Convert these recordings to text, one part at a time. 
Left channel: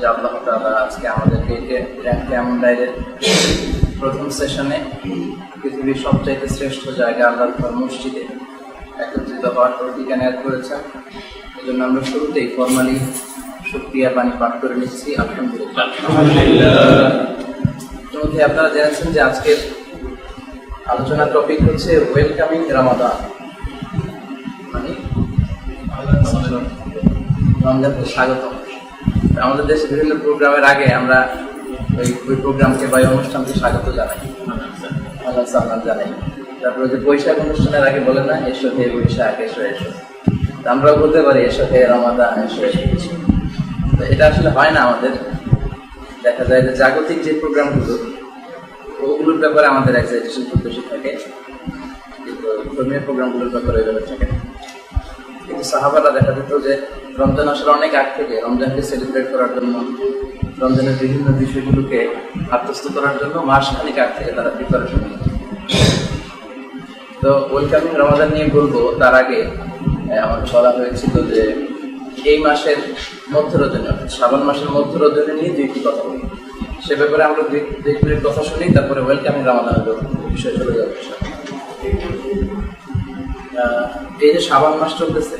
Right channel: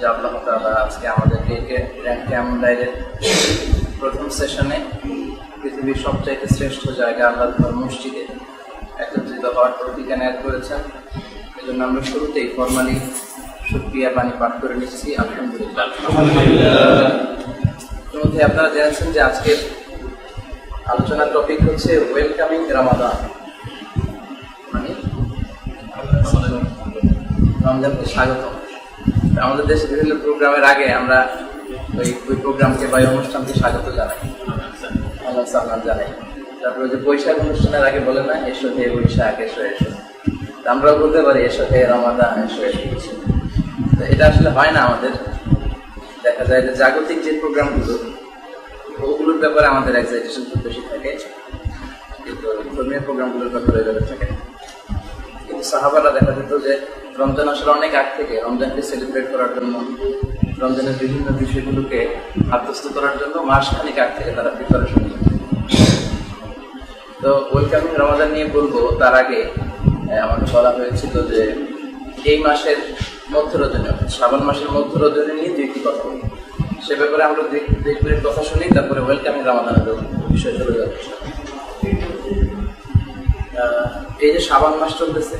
যে আল্লাহ তাআলা আজকে আমাদেরকে ক্যাম্প ডাইরের প্রথম সেশনে পৃথিবীর সবচাইতে শ্রেষ্ঠ জায়গা আল্লাহর ঘর মসজিদে একত্রিত হওয়ার তৌফিক এনায়েত করেছেন। এই জন্য আমরা শুরুতেই ফরমালি শুকরিয়া বাণী পাঠ করে নিচ্ছি। আলহামদুলিল্লাহ। ইতিমধ্যে আপনারা জেনেছেন যে আজকের আলোচনার টপিক হচ্ছে ওয়েলকামিং রামাদান, মানে রমজানকে স্বাগতম। আমাদের দেশে বিভিন্ন প্রোগ্রামের আগে আমরা ওই প্রোগ্রামকে বা অনুষ্ঠানকে স্বাগত জানাই, আল্লাহ সাল্লাম জানাই। তারপরে যে বৈশাখ অনুষ্ঠানের আগে বলে না, এসো হে বৈশাখ, এসো এসো। আমরাও বলতে পারি এসো হে রমাদান, এসো এসো। তো এটা আসলে হয় না আমাদের। দেখা যায় যে জাগতিক যে প্রোগ্রামগুলো ওগুলোর ব্যাপারে আমাদের এক্সাইটেশন খুব বেশি থাকে, কিন্তু ধর্মীয় প্রোগ্রামগুলোর ব্যাপারে ওইভাবে থাকে না। কিন্তু সাহাবারা দেখা যেত যে রমজান আসলে অনেক আগ থেকে রমজানকে সেলিব্রেট করার জন্য, রমজানের বিভিন্ন বিষয়গুলোকে আত্মস্থ করার জন্য মাসখানেক আগ থেকে তারা প্রিপারেশন নিত। তো ওয়েলকামিং রমাদান নিয়ে বলবো, তার আগে আমার বলা হয়েছিল যে এই মাসের মধ্য রজনী, শ্রাবণ মাসের মধ্য রজনী নিয়ে দুইটি কথা বলি। সে ব্যাপারে আমরা দুই মিনিট কথা শুনি, তারপরে ওয়েলকামিং রমাদানের বিষয় চলে যাবে। এই যে শ্রাবণ মাস চলতেছে,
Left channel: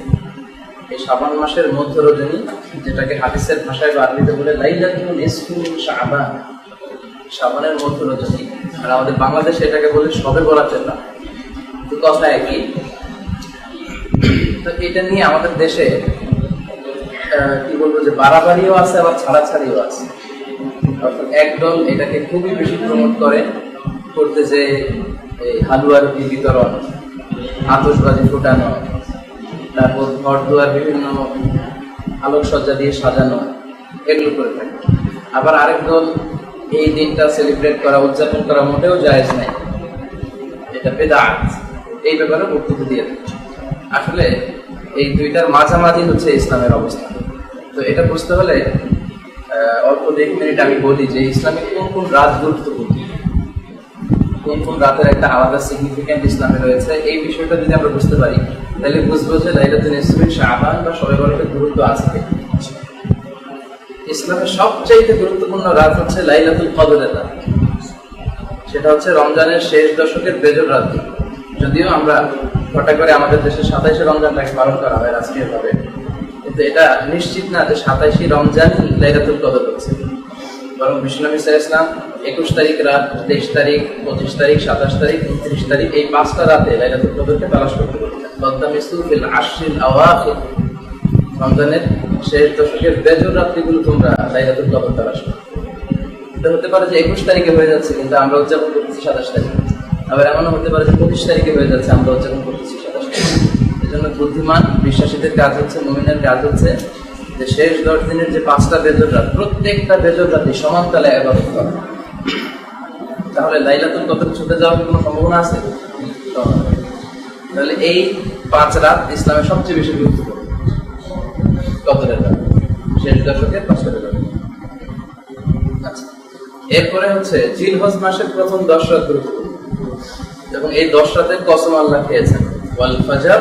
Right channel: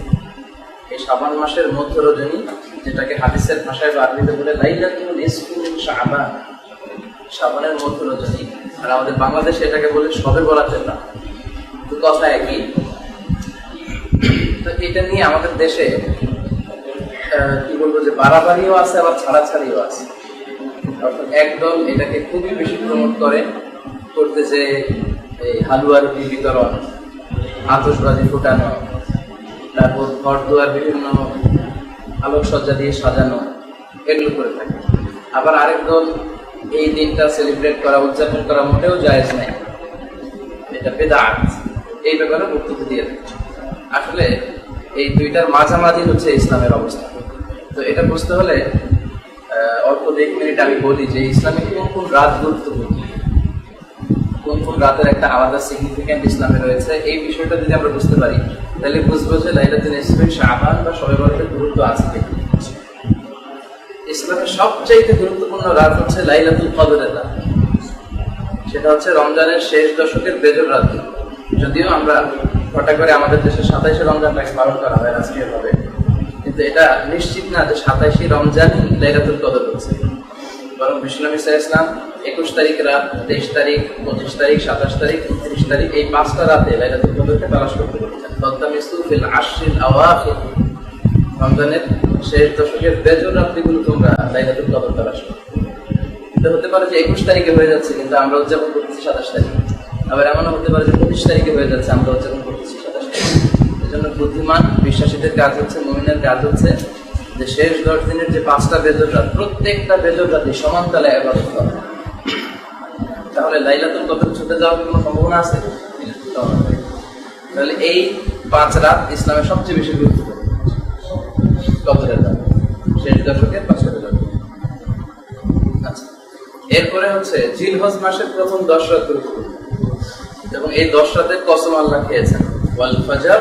এই শ্রাবণ মাসের মধ্য রজনী, যেটাকে হাদিসের ভাষায় বা আরবিতে বলে লাইলাতুল নিসফি মিন শাবান, শ্রাবণের মধ্য রজনী। আর আমাদের বাংলাদেশে এটাকে বলে শবে বরাতের রাত, তো কথা একই। তো এটা নিয়ে আমাদের দেশে কি বলবো যে বাড়াবাড়িও আছে, আবার ছাড়াছাড়িও আছে। অর্থাৎ একদল এটাকে খুবই বেশি প্রমোট করতে যে এই হালুয়া রুটি বিতরণ, আতশবাজি ফুটানো, তারপর ঘর দুয়ার বিভিন্ন আলোকসজ্জা দিয়ে সাজানো, এগুলো করে থাকে। আবার আরেক দল এই দিনটা সেলিব্রেট করা, উদযাপন করা মোটেও জায়েজ নাই, এটা বেদাত, এই ব্যাপারে বক্তব্য দিয়ে থাকে। আসলে এই দুইটার মাঝামাঝি হচ্ছে ইসলামের অবস্থা। তো এটা বুঝতে হলে অল্প 1 মিনিট আমি বলি যে ইসলামে কোন কোন রাত গুরুত্বপূর্ণ, কোন কোন রাতের একটা আলাদা সিগনিফিকেন্ট ইসলামে রয়েছে। এই বিষয়টা যদি আমরা বুঝতে পারি, তাহলে বুঝবো যে লাইলাতুল নিসফি শাবান বা শবে বরাতের গুরুত্ব আছে। ইসলামের সবচাইতে গুরুত্বপূর্ণ রাত হচ্ছে লাইলাতুল কদরের রাত। সেটা হচ্ছে রমজানের শেষ দশকের বেজর রাত। যদিও আমরা হঠাৎ করে আমাদের দেশে 27শে রমজানটাকে পালন করা হয় রাষ্ট্রীয়ভাবে, কিন্তু এটা নিশ্চিত না যে 27শে রমজানই লাইলাতুল কদর হচ্ছে। বরং বিশ্বনবী সাল্লাল্লাহু আলাইহি ওয়াসাল্লাম 21 তারিখ রাত, 23 তারিখ, 25 তারিখ, 27 তারিখ, 29 তারিখ, এই 5টা রাতে লাইলাতুল কদরকে তালাশ করতে বলেছেন। তদামিসু ফিল আশরিল আওয়াখির, রমজানের শেষ দশকের বেজর রাত্রিগুলো তোমরা লাইলাতুল কদর তালাশ করো। এটা হতে পারে যে 21 তারিখে হয়ে যাচ্ছে, কিন্তু আমরা উদযাপন করতেছি 27 তারিখে। আবার এমনও হতে পারে যে 25 তারিখে হয়ে যাচ্ছে, আমরা উদযাপন করতেছি 27 তারিখে। এই জন্য বুদ্ধিমান বিশ্বাসীদের কাজ হচ্ছে, মুমিনের কাজ হচ্ছে যে শেষ 10 দিনের যে 5টা বেজর রাত, প্রত্যেকটা বেজর রাতে সমান তালে ইবাদত করা। তাহলে লাইলাতুল কদর ছুটে যাওয়ার কোনো সম্ভাবনা আছে? তাহলে এই 5 রাত ইসলামের সবচেয়ে বেশি গুরুত্বপূর্ণ, কদরের রাত, শেষ দশকের 5টা বেজর। আচ্ছা, এরপরে হচ্ছে জিলহজ মাসের প্রথম 10 রাত গুরুত্বপূর্ণ, এবং এই 10 রাতের কসম আল্লাহ খেয়েছেন। ওয়াল ফাজর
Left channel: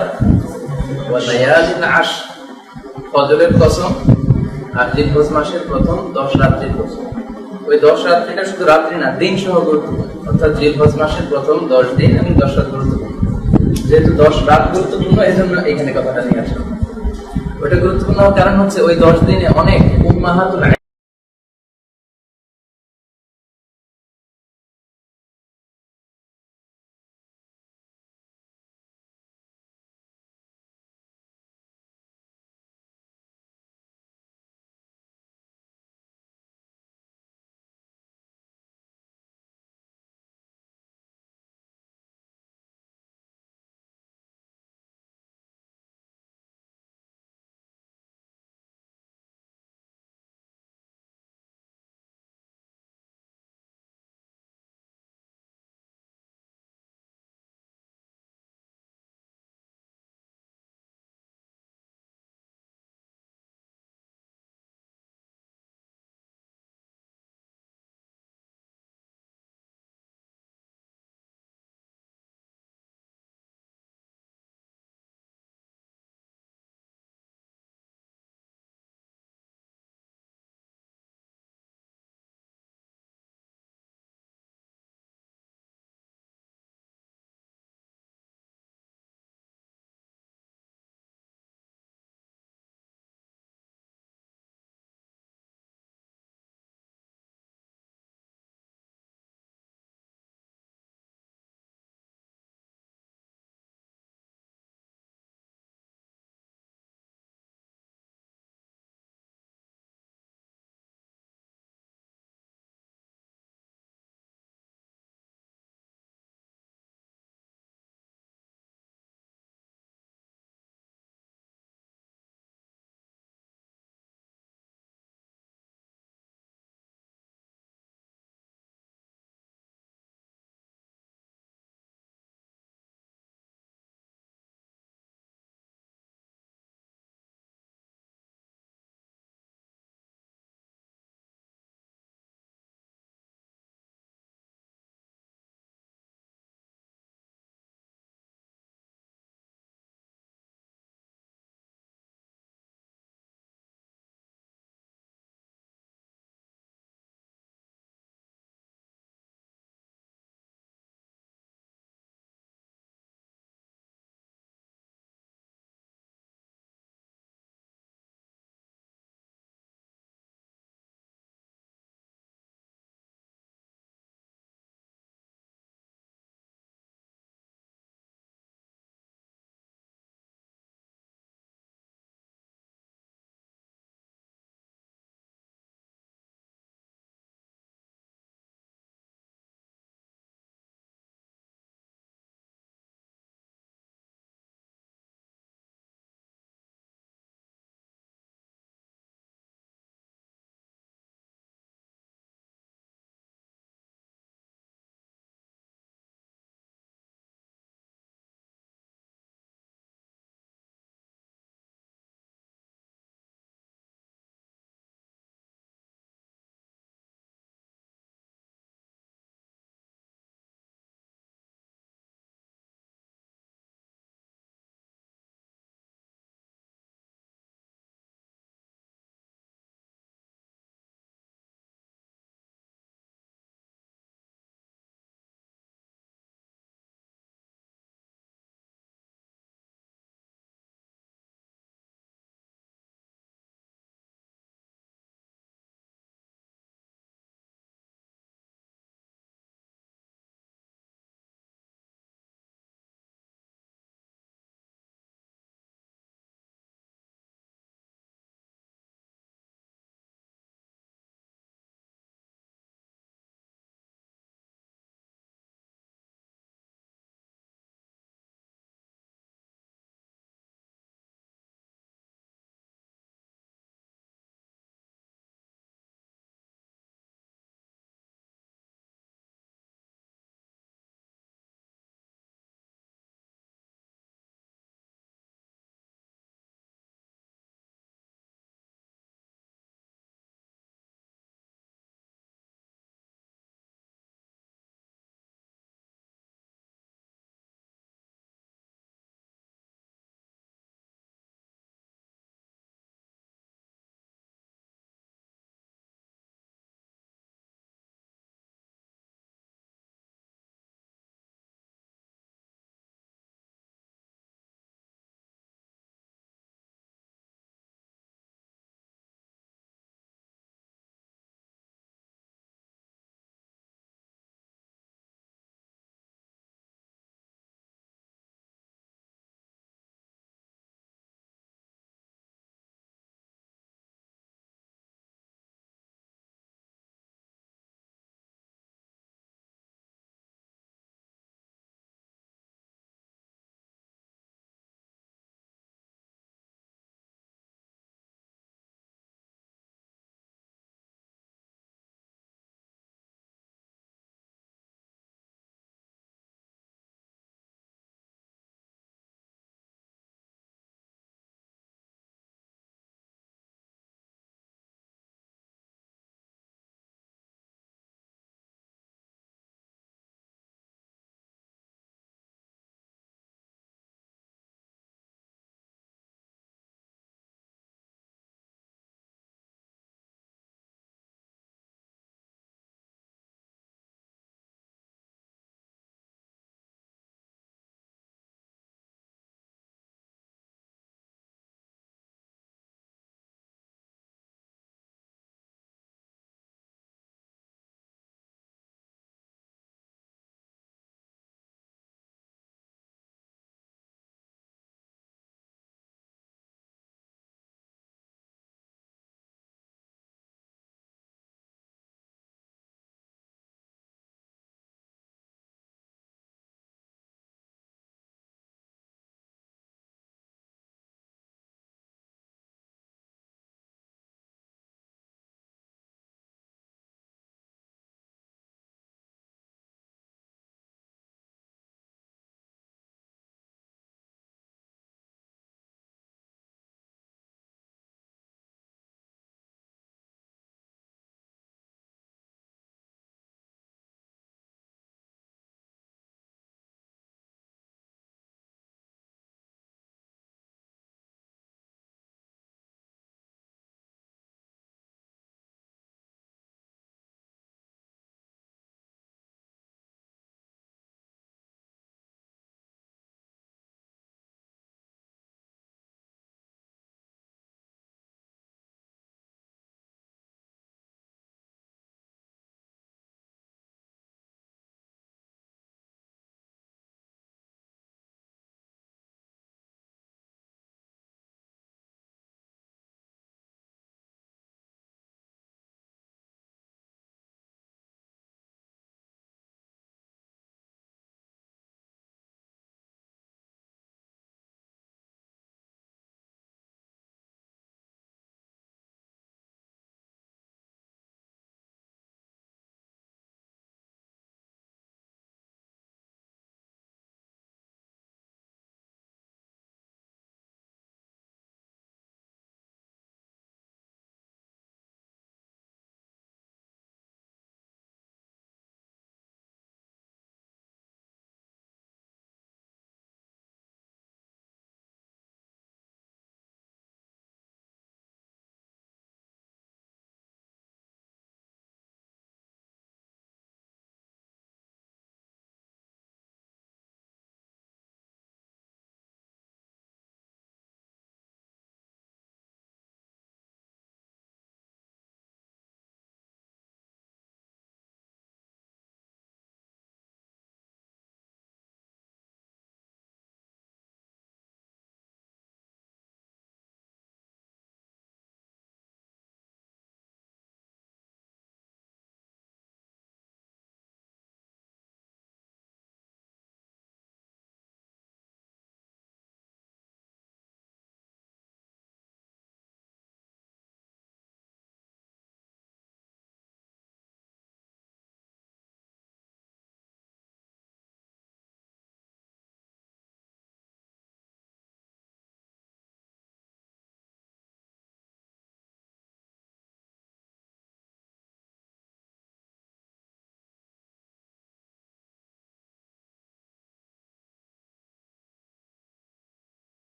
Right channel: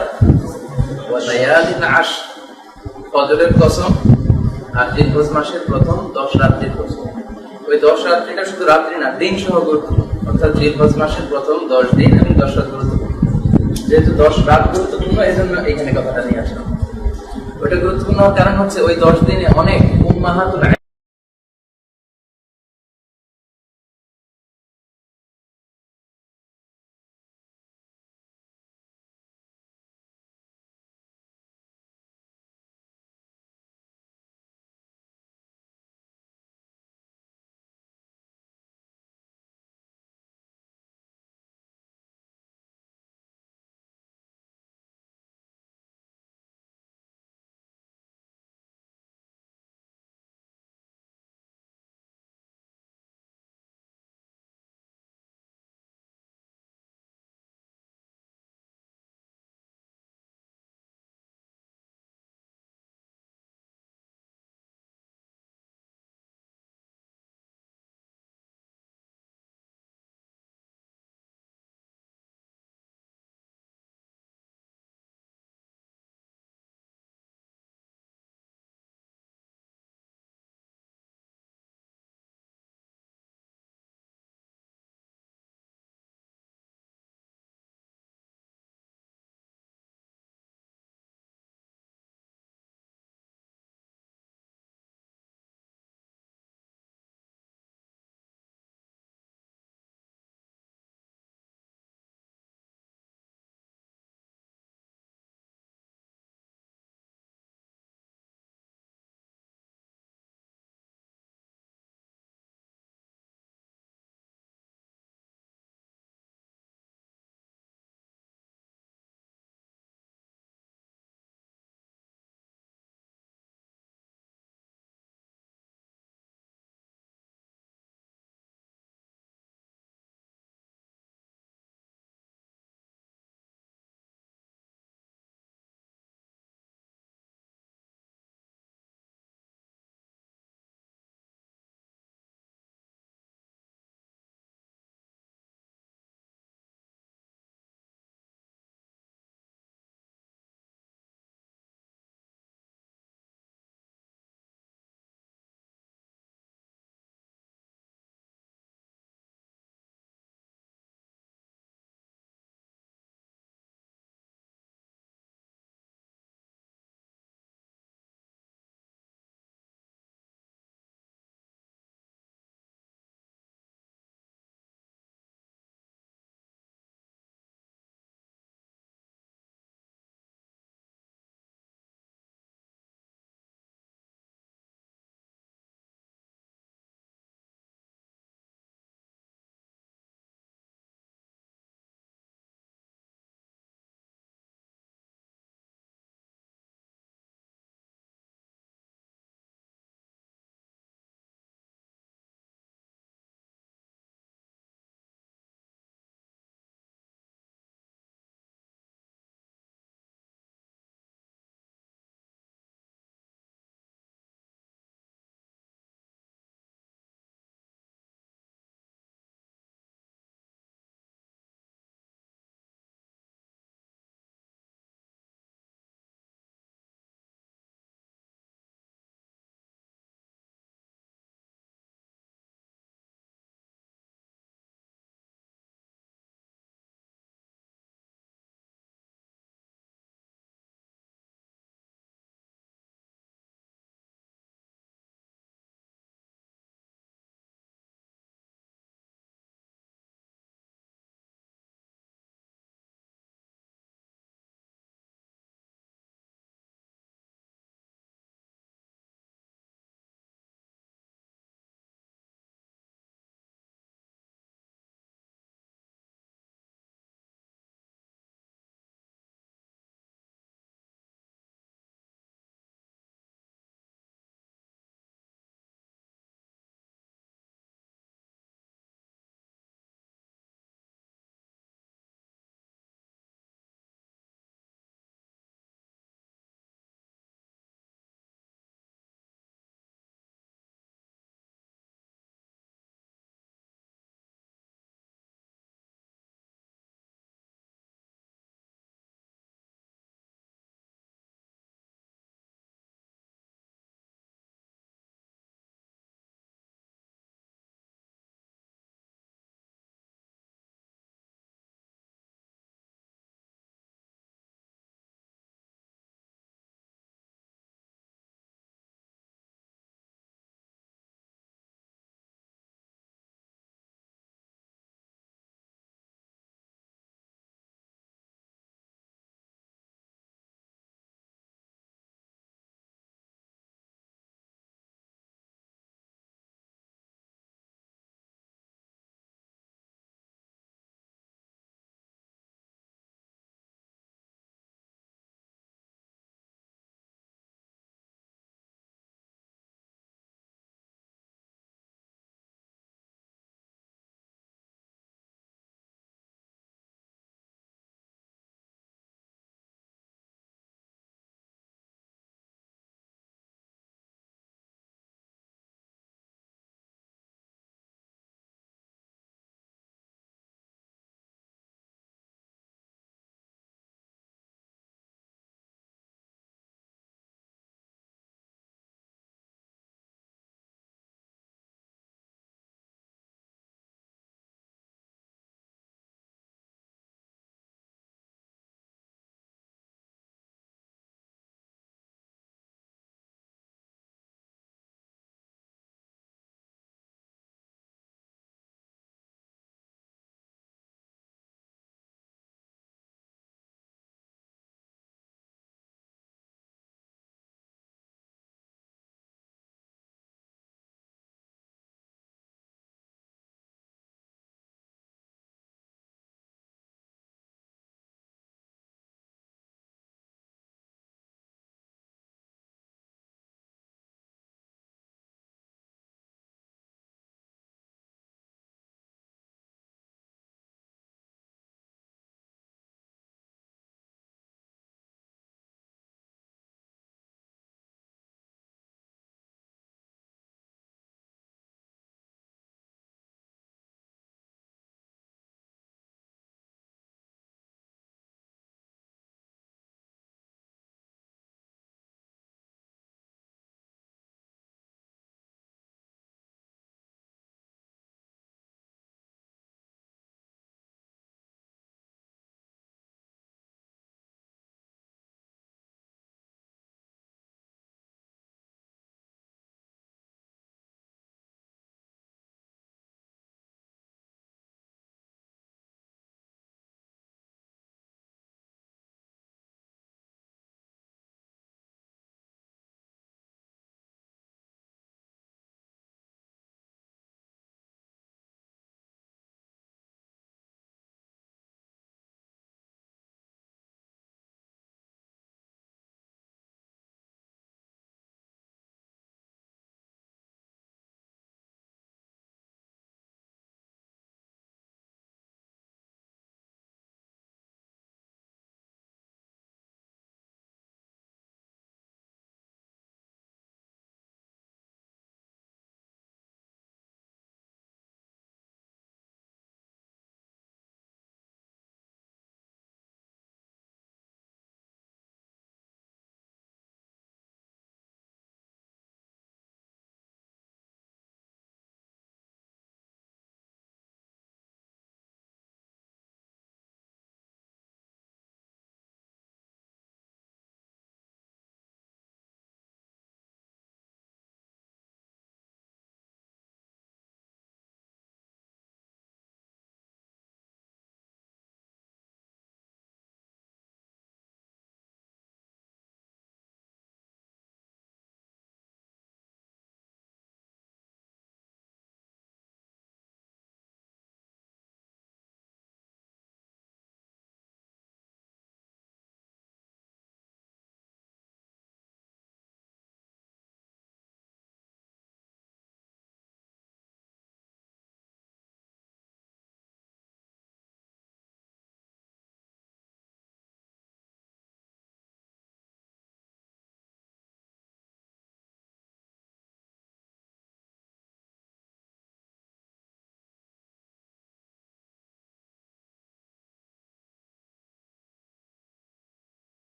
ওয়া লায়ালিন আশর, ফজরের কসম আর জিলহজ মাসের প্রথম 10 রাত্রির কসম। ওই 10 রাত্রিটা শুধু রাত্রি না, দিন সহ গুরুত্বপূর্ণ। অর্থাৎ জিলহজ মাসের প্রথম 10 দিন এবং 10 রাত গুরুত্বপূর্ণ। যেহেতু 10 রাত গুরুত্বপূর্ণ, এই জন্য এখানে কথাটা নিয়ে আসলাম। ওইটা গুরুত্বপূর্ণ কারণ হচ্ছে ওই 10 দিনে অনেক উম্মাহাতুল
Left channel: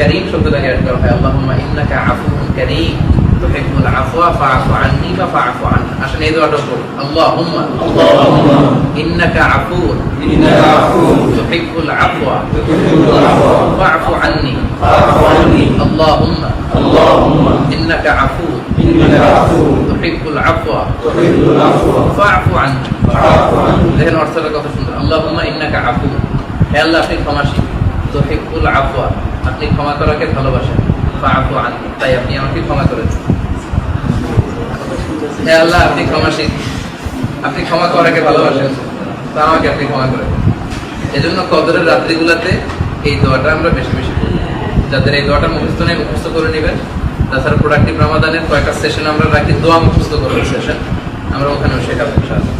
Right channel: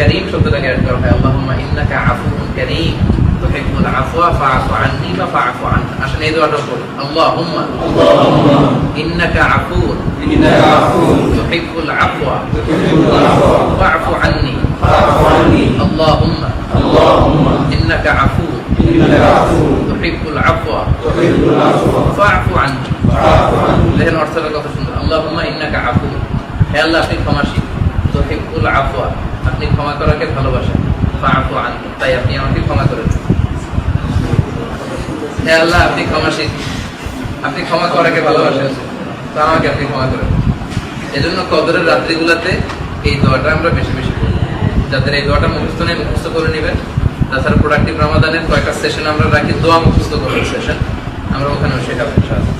কারীম শব্দটাকে অ্যাড করা হয়, আল্লাহুম্মা ইন্নাকা আফুউন কারীম তুহিব্বুল আফওয়া ফাআফু আন্নি বা ফাআফু আন্না। আসলে এই দোয়াটা পড়ুন, আল্লাহুম্মা ইন্নাকা আফুউন তুহিব্বুল আফওয়া ফাআফু আন্নি আল্লাহুম্মা ইন্নাকা আফুউন তুহিব্বুল আফওয়া ফাআফু আন্নি। দেখেন অর্থটা কত সুন্দর, আল্লাহুম্মা ইন্নাকা আফুউন, হে আল্লাহ আপনি ক্ষমাশীল, তুহিব্বুল আফওয়া আপনি ক্ষমা করাকে ভালোবাসেন, ফাআফু আন্নি তাই আপনি আমাকে ক্ষমা করেন। হে আল্লাহ আপনি ক্ষমাশীল, আপনি ক্ষমা করাকে ভালোবাসেন, তা আমাকে আপনি ক্ষমা করেন। এজন্য কদরের রাত্রিগুলোতে এই দোয়াটা আমরা বেশি বেশি করি। যাদের এই দোয়াটা মুখস্থ নেই মুখস্থ করে নেবেন। তাছাড়া প্রোডাক্টিভ রমাদানের কয়েকটা সেশন আমরা রাখি, দোয়া মুখস্থ করার সেশন, আমরা ওখানেও শেখাবো ইনশাআল্লাহ।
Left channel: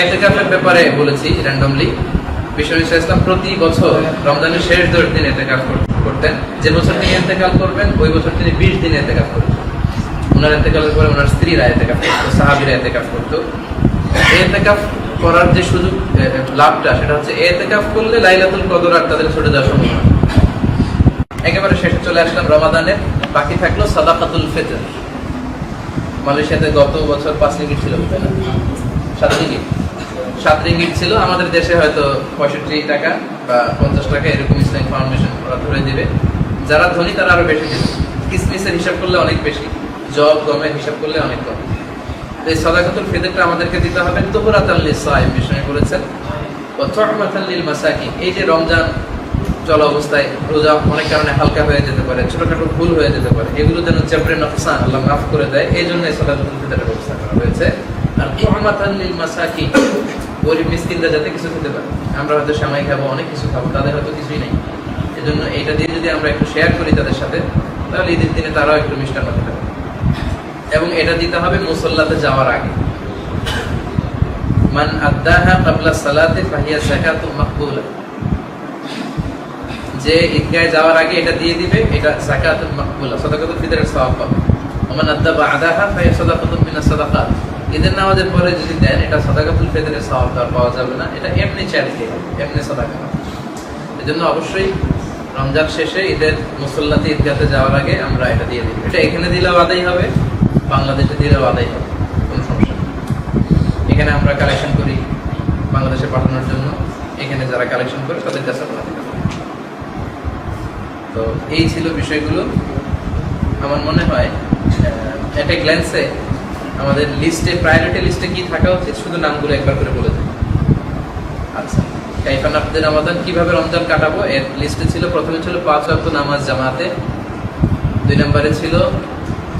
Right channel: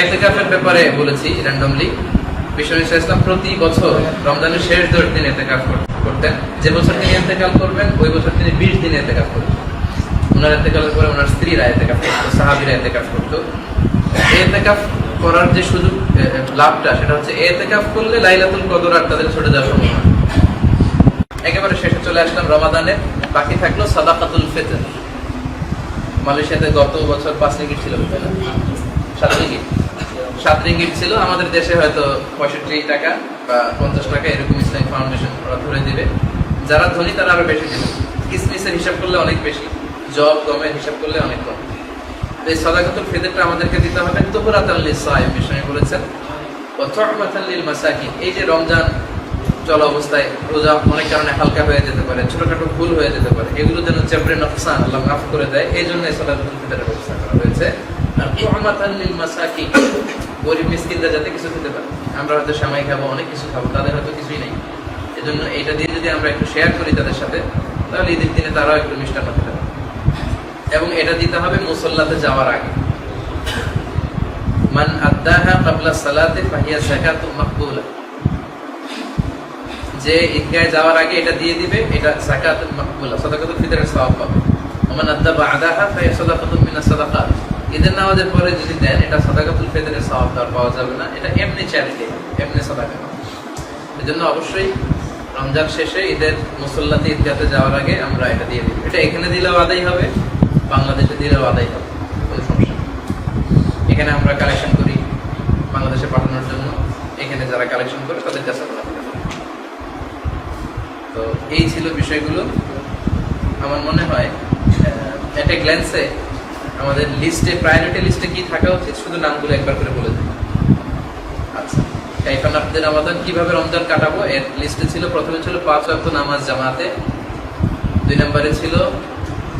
ইতিকাফের ব্যাপারে বলেছি র্যান্ডমলি, বিশ্বনবী সাল্লাল্লাহু আলাইহি ওয়াসাল্লাম প্রতি বছর রমজানের শেষ 10 দিন ইতিকাফ করতেন। যে বছর তিনি ইতিকাফ করবেন ওই বছর তিনি 20 দিন ইতিকাফ করতেন। ওনার ইতিকাফের পরে ওনার স্ত্রীরা ইতিকাফ করতো, সাহাবীরা ইতিকাফ করতো। ইতিকাফ করার যে সুযোগ লাভটা সেটা হচ্ছে ইতিকাফ করলে লাইলাতুল কদর আর তাদের ছুটে যাওয়ার সম্ভাবনা। একেবারে শেষে চলে আসলাম রমাদানের, বাকি থাকলো সাদাকাতুল ফিতর। মালয়েশিয়াতে গত বছর 5 রিঙ্গিট ছিল, তাই না? 7 রিঙ্গিট ছিল। আমাদের দেশে হয়তো 65 টাকা বা 50 টাকা এরকম ইসলামিক ফাউন্ডেশন ওরা ধরে দিবে। যারা ধনী তারা আরো বেশি দিবে। কিসমিসের হিসাব করলে অনেক বেশি, জব গমের হিসাব করলে অনেক কম। এই সাদাকাতুল ফিতরটা আমাদেরকে দিতে হবে তুহরাতাল লিসাইম, বিষয় বলেছেন, ওয়া তুহমাতাল লিল মাসাকিন। এই যে রমজান চলা অবস্থায় রোজা অনেক কারণে হালকা হয়ে যেতে পারে, ছোটখাটো ভুল হয়ে যেতে পারে, এগুলো যেন জাবরে নকসান আল্লাহ মাফ করে দেয়, এই জন্য এই সাদাকাতুল ফিতরের ব্যবস্থা করা হয়েছে। আর তুহমাতাল লিল মাসাকিন, গরিব মিসকিনরা যাতে কিছু খেতে পারে। আমরা হয়তো সেমাই খাবো, অনেক কিছু খাবো, তাদের হয়তো কিছুই নেই। এজন্য এইটা দিয়ে যদি আমরা একটু শেয়ার করি তাদের সাথে, তাহলে ঈদের দিনে তারাও একটু মিষ্টান্ন খেতে পারে। এবং এটা দিতে হবে মুসল্লাতে যাওয়ার আগে। মান আদ্দাহা ক্বাবলা সালাতি ফাহিয়া যাকাতুন মাকবুলা, যে ঈদগাহে যাওয়ার আগে এটা দিয়ে দিবে, এটা যাকাতুন মাকবুলা, সাদাকাতুল ফিতরের সওয়াব পাবে। ওমান আদ্দা বা'দাহা ফাহিয়া সাদাকাতুন মিনাস সাদাকাত, ঈদের নামাজের পরে যদি দেন এটা সাদাকাতুল ফিতরের সওয়াব আর পাওয়া যাবে না, এটা এমনি চ্যারিটি, এমনি সাদাকা। এজন্য অবশ্যই রমজান শেষে ঈদের মুসল্লাতে ঈদগাহে যাওয়ার আগে আমরা এটা দিয়ে দিই। এটা এখানে দিলেও আদায় হবে, বাংলাদেশে দিলেও আদায় হবে, কোনো সমস্যা নেই। এখানে আমরা কালেকশন করি বাংলাদেশে পাঠানোর জন্য, এখানে যারা কালেকশন করে তাদের কাছে আমরা দিতে পারি। তো এই ছিল বিষয়গুলো। আমার মনে হয় একটা গ্ল্যান্সে আমাদের লিস্টে, প্রায়োরিটি লিস্টে কি থাকা উচিত শুধু নামগুলো একবার করে বলে দিই। আচ্ছা, কাইফা নাফদের রমাদান, কিভাবে রমজান কাটাবো এর লিস্টে ছিল, প্রথমে ছিল 5 ওয়াক্ত নামাজ জামাতে, 2 নম্বরে ছিল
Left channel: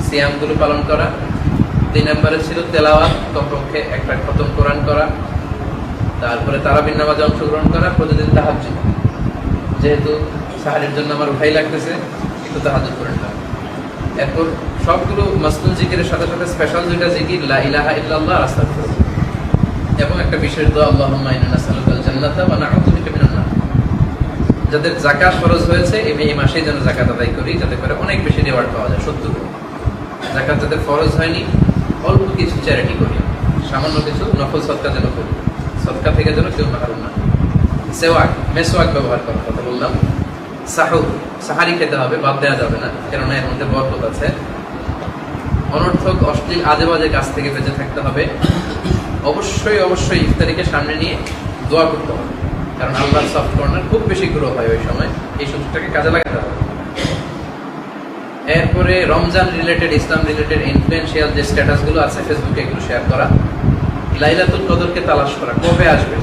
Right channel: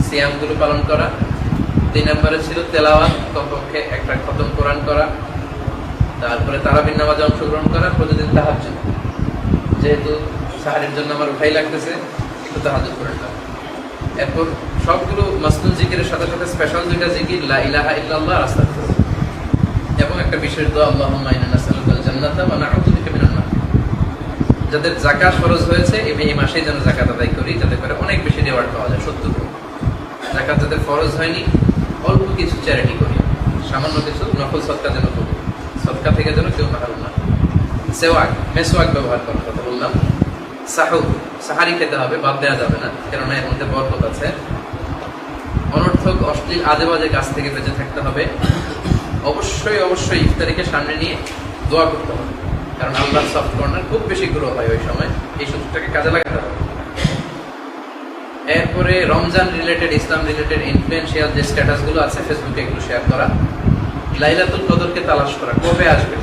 সিয়ামগুলো পালন করা, 3 নম্বরে ছিল তেলাওয়াত, কমপক্ষে একটা খতম কোরআন করা, তারপরে তারাবির নামাজে অংশগ্রহণ করা, প্রতিদিন তাহাজ্জুদ, যেহেতু সাহারের জন্য আমার ভাই লাগতেছে একটু তাহাজ্জুদ করে নিলাম। এরপর সবগুলো মাসনুন জিকিরের সাথে সাথে স্পেশাল 2টা জিকির, লা ইলাহা ইল্লাল্লাহ আর আস্তাগফিরুল্লাহ, এবং একটা বিশেষ দোয়া, আল্লাহুম্মা ইন্না নাসআলুকাল জান্নাতা ওয়া নাউযু বিকা মিনান নার। যাদের যাকাত ফরজ হয়েছে এই মাসেই যেন যাকাত আদায় করি, যাতে করে অনেক বেশি রিওয়ার্ড পাওয়া যায়। 70 গুণ। যাকাত যাদের ফরজ হয়নি অল্প কিছু চ্যারিটি করি, সামান্য কিছু নফল সদকা যেন করি, সদকা থেকে যেন কেউ মাহরুম না। সেওয়াক, মেসওয়াক ব্যবহার করার কথা বললাম। সাহুর, সাহারি খেতে হবে, বাদ দেওয়া যাবে না, কেননা এর মধ্যে বরকত আছে। অনর্থক অশ্লীল আজে বাজে কাজ থেকে বেঁচে থাকতে হবে। অবশ্যই অবশ্যই ইফতারিকে সামনে নিয়ে দোয়া করতে হবে, কারণ আল্লাহর সফট কর্নার খুব বেশি গ্রো হয় ওই সময়, এই সুযোগটাকে কাজে লাগাতে হবে। এরপরে রমজান রিলেটেড, ইসলাম রিলেটেড ইনফ্লুয়েন্সিয়াল যে স্ট্যাটাস গুলো আছে ফেসবুকে এগুলো শেয়ার করা। লাইলাতুল কদরকে তালাশ করা, কবে আসবে,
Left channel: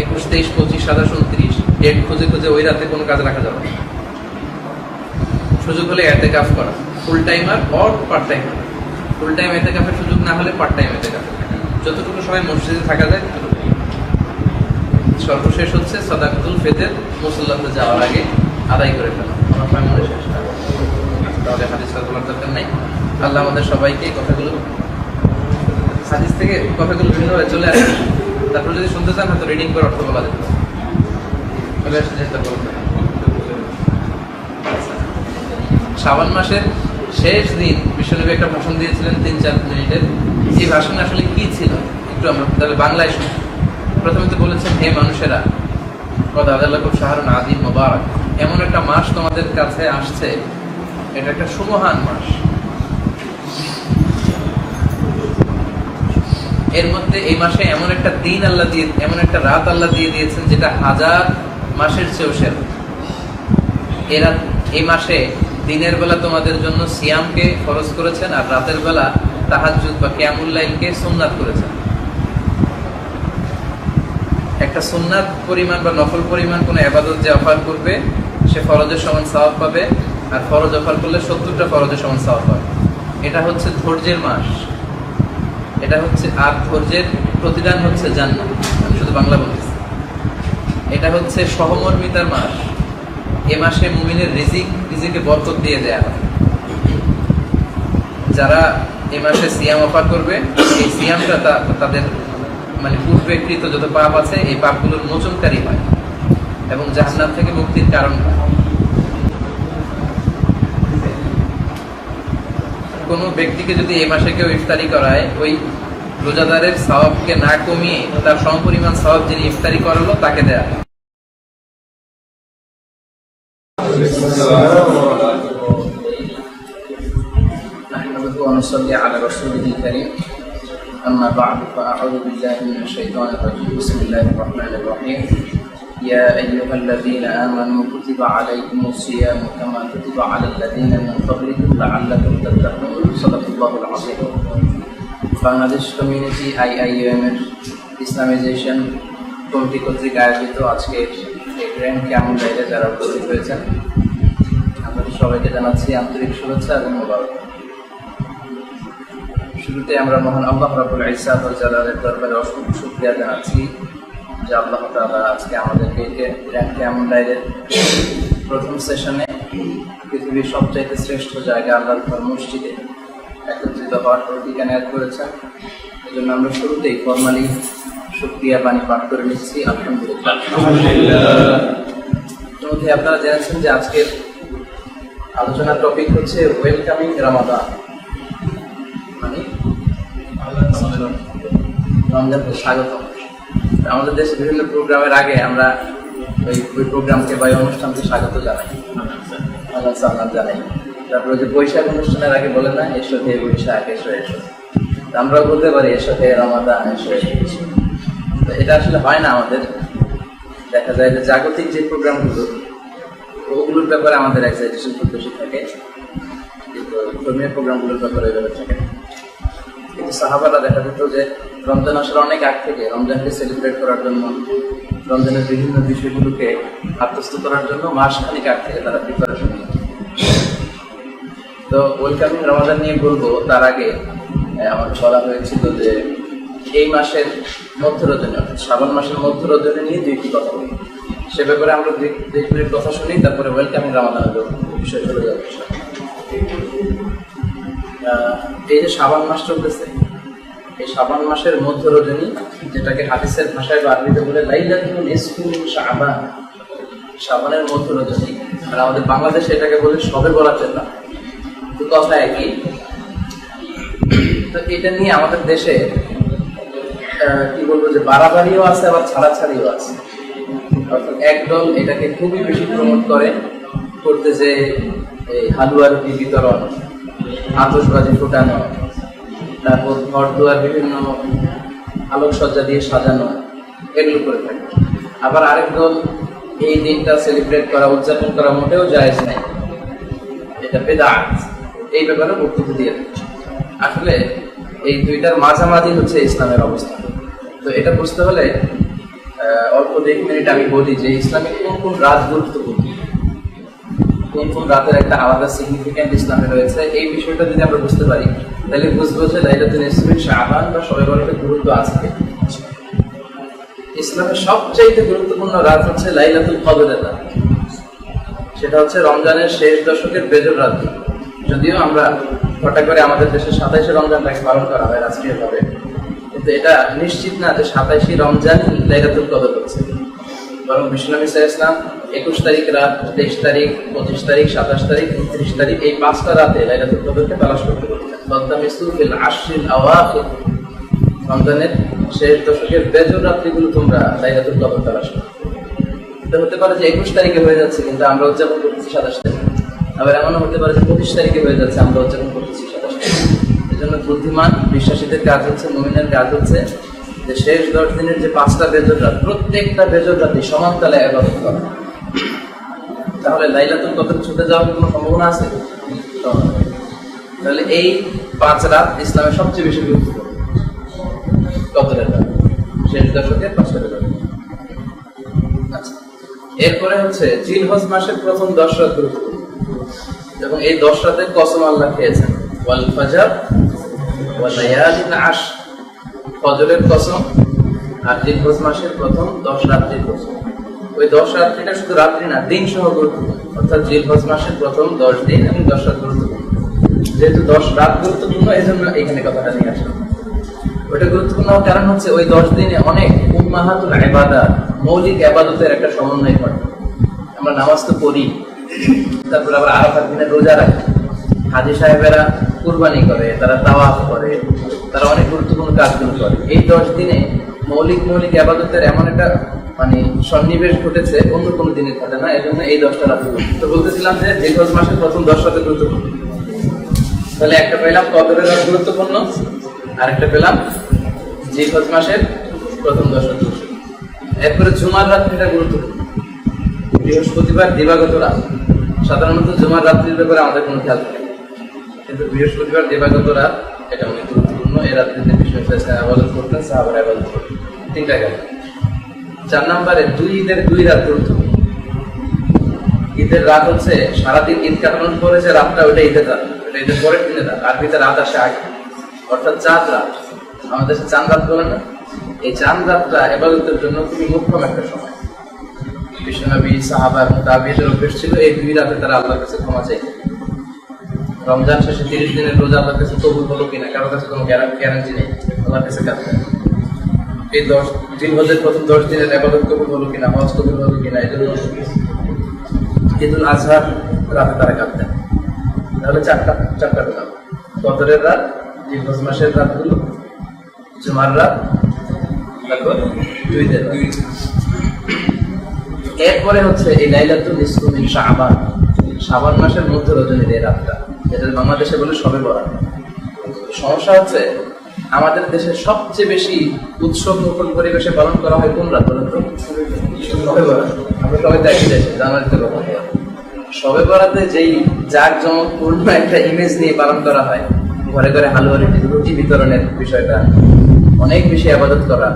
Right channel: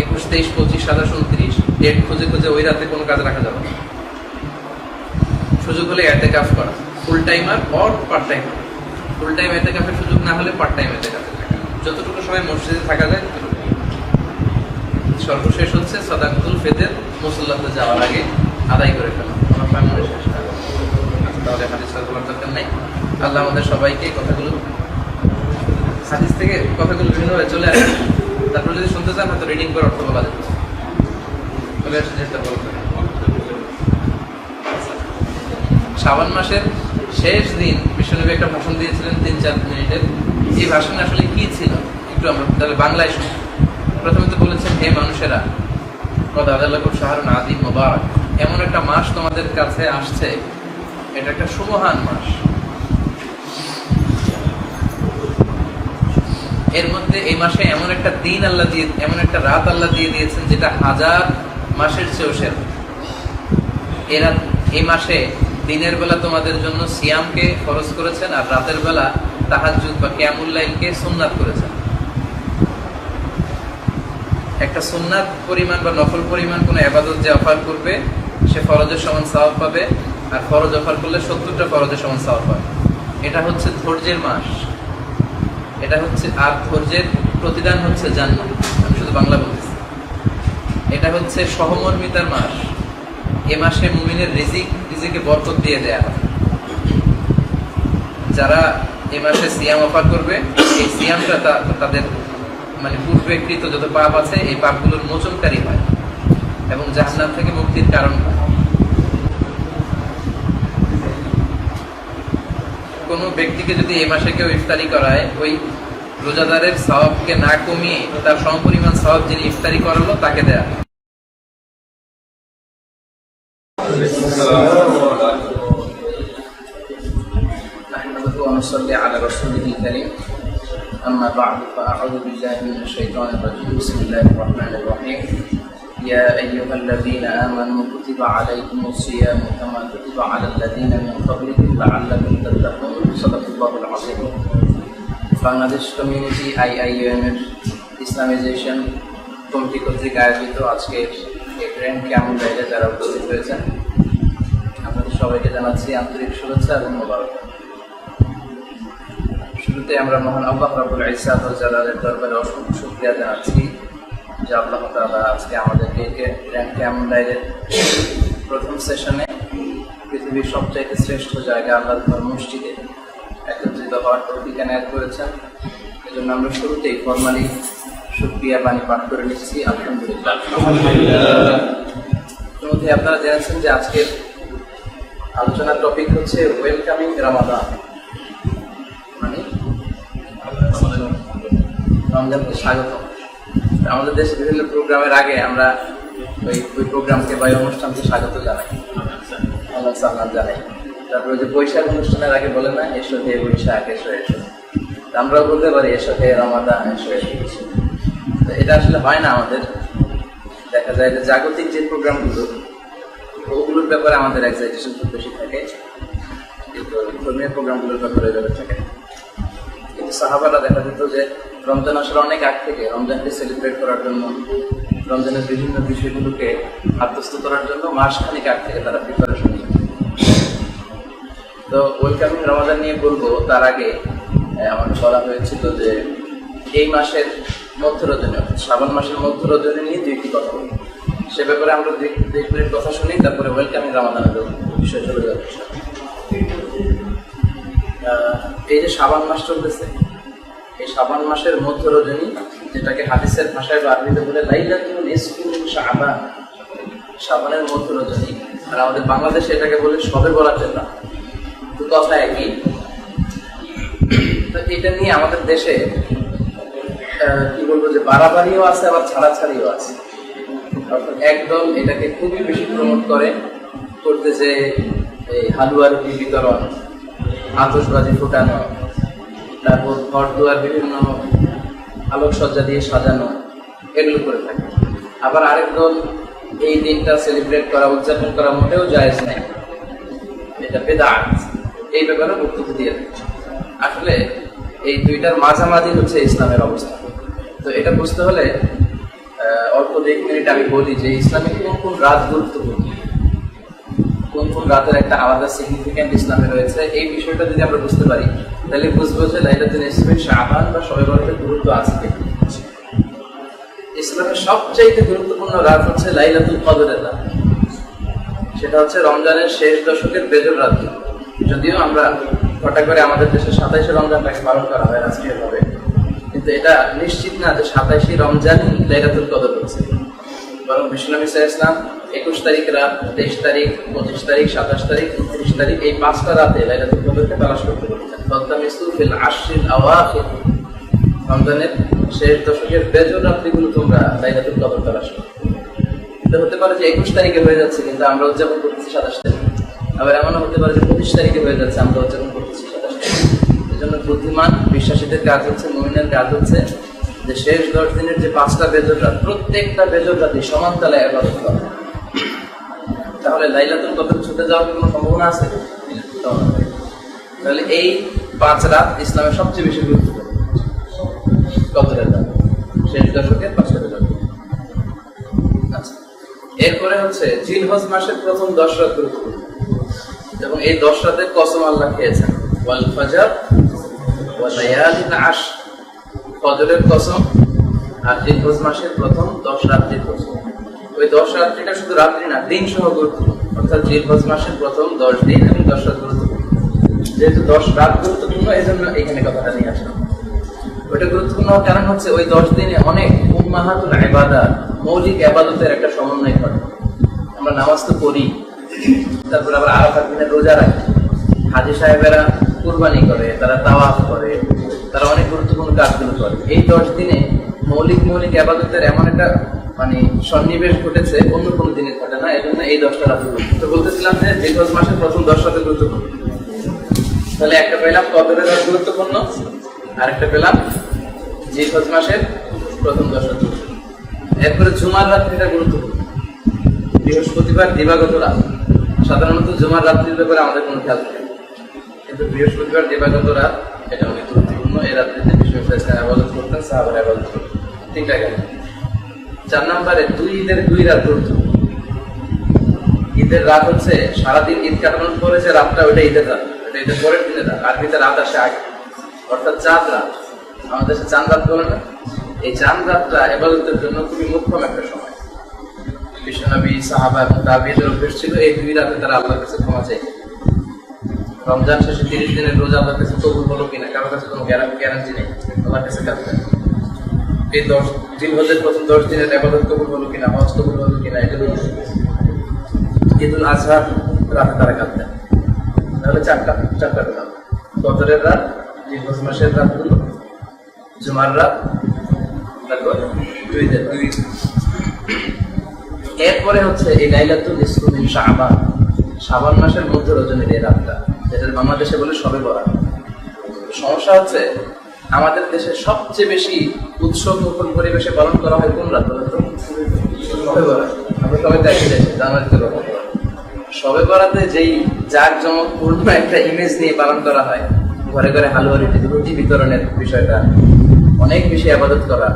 21, 23, 25, 27, 29 ডেট খুঁজে খুঁজে ওই রাতে কোনো কাজ রাখা যাবে না। সুযোগ হলে ইতিকাফ করা, full timer or part timer. Full time ইতিকাফের সুযোগ না হলে পার্ট টাইম ইতিকাফে থাকা, যতটুকু সময় মসজিদে থাকা যায় ততটুকু। সর্বশেষ হচ্ছে সাদাকাতুল ফিতর মুসল্লাতে যাওয়ার আগে আদায় করে ফেলা। আমার সময় মনে শেষ, তাহলে হাদিস বলার দরকার নাই। আল্লাহ আমাদের সবাইকে কথাগুলো, হাদিস থেকে কথাগুলো বিভিন্নভাবে চলে আসে, তারপর যদি শুনতে চান হয়তো রিডিং করে অর্থ বলা যেত, চলে আসছে যেটা বলতে। শাবান মাসের শেষ দিন বিশ্বনবী একটা ভাষণ দিয়েছিলেন 3-4 মিনিটের। এই ভাষণ আসলে কি ছিল একটু আমরা তাহলে বাংলায় শুনি। প্রথমে তো বলেছেন, হে মানুষেরা, কদ আদাল্লাকুম শাহরুন আযীম মুবারাক, এমন একটা মাস তোমাদের কাছে আসছে, এটা একটা সুমহান মাস। এর মধ্যে এই মাসে এমন একটা দিন আল্লাহ দিয়ে, এমন একটা রাত আল্লাহ দিয়ে দিয়েছেন যেটা 1000 মাসের চেয়েও সেরা। এই মাসে দিনের বেলা তোমাদের জন্য সিয়ামকে ফরজ করেছেন, আর রাতের বেলা তাহাজ্জুদ বা কিয়ামুল লাইলকে সুন্নাত করেছেন। একটা সুন্নাত পরিমাণ বা নফল পরিমাণ কোন ইবাদত যে অফার করবে সে ফরজের সমান সওয়াব পাবে, আর ফরজ অফার করলে 70টা ফরজের সমান সওয়াব পাবে। এটা হচ্ছে ধৈর্যের মাস, এটা হচ্ছে, আর ধৈর্যের প্রতিদান হচ্ছে জান্নাত। আমি শুধু বাংলা বলতেছি। এটা হচ্ছে সহমর্মিতার মাস। এ মাসে মুমিনের রিজিকে বরকত দিয়ে দেয়া হয়। যারা এ মাসে সিয়াম অফার করবে, এই সিয়ামটা তাদের মানে পূর্বেকৃত যত পাপ আছে এই পাপগুলোর মোচনকারী হয় এবং জাহান্নাম থেকে মুক্তির কারণ হয়। কোন ব্যক্তিকে যদি এই মাসে কেউ ইফতারি করায়, ওই রোজাদারের সওয়াবকে না কমিয়ে তার সমপরিমাণ সওয়াব যিনি ইফতারি করালো তাকে দেয়া হয়। نحمده ونصلي على رسوله الكريم أما بعد فأعوذ بالله من الشيطان الرجيم بسم الله الرحمن الرحيم يا أيها الذين آمنوا كتب عليكم الصيام كما كتب على الذين من قبلكم لعلكم تتقون صدق الله العظيم বাংলাদেশ কমিউনিটি IIUM এর ইসলামাইজেশন কমিটি কর্তৃক আয়োজিত আজকের এই গ্র্যান্ড কিয়ামুল লাইলে যারা উপস্থিত হয়েছেন, আপনাদের সবাইকে জানাচ্ছি আন্তরিক শুভেচ্ছা এবং মোবারক। শুরুতে আমরা মহান আল্লাহ রাব্বুল ইজ্জাত ওয়াল জালালের দরবারে অসংখ্য শুকরিয়া জানাচ্ছি যে আল্লাহ তাআলা আজকে আমাদেরকে গ্র্যান্ড কিয়ামুল লাইলের প্রথম সেশনে পৃথিবীর সবচাইতে শ্রেষ্ঠ জায়গা আল্লাহর মসজিদে একত্রিত হওয়ার তৌফিক এনায়েত করেছেন। এজন্য আমরা শুরুতেই ফরমালি শুকরিয়া বাণী পাঠ করে নিচ্ছি, আলহামদুলিল্লাহ। ইতিমধ্যে আপনারা জেনেছেন যে আজকের আলোচনার টপিক হচ্ছে ওয়েলকামিং রামাদান, মানে রমজানকে স্বাগত। আমাদের দেশে বিভিন্ন প্রোগ্রামের আগে আমরা ওই প্রোগ্রামকে বা অনুষ্ঠানকে স্বাগত জানাই, আল্লাহ সাল্লাম জানাই। তারপরে যে বৈশাখ অনুষ্ঠানের আগে বলে না, এসো হে বৈশাখ, এসো এসো। আমরাও বলতে পারি এসো হে রমাদান, এসো এসো। এটা আসলে হয় না আমাদের। দেখা যায় যে জাগতিক যে প্রোগ্রামগুলো, ওগুলোর ব্যাপারে আমাদের এক্সাইটেশন খুব বেশি থাকে, কিন্তু ধর্মীয় প্রোগ্রামগুলোর ব্যাপারে এভাবে থাকে না। কিন্তু সাহাবারা দেখা যেত যে রমজান আসার অনেক আগ থেকে রমজানকে সেলিব্রেট করার জন্য, রমজানের বিভিন্ন বিষয়গুলোকে আত্মস্থ করার জন্য মাসখানিক আগ থেকে তারা প্রিপারেশন নিত। তো ওয়েলকামিং রমাদান নিয়ে বলবো, তার আগে আমাকে বলা হয়েছিল যে এই মাসের মধ্য রজনী, অর্থাৎ শ্রাবণ মাসের মধ্য রজনী নিয়ে দুইটি কথা বলি। সে ব্যাপারে আমরা দুই মিনিট কথা শুনি, তারপরে ওয়েলকামিং রমাদানের বিষয় চলে যাবে। এই যে শ্রাবণ মাস চলতেছে, এই শ্রাবণ মাসের মধ্য রজনী, যেটাকে হাদিসের ভাষায় বা আরবিতে বলে লাইলাতুল নিসফি মিন শাবান, শ্রাবণের মধ্য রজনী, আর আমাদের বাংলাদেশে এটাকে বলে শবে বরাতের রাত। তো কথা একই। তো এটা নিয়ে আমাদের দেশে কি বলবো যে বাড়াবাড়িও আছে, আবার ছাড়াছাড়িও আছে। অর্থাৎ একদল এটাকে খুবই বেশি প্রমোট করতে যে এই হালুয়া রুটি বিতরণ, আতশবাজি ফুটানো, তারপর ঘর দুয়ার বিভিন্ন আলোকসজ্জা দিয়ে সাজানো, এগুলো করে থাকে। আবার আরেক দল এই দিনটা সেলিব্রেট করা, উদযাপন করা মোটেও জায়েজ নাই, এটা বেদাত, এই ব্যাপারে বক্তব্য দিয়ে থাকে। আসলে এই দুইটার মাঝামাঝি হচ্ছে ইসলামের অবস্থা। তো এটা বুঝতে হলে অল্প 1 মিনিট আমি বলি যে ইসলামে কোন কোন রাত গুরুত্বপূর্ণ, কোন কোন রাতের একটা আলাদা সিগনিফিকেন্ট ইসলামে রয়েছে। এই বিষয়টা যদি আমরা বুঝতে পারি, তাহলে বুঝবো যে লাইলাতুল নিসফি শাবান বা শবে বরাতের গুরুত্ব আছে। ইসলামের সবচাইতে গুরুত্বপূর্ণ রাত হচ্ছে লাইলাতুল কদরের রাত। সেটা হচ্ছে রমজানের শেষ দশকের বেজর রাত। যদিও আমরা ঘটা করে আমাদের দেশে 27শে রমজানটাকে পালন করা হয় রাষ্ট্রীয়ভাবে, কিন্তু এটা নিশ্চিত না যে 27শে রমজানই লাইলাতুল কদর হচ্ছে। বরং বিশ্বনবী সাল্লাল্লাহু আলাইহি ওয়াসাল্লাম 21 তারিখ রাত, 23 তারিখ, 25 তারিখ, 27 তারিখ, 29 তারিখ, এই 5টা রাতে লাইলাতুল কদরকে তালাশ করতে বলেছেন। ফাতামিসু ফিল আশরিল আওয়াখির, রমজানের শেষ দশকের বেজর রাত্রিগুলো তোমরা লাইলাতুল কদর তালাশ করো। এটা হতে পারে যে 21 তারিখে হয়ে যাচ্ছে কিন্তু আমরা উদযাপন করতেছি 27 তারিখে। আবার এমনও হতে পারে যে 25 তারিখে হয়ে যাচ্ছে, আমরা উদযাপন করতেছি 27 তারিখে। এই জন্য বুদ্ধিমান বিশ্বাসীদের কাজ হচ্ছে, মুমিনের কাজ হচ্ছে যে শেষ 10 দিনের যে 5টা বেজর রাত, প্রত্যেকটা বেজর রাতে সমান তালে ইবাদত করা। তাহলে লাইলাতুল কদর ছুটে যাওয়ার কোনো সম্ভাবনা আছে? তাহলে এই 5 রাত ইসলামের সবচেয়ে বেশি গুরুত্বপূর্ণ। কদরের রাত শেষ দশকের 5টা বেজর। আচ্ছা, এরপরে হচ্ছে জিলহজ মাসের প্রথম 10 রাত গুরুত্বপূর্ণ এবং এই 10 রাতের কসম আল্লাহ খেয়েছেন, ওয়াল ফাজর ওয়া লায়ালিন আশর, ফজরের কসম আর জিলহজ মাসের প্রথম 10 রাত্রির কসম। ওই 10 রাত্রিটা শুধু রাত্রি না, দিন সহ গুরুত্বপূর্ণ, অর্থাৎ জিলহজ মাসের প্রথম 10 দিন এবং 10 রাত গুরুত্বপূর্ণ। যেহেতু 10 রাত গুরুত্বপূর্ণ, এই জন্য এখানে কথাটা নিয়ে আসলাম। ওটা গুরুত্বপূর্ণ হওয়ার কারণ হচ্ছে ওই 10 দিনে অনেক উম্মাহাতুল ইবাদাত, মৌলিক ইবাদতের একটা সমন্বয় ঘটে। আমরা নামাজ তো পড়ি, তারপর আবার আরাফার দিনে রোজা রাখি, হাজী সাহেবেরা কুরবানি করে, তারা তাওয়াফ করে, তারা অনেক গুরুত্বপূর্ণ কাজগুলো করে। এই 10 দিনে মৌলিক ইবাদতের এমন একটা মানে সন্নিবেশ ঘটেছে, অন্য কোনো দিনে ঘটে না। এই জন্য এই 10টা রাত তো বলতেছিলাম যে জিলহজ মাসের প্রথম 10 রাত গুরুত্বপূর্ণ। তাহলে একটা পেলাম কদরের রাত গুরুত্বপূর্ণ, আরেকটা পেলাম জিলহজ মাসের প্রথম 10 রাত। এরপরে জুমার রাত্রিটা গুরুত্বপূর্ণ, বৃহস্পতিবার দিবাগত রাত। সাধারণত জুমার রাত্রির ব্যাপারে আমাদের কোনো খেয়াল থাকে, কিন্তু বৃহস্পতিবার দিবাগত রাত এটা অনেক গুরুত্বপূর্ণ। এই রাত্রিতে বিষ্ণু আবাদত করতেন, সাহাবারা আবাদত করতেন। 3টা গেল। 4 নম্বরে ঈদের 2 রাত গুরুত্বপূর্ণ। ঈদের রাত হচ্ছে সারাদিন ঈদ কাটানোর পরে যে রাতটা, ওটা ঈদের রাত, ওটা ঈদের পরের দিনের রাত। আরবিতে রাত আসে আগে, অর্থাৎ চাঁদ রাত। আমাদের দেশে চাঁদ রাত বলে না? এই চাঁদ রাতটা ইবাদতের জন্য খুবই মুখ্যম একটা সময়। বিশ্বনবী, সাহাবা এবং তাবিঈদের অভ্যেস ছিল এই 2 রাতে তারা আল্লাহর কাছে ক্ষমা চাইতেন। রমজান শেষে 30 দিনের রোজা আল্লাহর কাছে কবুল হলো কিনা কারোর কাছে কোনো গ্যারান্টি নেই, আল্লাহর কাছে কাঁদতেন। এই 10 জিলহজের প্রথম 10 দিনের ইবাদত কবুল হলো কিনা, হজ কবুল হলো কিনা, এই জন্য ঈদুল আজহার রাতে তারা কাঁদতেন। তাহলে চারটা পেলাম, কদরের রাত, জিলহজ মাসের রাতগুলো, জুমার রাত, তারপর 2 ঈদের রাত। এরপরে হচ্ছে এই লাইলাতুল নিসফু মিন শাবান, শাবান মাসের মধ্য রজনীর এই রাতটা, যেটা বাংলাদেশে বলে শবে বরাত। সমস্যা হচ্ছে আমাদের দেশে সবচেয়ে বেশি উৎসব মুখর পরিবেশে পালন করা হয় কোন রাত বলেন তো? শবে বরাত। আমরা সবাই তো একই দেশে, জানুয়ারিতে পালন করা। শবে বরাতে যেই জাঁকজমকপূর্ণ একটা ইমেজ নিয়ে পালন করা হয়, ঘরে ঘরে হালুয়া রুটি বিতরণের বিষয়টা, অনেক বেশি আবাদত করা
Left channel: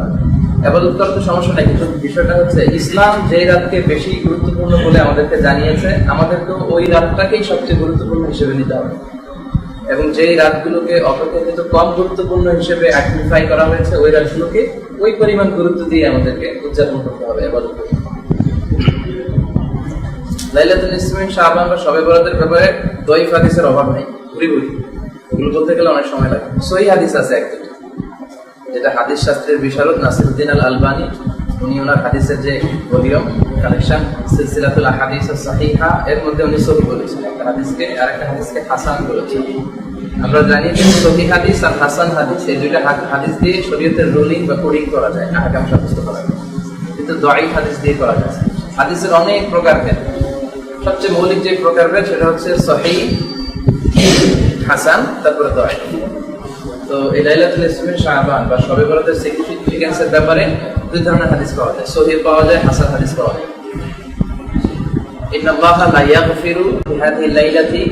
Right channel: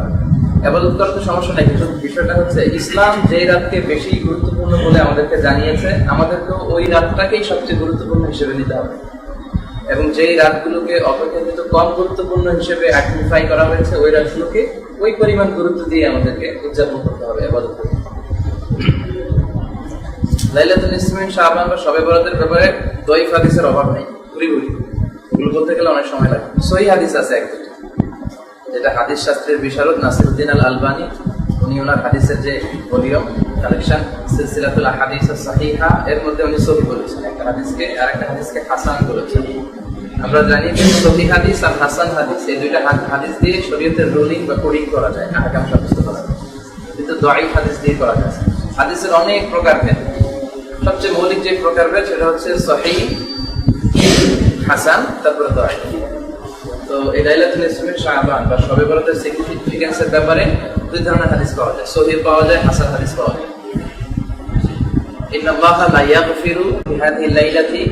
তো সমস্যা নাই, কিন্তু বিষয়টা হচ্ছে ইসলাম যেই রাতকে বেশি গুরুত্বপূর্ণ বলে আমাদেরকে জানিয়েছে, আমাদেরকে ওই রাতটাকেই সবচেয়ে গুরুত্বপূর্ণ হিসেবে নিতে হবে। এবং যেই রাতগুলোকে অপেক্ষাকৃত কম গুরুত্বপূর্ণ হিসেবে আইডেন্টিফাই করা হয়েছে, ওই রাতগুলোকে ওই পরিমাণ গুরুত্ব দিয়ে আমাদেরকে উদযাপন করতে হবে, ইবাদত করতে হবে। লাইলাতুল নিসফু মিন শাবান বা শবে বরাতের ব্যাপারে দয়ীফ হাদিসের অভাব নেই, ভুরি ওগুলো বলতে গেলে অনেক সময় লাগে। সহিহ হাদিস আছে একটা, যেটা হাদিস শাস্ত্রের বিশারদ নাসিরউদ্দিন আল আলবানী, উনি ওনার হাদিসের যে ভলিউম কালেকশন সিলসিলাতুল আহাদিস আস-সাহিহা, এর মধ্যে উনি সহিহ বলেছেন একটা হাদিসকে, আর একটা হাদিসকে হাসান বলেছেন। আমরা জানি যে সহিহ হাদিস আর হাসান হাদিস, এই 2টা হাদিস দিয়ে শরীয়তের রুলিং বা কোডিং করা যায়, আহকাম সাব্যস্ত করা যায়, কিন্তু দয়ীফ হাদিস দিয়ে করা যায়। হাদিসের অনেক প্রকারভেদ, সবচেয়ে মৌলিক যে প্রকারভেদ সেটা হচ্ছে সহিহ, হাসান, তারপরে দয়ীফ। তো এই লাইলাতুল নিসফু মিন শাবান বা শবে বরাতের সিগনিফিকেন্সের ব্যাপারে 2 ধরনের হাদিস পাওয়া যায়, সহিহ পাওয়া যায়, হাসান হাদিস পাওয়া যায়। ইন্নাল্লাহা লা ইয়াগফিরু বিহাদিহি লাইলাতি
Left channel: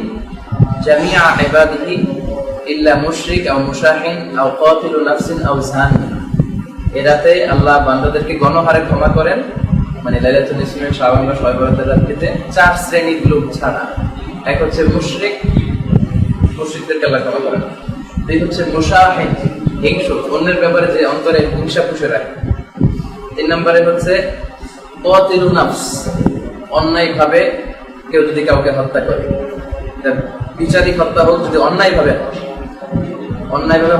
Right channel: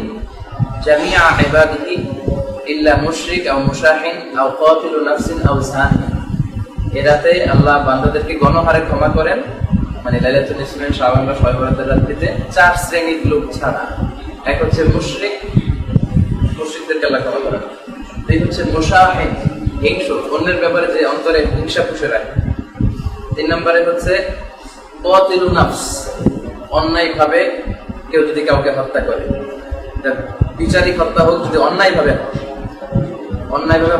জামিআ ইবাদিহি ইল্লা মুশরিক আও মুশাহিন আও কাতিলু নাফসিন আও জানি। এই রাতে আল্লাহ বান্দাদেরকে গণহারে ক্ষমা করেন, মানে লাইলাতুল নিসফু মিন শাবান বা শবে বরাতের রাত্রিতে 4 শ্রেণীর লোক ছাড়া। এক হচ্ছে মুশরিকদেরকে আল্লাহ ক্ষমা করেন। 2 হচ্ছে মুশাহিন, হিংসু, অন্যের ব্যাপারে যে অন্তরে হিংসা পুষে রাখে। 3 নম্বরে হচ্ছে কাতিলু নাফস, অন্যায় ভাবে কেউ যদি কাউকে হত্যা করে, বিচারিক হত্যা হোক, যদি অন্যায় ভাবে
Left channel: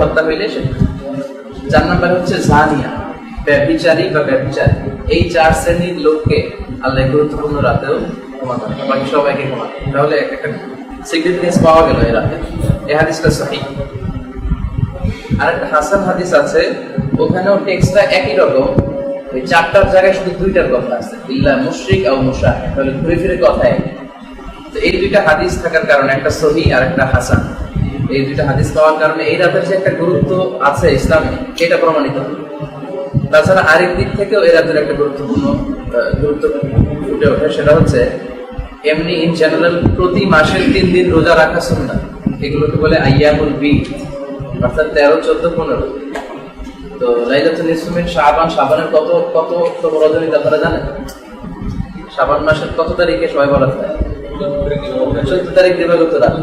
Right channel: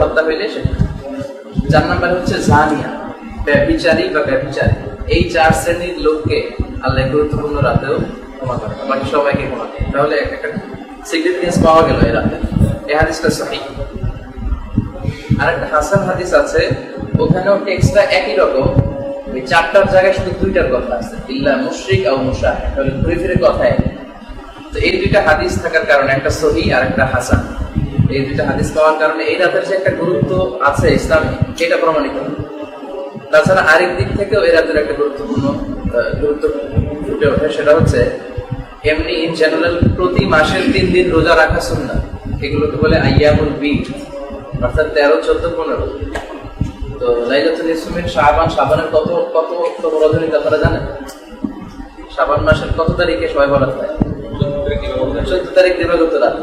হত্যা হইলে সে। 4 নম্বরে হচ্ছে জানিয়া, ব্যভিচারী বা ব্যভিচারী। এই 4 শ্রেণীর লোককে আল্লাহ গুরুত্বপূর্ণ রাতেও ক্ষমা করেন, বাকি সবাইকে ক্ষমা করেন। তাহলে একটা সিগনিফিকেন্স পাওয়া গেল এই রাতে। এই হাদিসটা সহিহ। আর একটা হাসান হাদিস আছে, ওখানেও টেক্সটটা একই রকম, ওই চারটার জায়গায় শুধু দুইটার কথা আছে, ইল্লা মুশরিক আও মুশাহিদ, তাহলে ঘুরে ফিরে কথাই। তো এই দুইটা হাদিস থাকার কারণে, একটা সহিহ আর একটা হাসান, এই দুইটা হাদিস পাওয়ার কারণে এই রাতের যে একটা গুরুত্ব আছে ইসলামে, এটা প্রমাণিত। তাছাড়া আরেক দিক থেকেও এই রাতের একটা গুরুত্ব ফুটে ওঠে, সেটা হচ্ছে এমনি ইন জেনারেল প্রতি মাসের 3 দিন রোজা রাখা সুন্নাহ, এগুলোকে বলে আইয়ামুল বিদ, অর্থাৎ 13, 14, 15। তো লাইলাতুল নিসফ মিন শাবান, শাবানের কত রজনী আপনারা জানেন? শাবান মাসের কত তারিখে সবাই বলা হয়? 14 তারিখ দিবাগত রাত।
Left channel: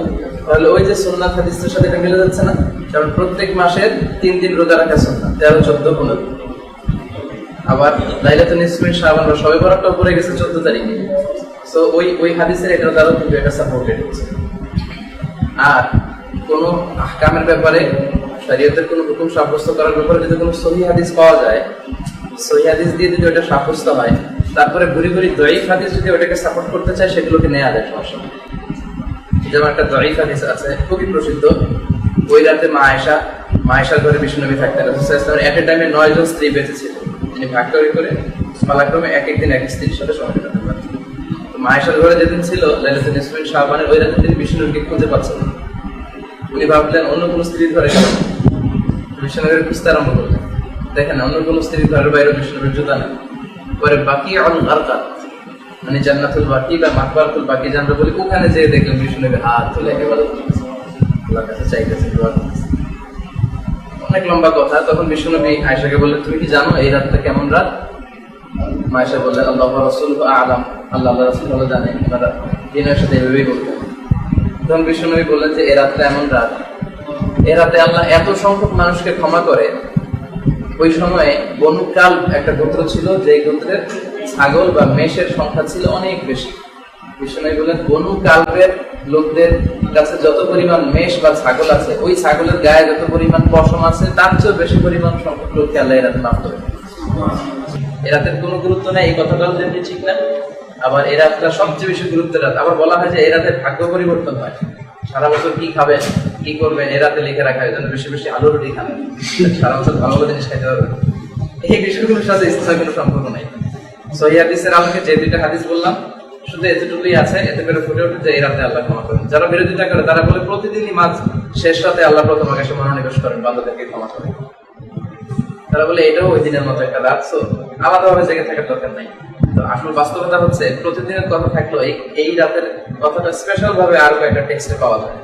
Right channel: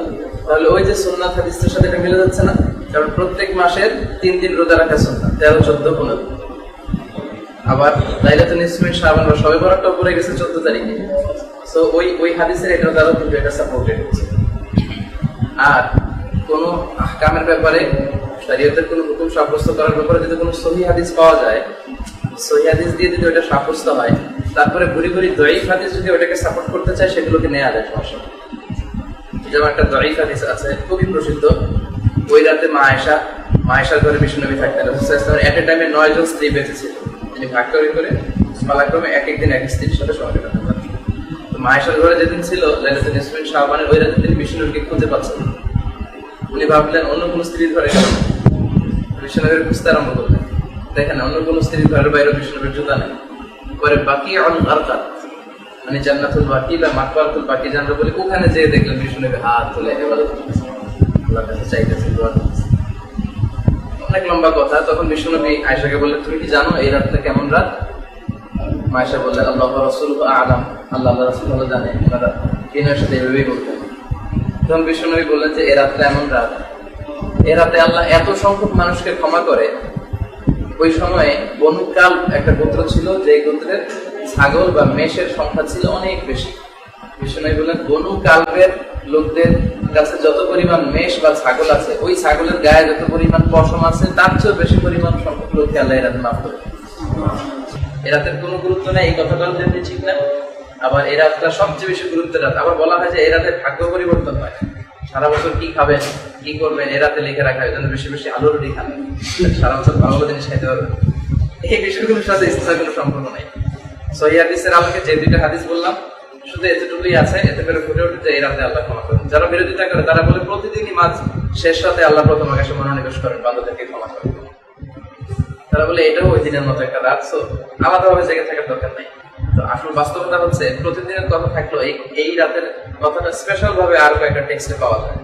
তাহলে ওই যে সুন্নাত হাদিসের সাথে এটা মিলে যাচ্ছে না? কারণ প্রত্যেক মাসের 3 দিন রোজা রাখা সুন্নাহ, 13, 14, 15। আবার লাইলাতুল নিসফ মিন শাবান বা শবে বরাতটাও পড়ে গেছে 14 তারিখে। সো ওই হাদিসের এটার দ্বারাও কিন্তু এটা সাপোর্টেড হচ্ছে। আর কোন আহকামের ব্যাপারে, শরীয়তের কোন হুকুম সাব্যস্ত করার ব্যাপারে যদি কোনো সহিহ হাদিস পাওয়া যায়, সহিহ হাদিস দিয়ে যদি ওটা সাব্যস্ত হয়, তারপরে ঘুরি ঘুরি দঈফ হাদিস যদি ওটাকে সাপোর্ট করতে চায়, সেগুলোকে নেওয়া যায়, সমস্যা নেই। যেমন একটা দঈফ হাদিস আছে খুবই প্রসিদ্ধ, ওই রাতে মা আয়েশার ঘরে বিশ্বনবী থাকতেন। রাসূলুল্লাহ সাল্লাল্লাহু আলাইহি ওয়াসাল্লাম এট এ টাইমে 9 জন স্ত্রী বেঁচে ছিল। তিনি ভাগ করে পালাক্রমে এক দিন এক স্ত্রীর সাথে সময় কাটাতে পারতেন। তো মা আয়েশার ঘরে যেদিন ছিল লাইলাতুল নিসফ মিন শাবানের, ওই রাতে তিনি বিশ্বনবীকে খুঁজে পাচ্ছেন। উনি ভাবলেন অন্য কোন স্ত্রীর ঘরে গেল, বিশ্বনবীর খুঁজতে আরম্ভ করলেন। দেখেন অন্য কোন স্ত্রীর ঘরের বাইরে বিশ্বনবীর জুতা নেই। পরে বাকি আল গারকাত, মানে জান্নাতুল বাকি বা মাকবারাতুল বাকি জানরা বলি, ওখানে যেয়ে দেখলেন বিশ্বনবী হাত তুলে ইবাদত করতেছেন, আল্লাহর কাছে চাইতেছেন, দোয়া করতেছেন। অনেক লম্বা কথা। তখন বিশ্বনবী আয়েশাকে বললেন, তুমি কি জানো এই রাতটা কেমন রাত? মা আয়েশা বললেন, আল্লাহু ওয়া রাসূলুহু আ'লাম, আল্লাহ রাসূল ভালো জানে। ওনারা দিনের সাথে এভাবেই বলতেন। তখন বিশ্বনবী বললেন যে এই রাতটা এমন রাত, এ রাতে আল্লাহ এত সংখ্যক মানুষকে ক্ষমা করে। ওই সময়ে বনু কালব একটা গোত্র ছিল, যে গোত্রের ছাগল বা মেষের সংখ্যা ছিল অনেক বেশি। বিশ্বনবী বললেন, বনু কালবের লোকদের কাছে যত পরিমাণ মেষ বা ছাগল আছে, ওই ছাগলের গায়ে যত পরিমাণ পশম আছে, তার চেয়েও বেশি পরিমাণ সংখ্যক লোককে আল্লাহ এরাতে মাফ করে। এরাতের কোনো গুরুত্ব নেই, এই কথাটাও যেমনি ঠিক না। আবার এই রাতটা সবচেয়ে বেশি গুরুত্বের রাত। আবার বলা হয় যে এই রাতে ভাগ্য পরিবর্তন হয়, সারা বছর কি খাবেন কি করবেন এ রাতে লিখে রাখা হয়, যেন বেশি বেশি আলু রুটি খান, সারা বছর ভালো ভালো জিনিস খাইতে পারবেন। এই বিষয়গুলোর সাথে ইসলামের কোনো সম্পর্ক নেই। সহিহ হাদিসের আলোকে যে দুইটা হাদিস বললাম, শুধু এতটুকুই আছে, এতে করে ফুটে ওঠে যে এই রাতে আল্লাহ ক্ষমা করেন। যারা বিরোধিতা করে তারা বলে প্রতিদিনই মাঝ শেষ রাতে আল্লাহ প্রথম আকাশে মনোনিবেশ করেন, বান্দাদেরকে ক্ষমা করেন। তারা বলে এটাও ওই দিনের মতো একটা রাত, আলাদাভাবে জেগে থাকার দরকার নাই। তো আসল বাস্তবতা হচ্ছে প্রতিদিনের কথা থাকলেও এই রাতের কথাটা স্পেশাল ভাবে আরো একটা টেক্সটে পাওয়া যায়।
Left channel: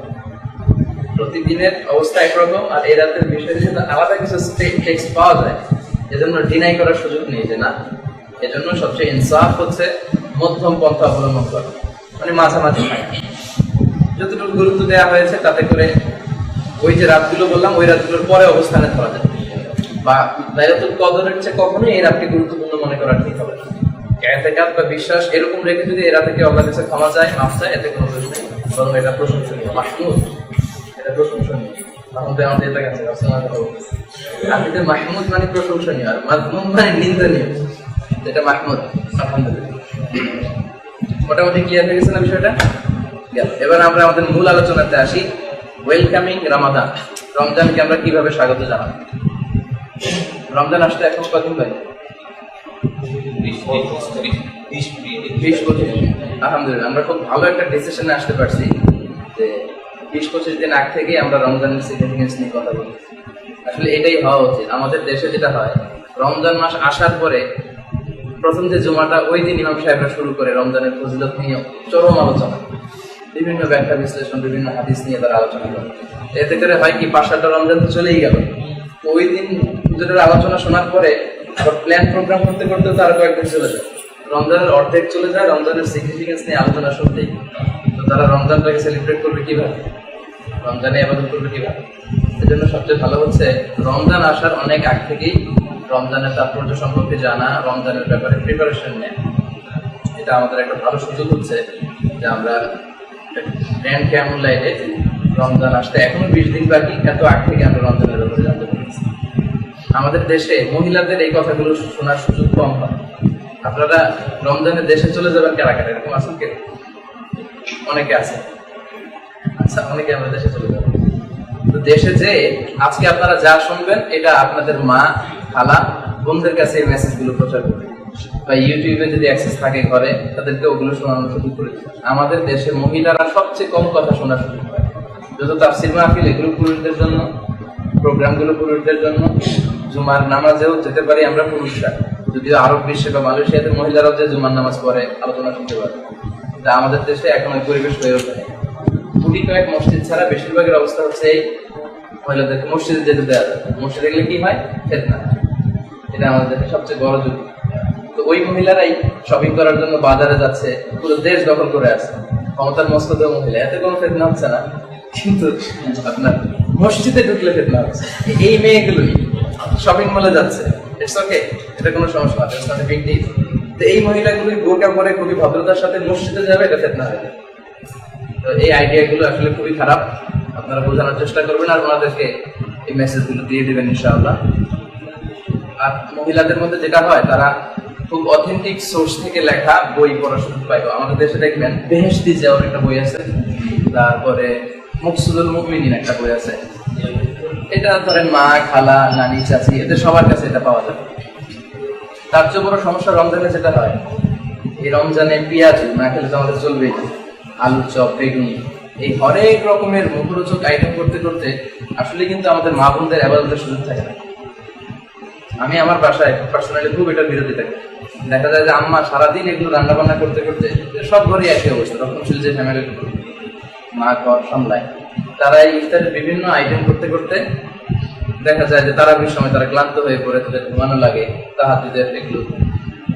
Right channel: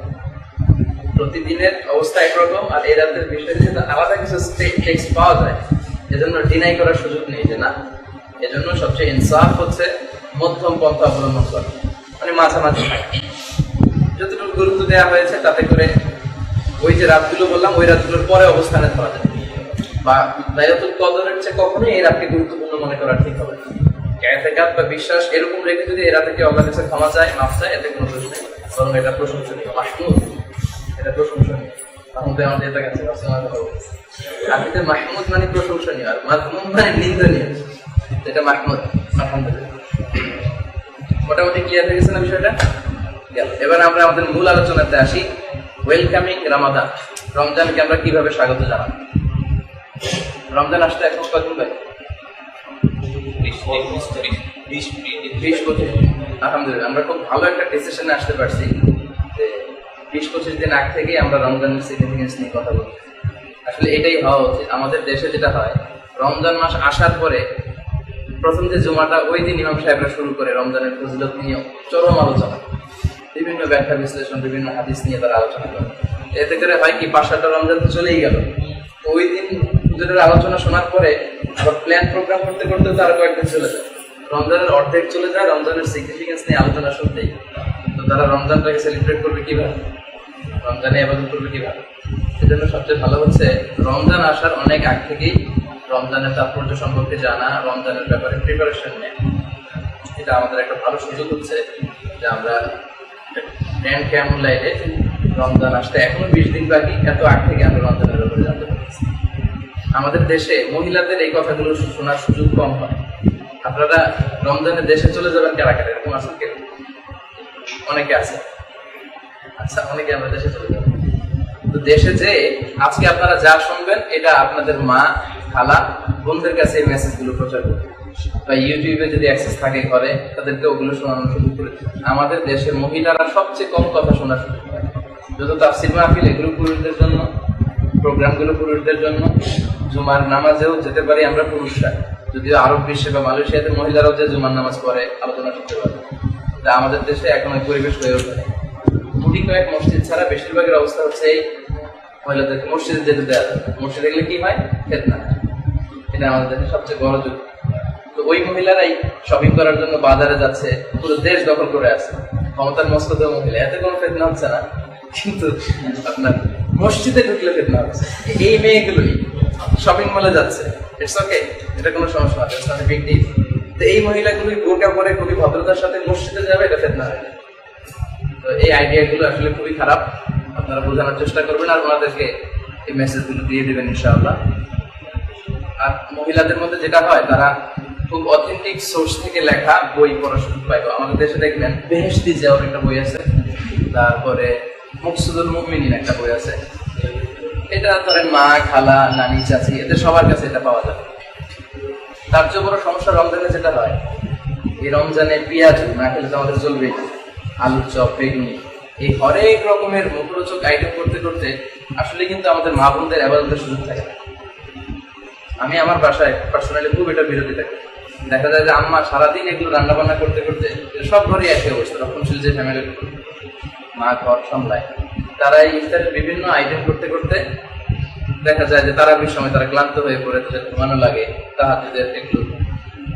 প্রতিদিনের অবস্থা একরকম, আর এই রাতের বিষয়ে যদি আলাদা কিছু টেক্সট পাওয়া যায়, এজন্য ডিনাই করার সুযোগ নেই যে না। এজন্য সবচেয়ে ইনসাফ হচ্ছে মধ্যম পন্থা অবলম্বন করা, মানে মাঝামাঝি থাকা। যতটুকু গুরুত্ব দেওয়া হয়েছে তাতে করে ওই যে রাতগুলো বললাম, ওই রাতগুলোর পরে অবস্থানে ধরা যায়। বা লাইলাতুল কদরের চেয়ে কখনোই এই রাতকে গুরুত্বপূর্ণ মনে করা ঠিক হবে না। ইতিকাদ বা বিশ্বাস এরকম রেখে যদি এই রাতে আল্লাহর কাছে ক্ষমা চায়, মাফ চায়, এতে কোনো দোষ নেই, বরং এটা প্রশংসনীয়, মাহমুদ, এটা প্রশংসনীয়। মাহমুদ আমাদের এটা কাছে আরবিতে মাহমুদ মানে প্রশংসনীয়, আর মাযমুম মানে নিন্দনীয়। এটা মাহমুদ, আলহামদুলিল্লাহ। মোটামুটি ক্লিয়ার হয়ে গেছে না বিষয়টা? গেল। এবার আমরা আমাদের মূল আলোচনাতে আসি। ওয়েলকামিং রামাদান, রমজানকে আমরা কিভাবে স্বাগত জানাবো? রমজান আসতে এখন কতদিন ভাই? 20-25। আলহামদুলিল্লাহ, আমরা খুব ভালো একটা ডিসিশনে আসতে পারছি যে 20-25 দিন আগ থেকেই আমরা রমজানের সিগনিফিকেন্স নিয়ে কথা বলি। আসলে এটাই হওয়া উচিত। আমাদের দেশে যেটা হয়, রমজান মাস আসার পরে প্রথম যে জুমাটা, ওই দিন ইমাম সাহেবরা শুরু করে রমজানের ফজিলত নিয়ে চরম আলোচনা, বিভিন্ন ব্যাখ্যা বিশ্লেষণ, বিভিন্ন হাদিস নিয়ে তারা আলোচনা করে। এতে করে হয় কি, 5-7টা রমজান তো চলেই গেল। ওই দিন হুজুরের আলোচনা শোনার পরে আবার প্ল্যান প্রোগ্রাম করতে করতে তো আরো কয়েকদিন চলে যায়, রমজানের অর্ধেক চলে যায় রমজানের সিগনিফিকেন্স নিয়ে আলোচনা শুনতেই। তো তারা রমজানটাকে সেলিব্রেট করবে কিভাবে, রমজানে ইবাদত করবে কিভাবে? এজন্য সবচেয়ে ভালো হচ্ছে রমজান আসার অনেক আগ থেকেই রমজানের তাৎপর্য সম্পর্কে জানা, রমজানের ব্যাপারে প্রিপারেশন নেয়। এটা আমাদের একটা ভালো সুযোগ হচ্ছে যে আমরা গ্র্যান্ড কেমন লাইনে রমজান আসতে এখনো 20 দিন বাকি, এত আগ থেকে আমরা রমজানের ব্যাপারে জানতে পারছি। আমাদের দেশে মহিলাদের এই কথাগুলো শোনার সুযোগ কম হয়। আপনারা রমজানে দেশে চলে যাবেন কারা কারা, এরকম আছেন কেউ? অনেকে আছে। আচ্ছা, অনেকে আমরা দেশে চলে যাবো। তো দেশে যে আজকে আপনারা যা শুনবেন, এটা আপনাদের মা, খালা বোনদের কাছে এই মেসেজগুলো প্রচার করি, বা ইউটিউবে যদি অ্যাক্সেস থাকে ঘরে তাদেরকে ওগুলো শোনানো শুরু করে দিই। আমাদের দেশে মহিলারা সবচেয়ে কম কথা শোনা শুরু করে, যত তাফসির মাহফিল এগুলো পুরুষদের জন্য, প্রোগ্রামগুলো পুরুষদের জন্য, জুমার নামাজেও যেতে পারি আমরা পুরুষরা, যদিও আরব বিশ্বে বা মালয়েশিয়াতে মহিলারাও যে জুমার নামাজ পড়ে আলোচনা শুনতে পারে, তা আমাদের দেশে এখন ওই পরিবেশ হয়ে ওঠে। গুটি কয়েক মসজিদ ছাড়া বেশিরভাগের অবস্থা হচ্ছে এই, মহিলাদেরকে মসজিদে যেতে দেওয়া যায়। মসজিদে গেলে কি হয়? ফিতনা। এটা আমাদের দেশে সবচেয়ে বড় যুক্তি। তো ওই মহিলারাই শপিং করার জন্য বাজারে যাচ্ছে, পুরো দেশ দখল করে আছে, ক্ষমতার মস্কদ মহিলা, এতে কোনো ফিতনা হচ্ছে না। কিন্তু আপনার মসজিদে ঢুকলে ফিতনা হচ্ছে। এই মেয়েগুলোই শপিং মলে যাচ্ছে, ইটস ওকে, এটা কোনো সমস্যা না, it's not a big deal. তো এই মহিলাগুলোই বোরকা পরে খুবই ভদ্রতার সাথে মসজিদে যাবে, এটা ফিতনা হয়ে যায়। তো এই আইডিয়াগুলো আসলে খুবই খারাপ, আপনারা বোঝানোর চেষ্টা করবেন আর ওনাদেরকে এই মেসেজগুলো দিয়ে দেবেন ইনশাআল্লাহ। আর মহিলাদের মধ্যে যেটা হয়, তারা খুব অথেন্টিক সোর্স থেকে লেখা বই পড়া সুযোগ পাইব। আমাদের দেশে দেখবেন বেহেশতি জিয়াওর একটা বই আছে, তারপরে মুকসুদুল মুমিনিন একটা বই আছে। এটা ধরেন মা, খালা, নানি, চাচি, এদের সবার কাছে এটা পাওয়া যায়। তার চেয়ে বড় সমস্যা রমজানে যেটা হয়, এই রমজানে পেঁয়াজ না খেলে তো আমাদের চলবেই, আলুর চপ, বেগুনি, এই হরেক রকমের মুখরোচক আইটেম করতে করতে আসলে কিন্তু আমাদের মা বোনদের ইবাদতের সুযোগ থাকে না। আমি আমার বাসায় পার্সোনালি খুব এটার বিরোধী থাকি। দেখা যায় যে আম্মা সারাদিন এগুলো রান্না বান্না করতে করতে, সব ঘরে একই অবস্থা, রক্ষণশীল যে ফ্যামিলি, মা ঘর সামলায়, তারা এই ইফতারের বিভিন্ন আইটেম করতে করতে দেখা যায় যে তারা বেশ সময় তারা ক্লান্ত হয়ে পড়ে, তাদের ঘুমানো লাগে, তাহাজ্জুদের এগুলো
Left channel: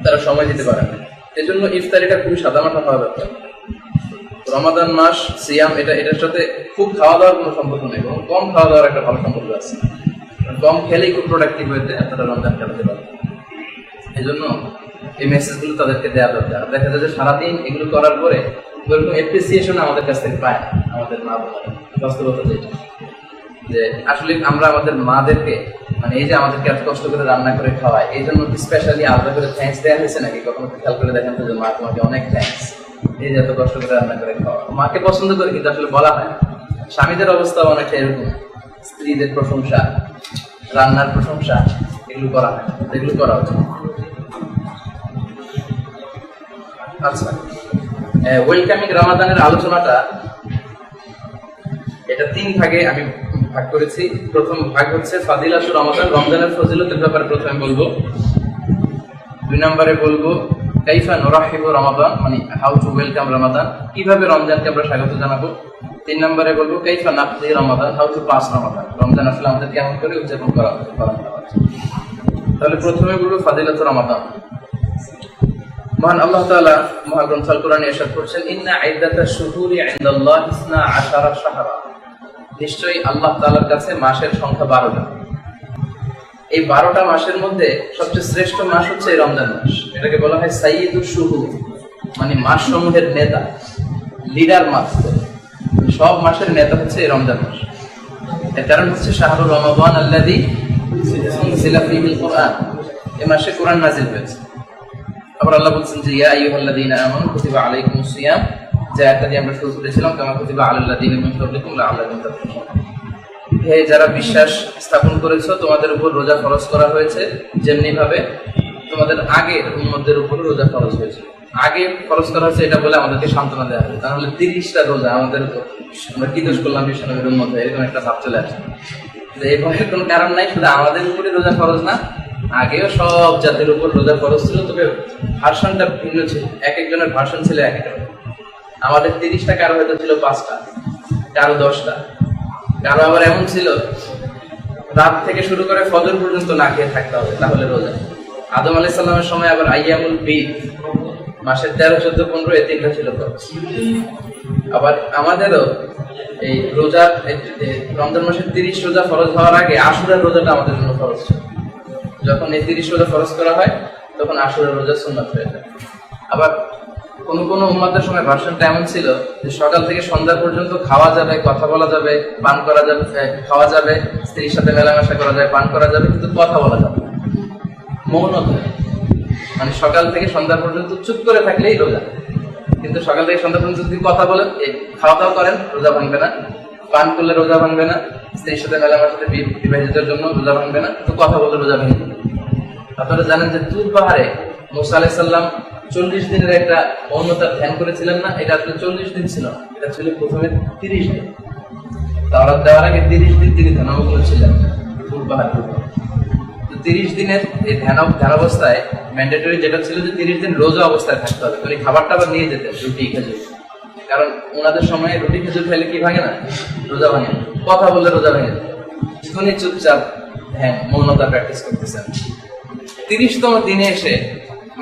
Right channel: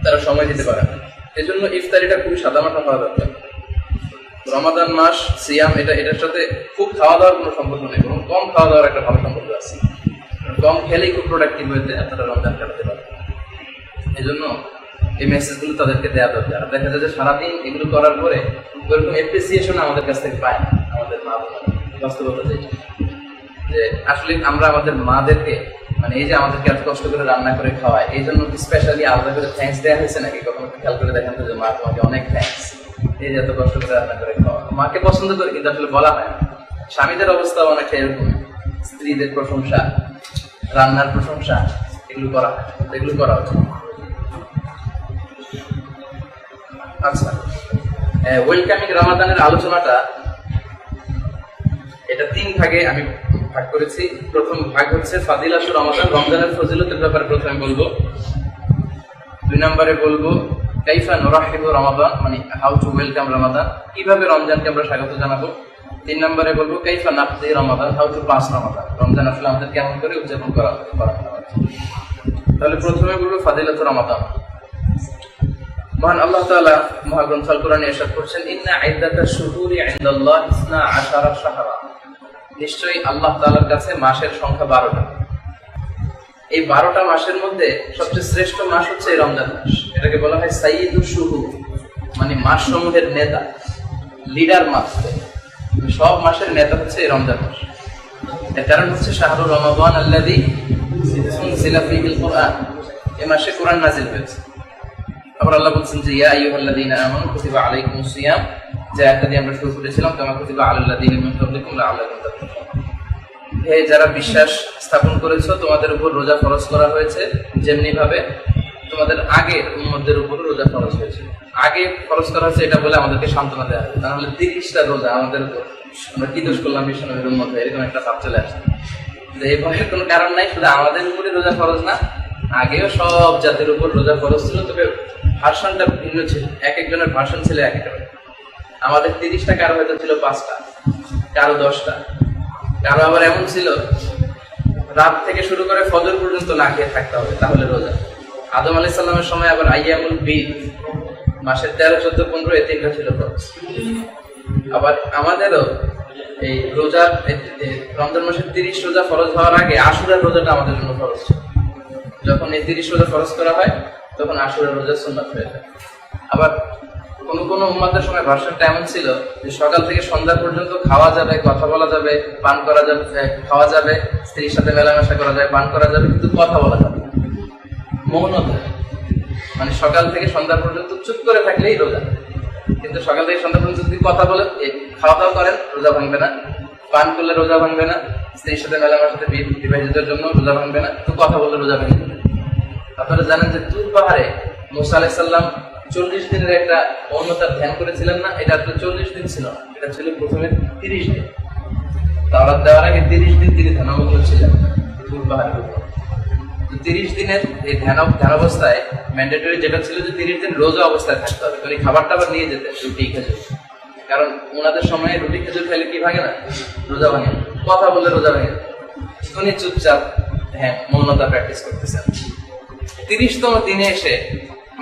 তারা সময় দিতে পারে না। এই জন্য ইফতারিটা খুবই সাদামাটা হওয়া দরকার। রমাদান মাস সিয়াম, এটার সাথে খুব খাওয়া দাওয়ার কোনো সম্পর্ক নেই, এবং কম খাওয়া দাওয়ার একটা ভালো সম্পর্ক আছে। কম খেলেই খুব প্রোডাক্টিভ হয়েছে আপনারা রমজান কাটাতে পারে। এই জন্য এই মেসেজগুলো তাদেরকে দেওয়া দরকার। দেখা যায় যে সারাদিন এগুলো করার পরে ওরকম অ্যাপ্রিসিয়েশন আমাদের কাছ থেকে পায় না আমাদের মা বোনেরা। বাস্তবতা যেটা, যে আসলে আমরা আমাদের মাদেরকে, মানে এই যে আমাদেরকে এত কষ্ট করে রান্না করে খাওয়ায়, এই জন্য স্পেশালি আলাদা করে থ্যাঙ্কস দেওয়া হয়েছে নাকি? কখনো খেয়াল করে দেখেন তো যে মা তোমাকে অনেক থ্যাঙ্কস, এই যে এত কষ্ট করে রান্না করে খাওয়া। মাকে পছন্দ করে কিন্তু আসলে বলা হয় না। স্বামীদের অবস্থা অনেকটা এরকম, স্ত্রীদের প্রশংসা, রান্নার প্রশংসা, এগুলো করা হয়, এগুলো করা উচিত। আচ্ছা, ওয়েলকামিং রমাদানের আলোচনাটা এটা 3 ভাগে আমি ভাগ করেছি। প্রথম ভাগ হচ্ছে ফাদিলাতুর রমাদান, রমজানের ফজিলতের ব্যাপারে প্রথমে বলবো। 2 নম্বরে বলবো কাইফা নুরাহিবু রমাদান, মানে হাউ টু ওয়েলকাম রমাদান, কিভাবে রমজানকে আমরা স্বাগত জানাবো। 3 নম্বরে বলবো কাইফা নাকদি রমাদান, হাউ টু পাস রমাদান, রমজান আসলে আমাদের কেমন করে উদযাপন করা হবে। তাহলে প্রথমে বলবো ফাদিলাতুর রমাদান। মহান আল্লাহ তাআলা মহাগ্রন্থ আল কোরআনে ইরশাদ করছেন, ইন্না ইদ্দাতাশ শুহুরি ইনদাল্লাহি 12 শাহরা, নিশ্চয়ই আল্লাহ তাআলার কাছে মাসের সংখ্যা 12টা। এই 12টা মাসের মধ্যে সবচেয়ে শ্রেষ্ঠ মাস হচ্ছে এই রমজান মাস। এটাকে বলা হয় সাইয়্যিদুশ শুহুর, মানে মাস সমূহের নেতা, লিডার মাস। সব মাসের নেতা হচ্ছে এই রমজান মাস। এর কারণ হচ্ছে শাহরুর রমাদান আল্লাযী উনজিলা ফীহিল কুরআন, এই মাসে কোরআন নাযিল হয়েছে। আবার আল্লাহ বলছেন যে ইয়া আইয়ুহাল্লাযীনা আমানু কুতিবা আলাইকুমুস সিয়াম, যে আয়াতটা দিয়ে আমরা শুরু করেছিলাম, কামা কুতিবা আলাল লাযীনা মিন ক্বাবলিকুম লাআল্লাকুম তাত্তাকুন। হে যারা বিশ্বাস স্থাপন করেছো, তোমাদের উপর রোজা ফরজ করা হয়েছে যেমনি ভাবে তোমাদের আগের উম্মতদের উপর রোজা ফরজ হয়েছে। আগে ফরজ করা হয়েছে এটা বলে আমাদেরকে সান্ত্বনা দেওয়া হবে, তাহলে 30টা রোজা আমাদের উপর, আমরা কি দোষ করলাম বিশ্বনবীর উম্মত, এরকম একটা ভাব চলে আসে। এই ভয়ের কোনো কারণ নাই, শুধু আমাদের উপরে রোজা ফরজ না, আগেও সব জাতির উপর রোজা ফরজ ছিল, তবে ভার্সনটা ভিন্ন ছিল, এক একজনের ভার্সন ছিল এক এক রকম। আমাদের 30টা, কারো হয়তো ছিল 5টা, কারো 10টা, কারো আবার এমন ছিল রাত থেকে শুরু করে ফজর পর্যন্ত না খেয়ে থাকতে হবে তাহলে রোজা। আদম আলাইহিস সালামের সময় আবার আইয়ামুল বীদ, মাসের 13, 14, 15 এই 3টা ছিল ফরজ। আবার আমাদেরও এই রোজা, রমজান মাসের 30 রোজা ফরজ হওয়ার আগে আশুরার রোজাটা আমাদের জন্য ফরজ ছিল। যখন এই 30 রোজা ফরজ করা হয় তখন আশুরার রোজা সুন্নাত হয়ে যায়। আবার কোন কোন উম্মতের সময় ভার্সনটা এমন ছিল যে সকাল থেকে সন্ধ্যা পর্যন্ত খাওয়া যাবে, কথা বলা যাবে, পান করা যাবে, খাওয়া যাবে, স্ত্রীর সাথে মেলামেশা করা যাবে, পান করা যাবে, কিন্তু কথা বলা যাবে, মৌনতা, মানে সকাল থেকে সন্ধ্যা পর্যন্ত চুপ করে থাকলেই রোজা। কিন্তু সকাল থেকে সন্ধ্যা পর্যন্ত যদি কথা বলেন, খাওয়া দাওয়া করেন, রোজা ভাঙবে না, পান করলে রোজা ভাঙবে না, স্ত্রীর সাথে মেলামেশাতে বিবাহিতদের জন্য রোজা ভাঙবে না, কিন্তু কথা বললে রোজা ভেঙে যাবে। আপনারা জানেন যে তুর পাহাড়ে মুসা আলাইহিস সালাম 40 দিনের একটা মৌনতার ধ্যান করেছিলেন না? এটা আসলে 40 দিন ছিল, এটা ছিল প্রথমে 30 দিন। তাওরাত দেওয়ার আগে 30 দিন তিনি ধ্যানমগ্ন ছিলেন তুর পাহাড়ের উপর। তো 30 দিনের এই ধ্যান অবস্থায় ম্যান্ডেটরি যেটা ছিল যে 30 দিন রোজা অবস্থায় থাকতে হবে। উনি খাবার টাবার নিয়ে যেতেন, রুটি খেজুর, কারণ ওনাদের সময়ে রুটি খেজুর খেলে কি ভাঙে না? রোজা ভাঙে। কথা বললে রোজা ভাঙে। উনি চুপচাপ ধ্যান মৌনতা প্র্যাকটিস করতেছেন। 30তম দিনে এসে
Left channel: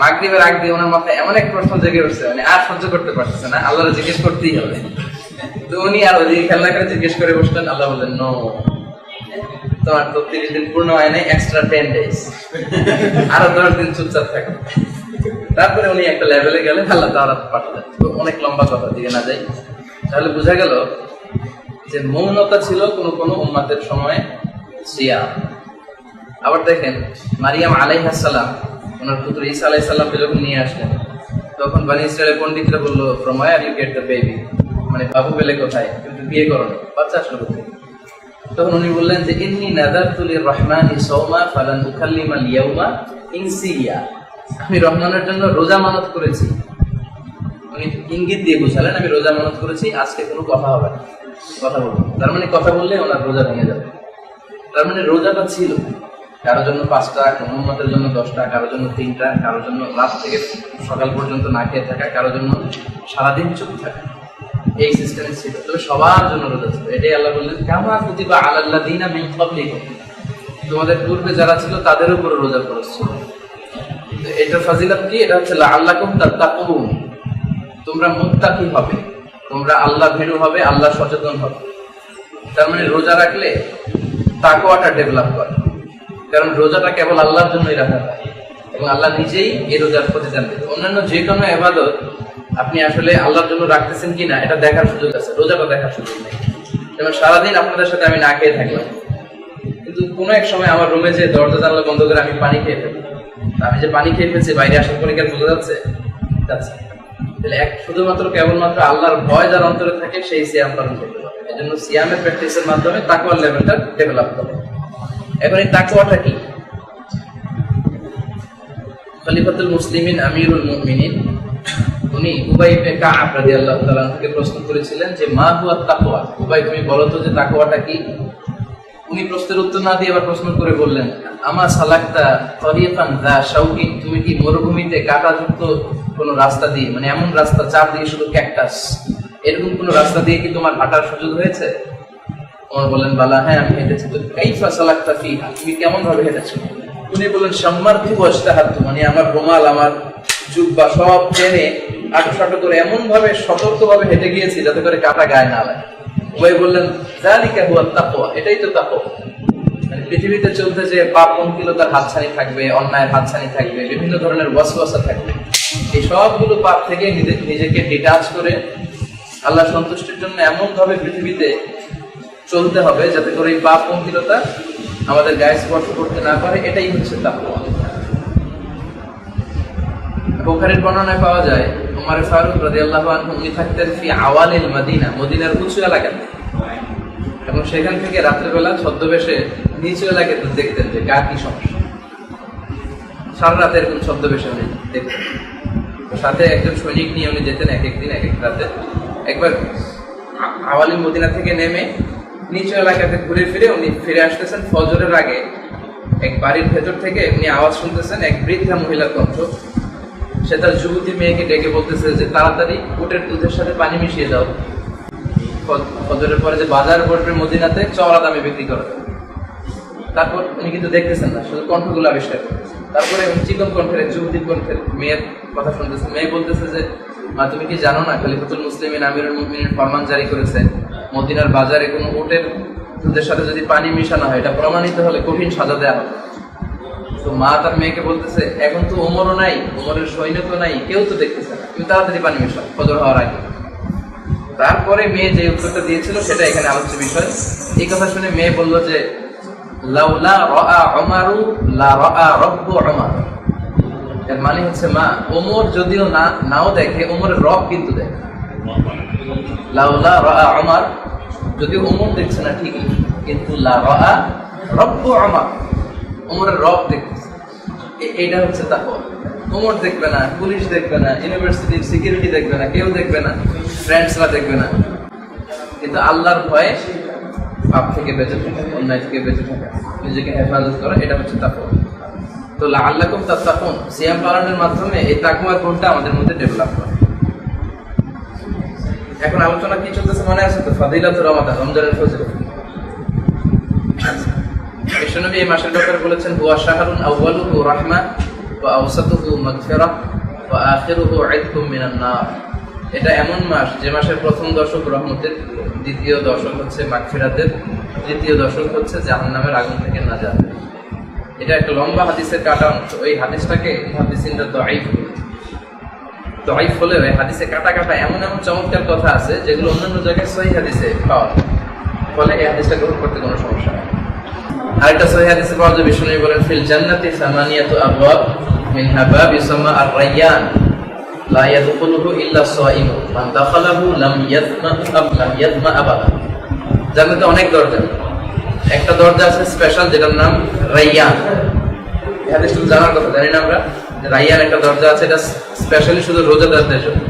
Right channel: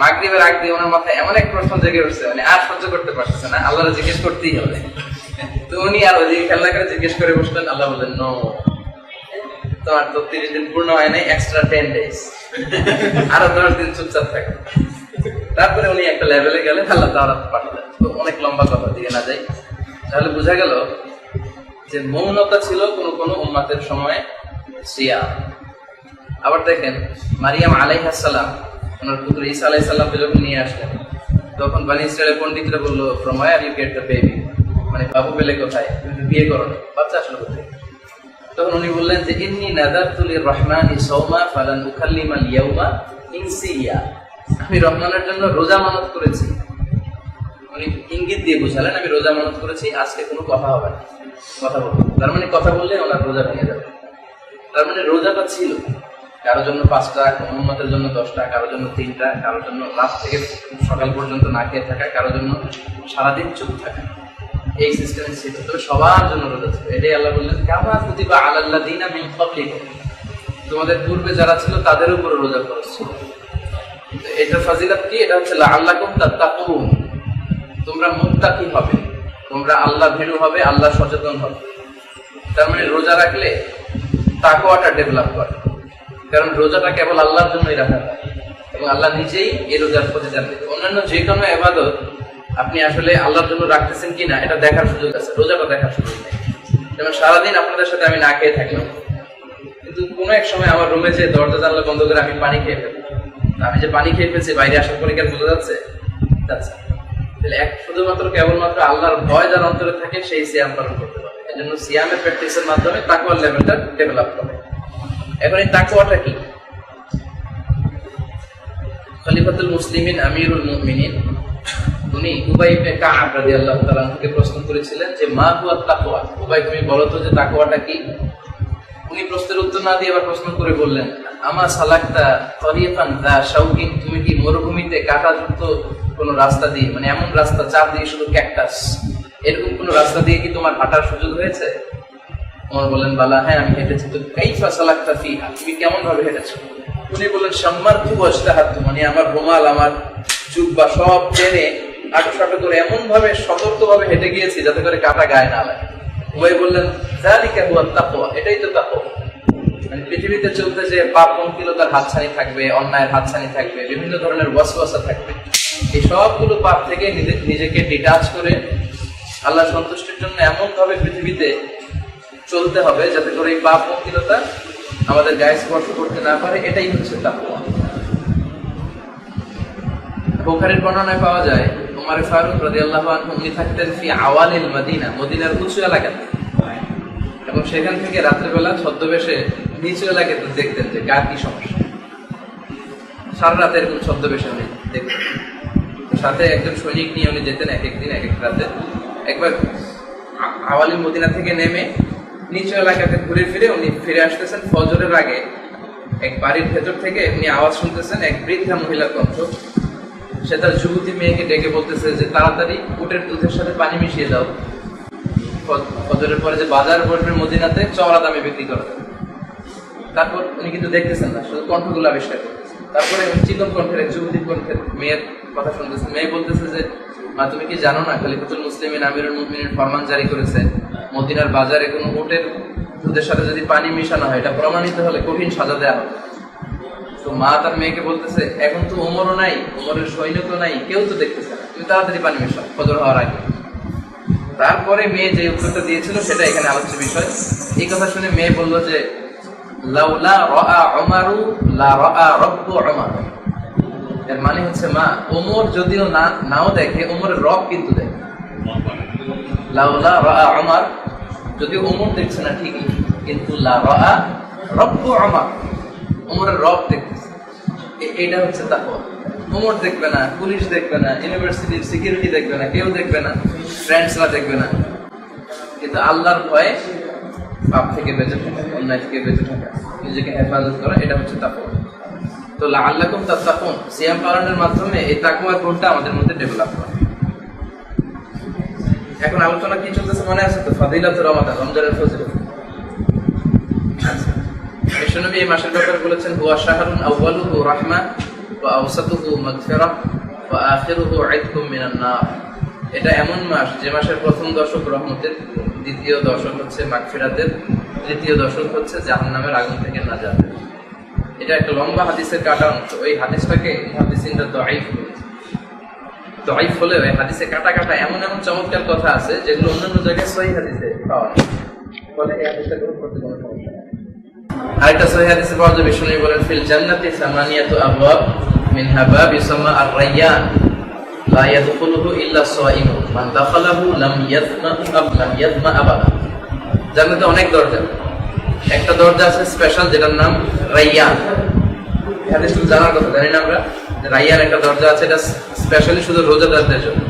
মাগরিবের আগ দিয়ে ওনার মাথায় এমন এক প্রশ্ন জেগে উঠছে, মানে আর সহ্য করতে পারতেছে না, আল্লাহর জিজ্ঞেস করতেই হবে। তো উনি আর ওদিকে খেলনা করে জিজ্ঞেস করে বসলেন। আল্লাহ বললেন, নো, তোমার তো 30 দিন পূর্ণ হয় নাই, এক্সট্রা 10 ডেজ, আরো 10 দিন চুপচাপ থাকো। তারপরে উনি একটা লেভেলে গেলেন, আল্লাহ তাওরাত পাঠালেন। তো অনেক লম্বা কথা, দিকে না যাই। তাহলে বোঝা গেল যে মৌনতা ছিল কোন কোন উম্মাতের সময় সিয়াম। আবার দেখেন, মারিয়াম আলাইহিস সালাম ওনার পুত্র ঈসা আলাইহিস সালামকে যখন নিয়ে আসলেন, তখন বনি ইসরায়েলের পণ্ডিতরা বললো, from where you get the baby, মানে বাবু পেলে কোথায়, কিন্তু বিয়ে করো না, বাচ্চা আসলো কোথায়? তখন উনি বললেন যে ইন্নী নাযারতু লির-রাহমানি সাওমা ফালান উকাল্লিমাল ইয়াওমা ইনসিয়া, আমি রহমানের জন্য রোজা মানত করেছি। উনি ইঙ্গিত দিয়ে বুঝালেন, আমি রোজা মানত করেছি, আজকে কোনো কথা হবে না, কথা বলবো। তার মানে কথা বললে ওনার রোজা ভেঙে যাবে। তার মানে রোজাটা ছিল কারোর জন্য 5টা, কোনো উম্মতের জন্য 10টা, কারোর জন্য 3টা, কারোর জন্য রাত থেকে সকাল পর্যন্ত না খেয়ে থাকা, কারোর জন্য সারাদিন চুপ থাকা, এই সিস্টেমে ছিল। তবে সবার জন্য রোজা ছিল। এটাই আল্লাহ বললেন, কামা কুতিবা আলাল্লাযিনা মিন ক্বাবলিকুম, তোমাদের পূর্বে যারা ছিল তাদের উপর রোজা ফরজ ছিল। এটা ফাজিলত কি? এটা হচ্ছে লাআল্লাকুম তাত্তাকুন, তোমরা মুত্তাকি হবে, তোমরা আল্লাহ ভীরু হবে, আল্লাহ সচেতন হবে। তার মানে রোজা রাখলে তাকওয়াটা ডেভেলপ করে, কারণ রোজাটা কেবল আল্লাহর জন্যই রাখা হয় এবং আল্লাহ নিজেই এই রোজার প্রতিদান দেন। অন্যান্য যে কোনো ইবাদত আপনি আসলে আল্লাহর জন্য রাখতেছেন কিনা এটা দেখার সুযোগ আছে, রোজাটা দেখার সুযোগ নেই। যেমন সারাদিন আপনাদের সাথে আমি না খেয়ে থাকলাম, কিন্তু কোনো এক সময় আমার রুমে যে দরজা জানলা বন্ধ করে আমি পানি খেয়ে ফেলি, আমি যে পানি খেয়ে ফেলছি বাইরে আসার পরে কি বোঝা যাচ্ছে? তাহলে শুধুমাত্র কেবলমাত্র আল্লাহর ভয় যার অন্তরে থাকে সেই সিয়াম পালন করতে পারে। এই জন্য সিয়ামের প্র্যাকটিসের মাধ্যমে তাকওয়ার লেভেলটা ডেভেলপ করে। এখন এই তাকওয়াটা কি? খলিফাতুল মুসলিমিন আমিরুল মুমিনিন উনি উবাই ইবনে কাব রাদিয়াল্লাহু তাআলা থেকে প্রশ্ন করেছিলেন যে মা হুয়া তাকওয়া, উবাই তুমি বলো তো যে তাকওয়াটা কি? উনি প্রশ্নের উত্তর না দিয়ে আবার প্রশ্ন করে বললেন, আমা সালাকতা তরিকান যা শাউকিন, তুমি কি মরুভূমিতে কাঁটাযুক্ত কোন রাস্তা দিয়ে, মানে এমন রাস্তা চার দিকে শুধু ক্যাকটাস, এরকম কোন রাস্তা দিয়ে কি তোমার হাঁটার সুযোগ হয়েছে? ওমর বললেন, বালা, হ্যাঁ আমি হেঁটেছি। তো কাইফা সালাকতা ফিহা, তুমি কেমন ভাবে হেঁটেছো? উনি বললেন, শাম্মারতু ওয়াজতাহাতু, মানে আমার রুমাল, আমার জুব্বা সব টেনে আঁটো করে এমন ভাবে সতর্ক ভাবে হেঁটে গিয়েছি যাতে করে কাঁটা গায়ে না লাগে। উবাই বললেন, যালিকা হুয়া তাকওয়া, এটাই তো তাকওয়া। মানে পৃথিবীতে চলতে যে পাপ পঙ্কিলতার হাতছানি থাকবে, অন্যায়ের হাতছানি থাকবে, বিভিন্ন ধরনের ওয়াসওয়াসা থাকবে, এই সবগুলো পাপ থেকে নিজেকে ডিটাচ করে আল্লাহ সন্তুষ্টির জন্য এমন ভাবে পৃথিবীতে চলতে হবে যাতে করে এই পাপ পঙ্কিলতা আমাদের গায়ে স্পর্শ করতে না পারে, এটাই হচ্ছে তাকওয়া। বুখারীর বর্ণনায় পাওয়া যায়, ওমর ফারুক রাদিয়াল্লাহু আনহু উনি থাকতেন ফি আওয়ালিল মদিনা, মদিনার উঁচু এলাকাতে, এবং সেখান থেকে রাত্রেবেলা ছদ্মবেশে নিচু এলাকাতে দেখতেন যে কার কি সমস্যা। সারা রাতে এরকম ছদ্মবেশে উনি দেখতেন। সাথে একজন সৈনিক নিয়ে উনি যেতেন এক একদিন এক এক রাতে। একবার আওয়ালিল মদিনা থেকে নেমে নিচু এলাকাতে ঘুরে ফিরে উনি ফিরে আসতেছেন ফজরের আগে। এক বাড়ির ভেতর থেকে উনি আওয়াজ শুনতেছেন, এক বৃদ্ধা মহিলার কণ্ঠ। সে তার যুবতী মেয়েকে ডেকে বলতেছে যে তাড়াতাড়ি উটের দুধের সাথে পানি মিশিয়ে দাও, ফজরের পরে যে বাজার বসবে মদিনাতে চওড়া দামে বিক্রি করা যাবে। তারপর উনি কিন্তু দেখতেছেন না, শুধু কণ্ঠগুলো আবিষ্কার করতেছেন। তারপরে চিকন কণ্ঠের যুবতী কণ্ঠের মেয়ের কথা শুনতেছেন। মেয়ে বলতেছে যে মা, তুমি কি জানো না খলিফাতুল মুসলিমিন আমিরুল মুমিনিন ফরমান জারি করেছে, মদিনার বাজারে কোনো উটের দুধের সাথে যদি পানি মিশানো হয় এটা প্রমাণিত হলে কঠিন সাজা দেওয়া হবে। তো মা তার মেয়েকে বলতেছে, এখন তো ওমরও নাই, ওমরের সৈনিকও নাই, কেউ তো দেখতেছে না, তুমি তাড়াতাড়ি পানি মিশাও ফজর হওয়ার আগে। তারপরে মেয়ে যে উত্তরটা দিয়েছিল সেটা এখানে আলোচ্য বিষয়। এই কথা শুনে মেয়ে বলল যে লাউলা রাআ উমারু লা রাআ রাব্বু উমার, এর মানে হচ্ছে মা, ওমর যদিও নাও দেখে, ওমরের রব কিন্তু দেখে। লাউলা রাআ উমার, যদিও ওমর দেখছে না ঠিকই, কিন্তু লা রাআ রাব্বু উমার, ওমরের রব দেখতেছে। এটা হচ্ছে তাকওয়া। ওমর দেখবে না, পুলিশ দেখবে না, ইউনিভার্সিটির সিকিউরিটি দেখবে না, কেউ দেখবে না, ফ্রেন্ডসরা দেখবে না, কিন্তু আল্লাহর ভয়ে পাপ থেকে বেঁচে থাকা, অন্যায় থেকে বেঁচে থাকা, নিজেকে হেফাজত করা, এটা হচ্ছে তাকওয়া। তো লাআল্লাকুম তাত্তাকুন, সিয়াম পালনের মাধ্যমে এই তাকওয়ার গুণটা আমাদের মধ্যে ডেভেলপ করে। এখন আলোচনা কি চলতেছে মনে আছে তো? ফাদিলাতুর রমাদান, রমজানের ফজিলত। বিশ্বনবী এই মাসের ব্যাপারে বলেছেন, হুয়া শাহরুন আউয়ালুহু রাহমা ওয়া আওসাতুহু মাগফিরাহ ওয়া আখিরুহু ইতকুম মিনান নার। এটা এমন মাস যে মাসের প্রথম দশক রহমতের, দ্বিতীয় দশক হচ্ছে মাগফিরাতের, তৃতীয় দশক হচ্ছে জাহান্নামের আগুন থেকে নাজাত। এটা একটা লম্বা হাদিসের কাটা অংশ। ওই হাদিসটাকে মুহাদ্দিসিনরা দাঈফ বলেছে। দাঈফ হলে ওই হাদিসে কাটা কাটা এমন এমন চমৎকার কথা আছে যেগুলো অন্যান্য জায়গায় সহিহ হাদিসে পাওয়া যায়, ফলে এই হাদিসটা গ্রহণ করতে কোনো সমস্যা নেই। আরেকটা সহিহ হাদিসে পাওয়া যায়, বিষ্ণু বলেন, ফিল জান্নাতি সামানিয়াতু আবওয়াব মিনহা বাব ইউসাম্মা আর-রায়্যান লা ইয়াদখুলুহু ইল্লা সাইমুন মান দাখালাহু লাম ইয়াদমা আবাদা। জান্নাতে অনেক দরজা, একটা দরজা আছে স্পেশাল যেটার নাম রায়্যান। এই হাদিসটা জানার কথা, জানি না আমরা যে রায়্যান একটা দরজা আছে, এটা স্পেশালি শুধু রোজাদারদের জন্য।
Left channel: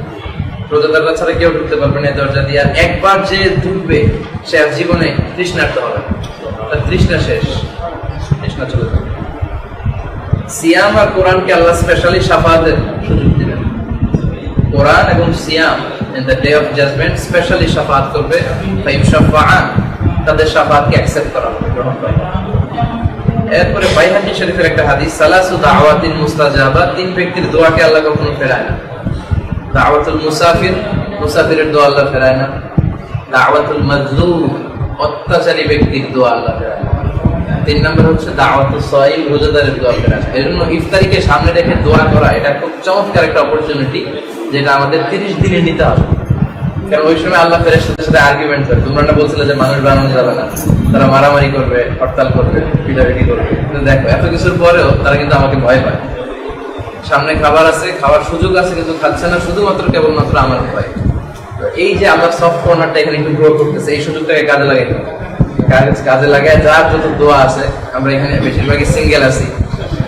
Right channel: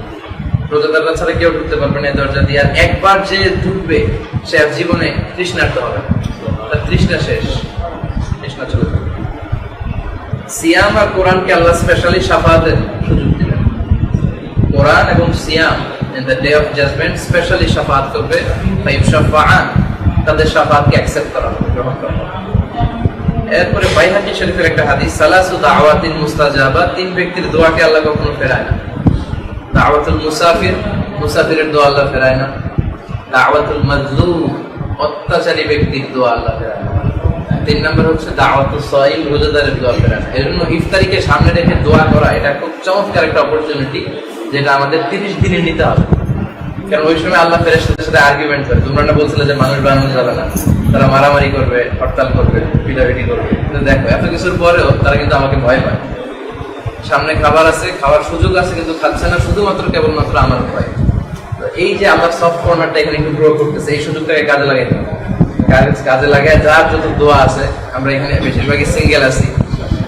রোজাদাররা ছাড়া কেউ ঢুকতে পারবে না এই দরজা দিয়ে। আর একবার যে ঢুকবে সে আর জীবনে তৃষ্ণার্ত হবে না, তার তৃষ্ণা শেষ, তৃষ্ণা চলে যাবে। সিয়াম আর কোরআনকে আল্লাহ স্পেশালি শাফাআতের সুযোগ দিবেন। কোরআন এবং সিয়াম in the day of judgement specially শাফাআত করবে। ফাইয়ুশাফাআন, তাদের শাফাআতকে অ্যাকসেপ্ট করা হবে, গ্রহণ করা হবে। এরপরে বাইহাকী শরীফের একটা হাদিস, সালাসু দাওয়াতিন মুস্তাজাবা, তিন ব্যক্তির দোয়াকে আল্লাহ কখনো ফেরায় না। দাওয়াতুল মুসাফির, মুসাফিরের দোয়া আল্লাহ ফেরায় না। দাওয়াতুল মাজলুম, অত্যাচারী ব্যক্তির দোয়া আল্লাহ ফেরায় না। 3 নম্বর হচ্ছে দাওয়াতুস সাইম, রোজাদারের দোয়া ফেরায় না। এজন্য ইফতারিকে সামনে রেখে দোয়া করা এটা খুব চমৎকার একটা অপরচুনিটি, যেটা আমাদের 30 দিনে নিতে হবে। কারণ ওই সময় আল্লাহ ফেরেশতাদের সাথে আর্গুমেন্ট করে, তোমরা না বলছিলে যে মানুষ বানানো যাবে না, তারা মারামারি করবে, হরতাল করবে, পিটাপিটি করবে, কিন্তু দেখো এত কিছুর পরেও তারা কিন্তু আমাকে ভয় পায়। সামনে খাবার আছে, খাওয়ার সুযোগ আছে, কিন্তু খাচ্ছে না, শুধুমাত্র কেবলমাত্র আমার ভয়। তো এই যে আমার সফট কর্নারটা এখানে একটু গ্রো করতেছে, এই সুযোগটাকে কাজে লাগাইতে হবে। কাজে লাগায় যার যত দোয়া আছে, আমরা এখানে বেশিরভাগই সিঙ্গেল আছি,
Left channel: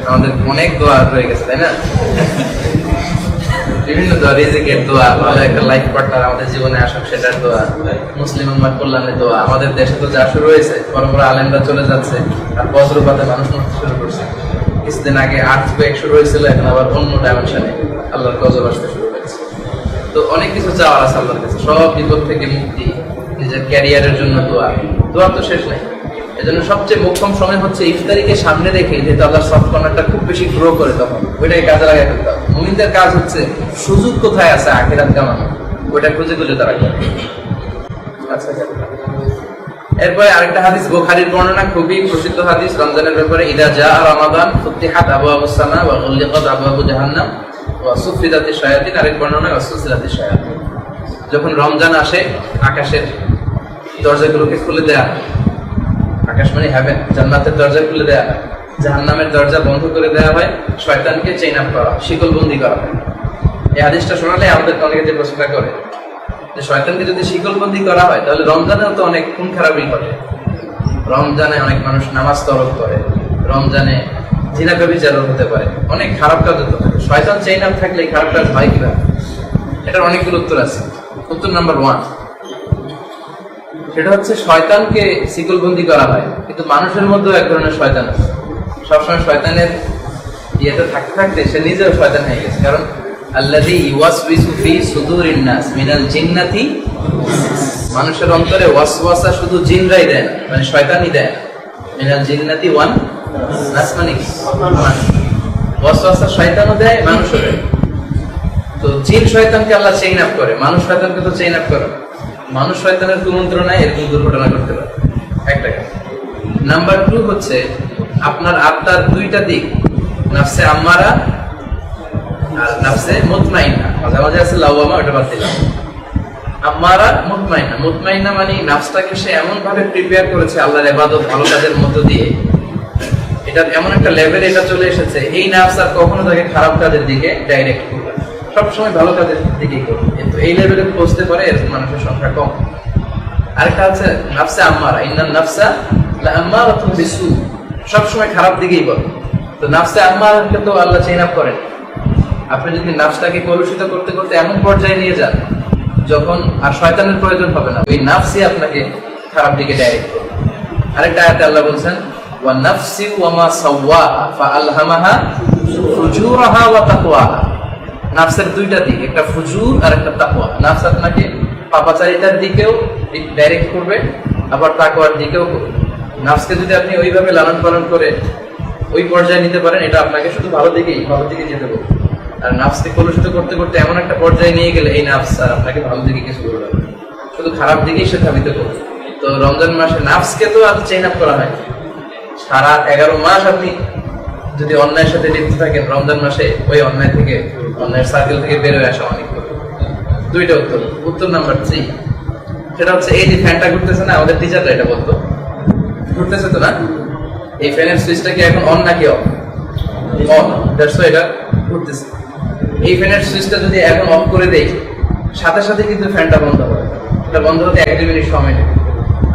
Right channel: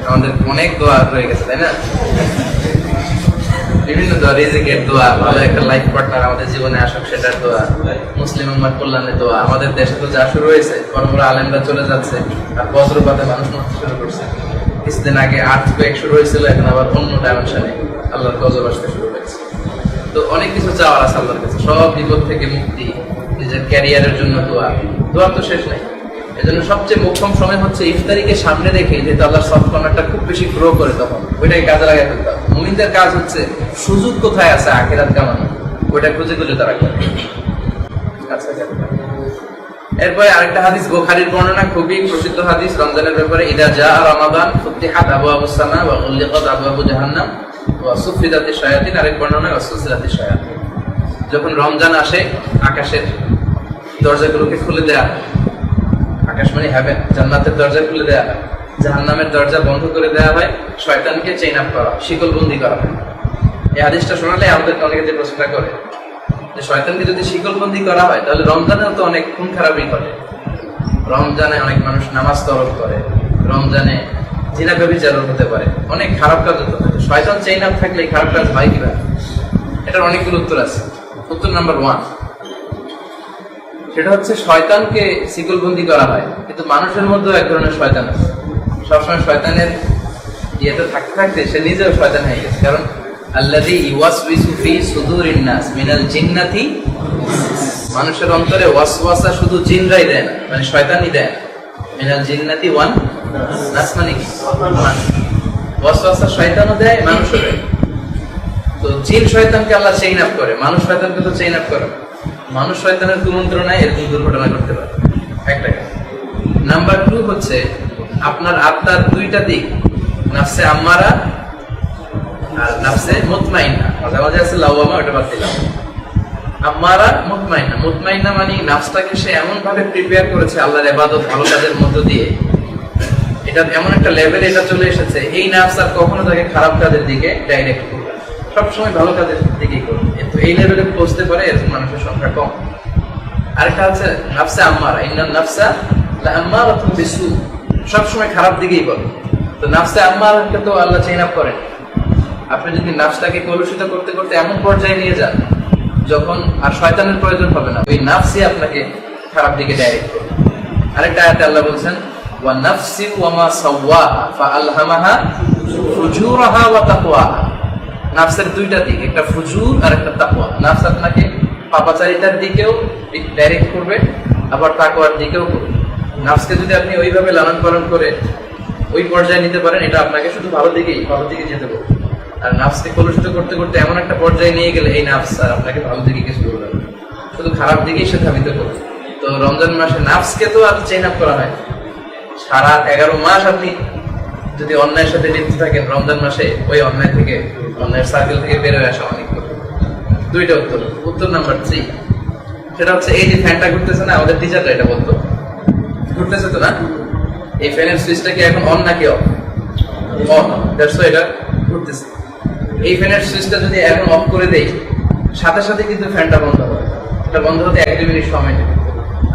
আমাদের অনেক দোয়া রয়ে গেছে, তাই না? বিভিন্ন দোয়া, রিজিকের দোয়া, ভালো একটা লাইফ পার্টনার আমাদের জীবনে আসুক সেটার দোয়া, মুসলিম উম্মার কল্যাণের দোয়া। আমাদের দেশে তো যা শুরু হয়েছে, বড় বড় আলেমরা চলে যাচ্ছে, আর বজ্রপাতে মানুষ মরতে শুরু করছে। কিছুদিন আগে আর্থকুয়েক শুরু হয়েছিল, এখন আবার অন্য ডাইমেনশনে আল্লাহর গজব আসতে শুরু হয়েছে। তো অনেক কিছু চাওয়ার আছে আল্লাহর কাছে, সব বিপদ থেকে মুক্তি, নিজের ক্যারিয়ারের জন্য দোয়া, দোয়ার তো শেষ নাই। এজন্য সবচেয়ে মোক্ষম সময় হচ্ছে ইফতারিকে সামনে রেখে, যেহেতু আল্লাহর সফট কর্নারটা খুব বেশি গ্রো করে, তখন ওইটাকে কাজে লাগাই ফেলতে হবে। মুমিনদের কাজ হচ্ছে সুযোগ কোথায় আছে আখিরাত কামানো, ওইটা খুঁজে খুঁজে তারা করে। আচ্ছা, এরপরে আরেকটা হাদিস, বুখারীর বর্ণনা, খুবই প্রসিদ্ধ হাদিস রমজানের ব্যাপারে, ইদা জাআ রমাদান ফুতিহাত আবওয়াবুস সামা ওয়া গুলিকাত আবওয়াবু জাহান্নাম ওয়া সুফিদাতিশ শায়াতিন। আরেক বর্ণনা ওয়া সুসিলাতিশ শায়াতিন। যখন রমজান আসে, আকাশের দরজাগুলোকে খুলে দেয়া হয়। আকাশ মানে হেভেন, জান্নাতের দরজা খুলে দেয়া হয়, জাহান্নামের দরজা বন্ধ করে দেয়া হয়, শয়তানকে চেইন আপ করা, শিকলবন্দি করা হয়। এই হাদিসটা শোনালে আমাদেরকে অনেকে যে প্রশ্নটা করে যে শয়তানকে যদি শিকলবন্দি করা হয়, তাহলে রমজানেও তো অনেক খুন খারাপই ঘটে। রমজানে অনেক মানুষ নামাজ তরক করে, রমজানে জিনা ব্যভিচারও হতে পারে, অনেক খারাপ কাজ হতে পারে। শয়তান চেইন আপ থাকলে এই খারাপ কাজ হয় কিভাবে? এটার অনেকগুলো উত্তর আছে। উত্তর নাম্বার 1, সেটা হচ্ছে শয়তানকে শিকলবন্দি করা হয়, কিন্তু মানুষের মধ্যেও এক ধরনের শয়তান আছে। সবসময় শয়তানের ইয়েতে থাকতে থাকতে সে নিজেও শয়তান হয়ে গেছে। কারণ আল্লাযী ইউওয়াসউইসু ফি সুদুরিন নাস মিনাল জিন্নাতি, মানুষের অন্তরে ওয়াসওয়াসা শুধু জিনরাই দেয় না, মানে শয়তানই দেয় না। মিনাল জিন্নাতি ওয়ান নাস মানে কি? মানুষ। ওয়াসওয়াসা শয়তানও দেয়, মানুষও দেয়। তো জিন শয়তানকে আল্লাহ চেইন আপ করে, মানুষ শয়তানকে তো চেইন আপ করে। মানুষ শয়তানের কুমন্ত্রণায় এরকম দুর্ঘটনা করতে পারে, একটা কাজ। নাম্বার 2 হচ্ছে আপনার আত্মার 2টা দিক, নাফসে আম্মারা আর নাফসে মুতমাইন্না। মাঝে মাঝে আছে লাওয়ামা, ওটা বাদ দিলাম। আম্মারা, মুতমাইন্না। মুতমাইন্না মানে নাফসটাকে সে এমন ভাবে প্রিপেয়ার করেছে আল্লাহর ইবাদত, ভালো কাজের মধ্য দিয়ে, এটা এমন একটা লেভেলে এটা চলে এসেছে, এই নাফস আর কখনো তাকে খারাপ কাজের দিকে ডাইরেক্ট করবে, সবসময় ভালো কাজের দিকেই করবে। কিন্তু এই লেভেলে পৌঁছতে পারে এরকম মানুষের সংখ্যা কম। আরেকটা হচ্ছে নাফসে আম্মারা, ইন্নান নাফসা লাআম্মারাতুন বিসু, সবসময় খারাপ দিকেই বলে। তো নাফসে আম্মারকে তো আল্লাহ চেইন আপ করেন। আপনি যদি নাফসটাকে কলুষিত করতে করতে এমন পর্যায়ে নিয়ে যান যখন আর শয়তানের প্রয়োজন হবে না, ওই নাফসই আপনাকে খারাপ দিকে ডাইরেক্ট করবে। আরেকটা আয়াতে আল্লাহ বলছেন ওয়া নাফসি ওয়া মা সাওয়াহা ফাআলহামাহা ফুজুরাহা ওয়া তাকওয়াহা। নাফসের দুইটা দিক, একটা ফুজুর আর একটা তাকওয়া। নাফস আপনাকে পাপাচারিতার দিকেও ডাইরেক্ট করবে, আবার তাকওয়ার দিকেও করবে। নাফসকে যদি আপনি ওইভাবে লালন পালন করে ওই পর্যায়ে নিতে পারেন, এটা আপনাকে শুধু ভালো দিকে যেতে পারবে। আর নাফসকে কলুষিত করতে করতে এমন একটা পর্যায়ে নিয়ে গেলে এই নাফস আর আপনাকে ভালো দিকে কিছু করবে না, শুধু খারাপ দিকেই সে ধাবিত করবে। তো রমজান মাসে নাফসকে তো আর চেইন আপ করা হয়। সারা 11 মাস আপনি যদি অন্যায়ের সাথে লিপ্ত থাকেন, রমজান মাসে ওই অন্যায়ের সার্কেল থেকে বের হয়ে আসা অনেক কঠিন। দুইটা উত্তর নাম্বার 3, সেটা হচ্ছে এই যে ফ্যানটা ঘুরতেছে না, আমাদের টিচাররা এটা বলতো, ঘুরতেছে তো না, এই ফ্যানের সুইচটা কি এখন অন নাকি অফ? অন। দ্যাটস হোয়াই এটা ঘুরতেছে। এই ফ্যানের সুইচটা যদি এখন অফ করে দেই, সাথে সাথে কিন্তু ফ্যানটা বন্ধ হবে। এটা বন্ধ হতে 1-2 মিনিট সময় নেবে।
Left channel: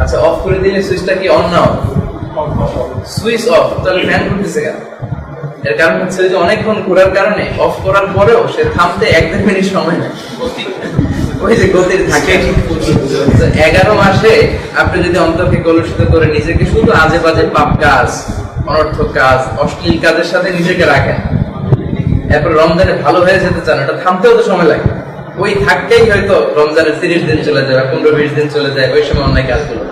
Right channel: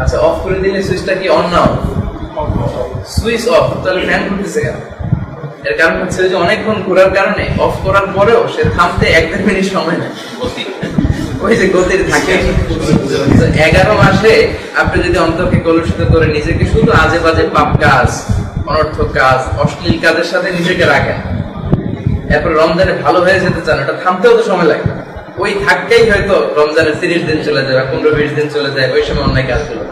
আচ্ছা, অফ করে দিলে সুইচটা কি অন না অফ? সুইচ অফ, তাহলে ফ্যান ঘুরতেছে কেন? এর কারণ হচ্ছে যে অনেকক্ষণ ঘোরার কারণে অফ করার পরেও সে থামতে 1-2 মিনিট সময় নেয়। ওই যে গতির থাকে। 11 মাসে আপনি যদি অন্তরকে কলুষিত করে নিজেকে শুধু আজে বাজে পাপ কাজ, অনর্থক কাজ, অশ্লীল কাজের সাথে নিজেকে রাখেন, এরপর রমজানে ভালো হয়ে যেতে চান, এটা থামতেও তো সময় লাগে। ওই ধাক্কাই হয়তো রমজানের 30 দিন চলে যায়, 15-20 দিন চলে যায়, ওই সময় অন্যায় কাজগুলো।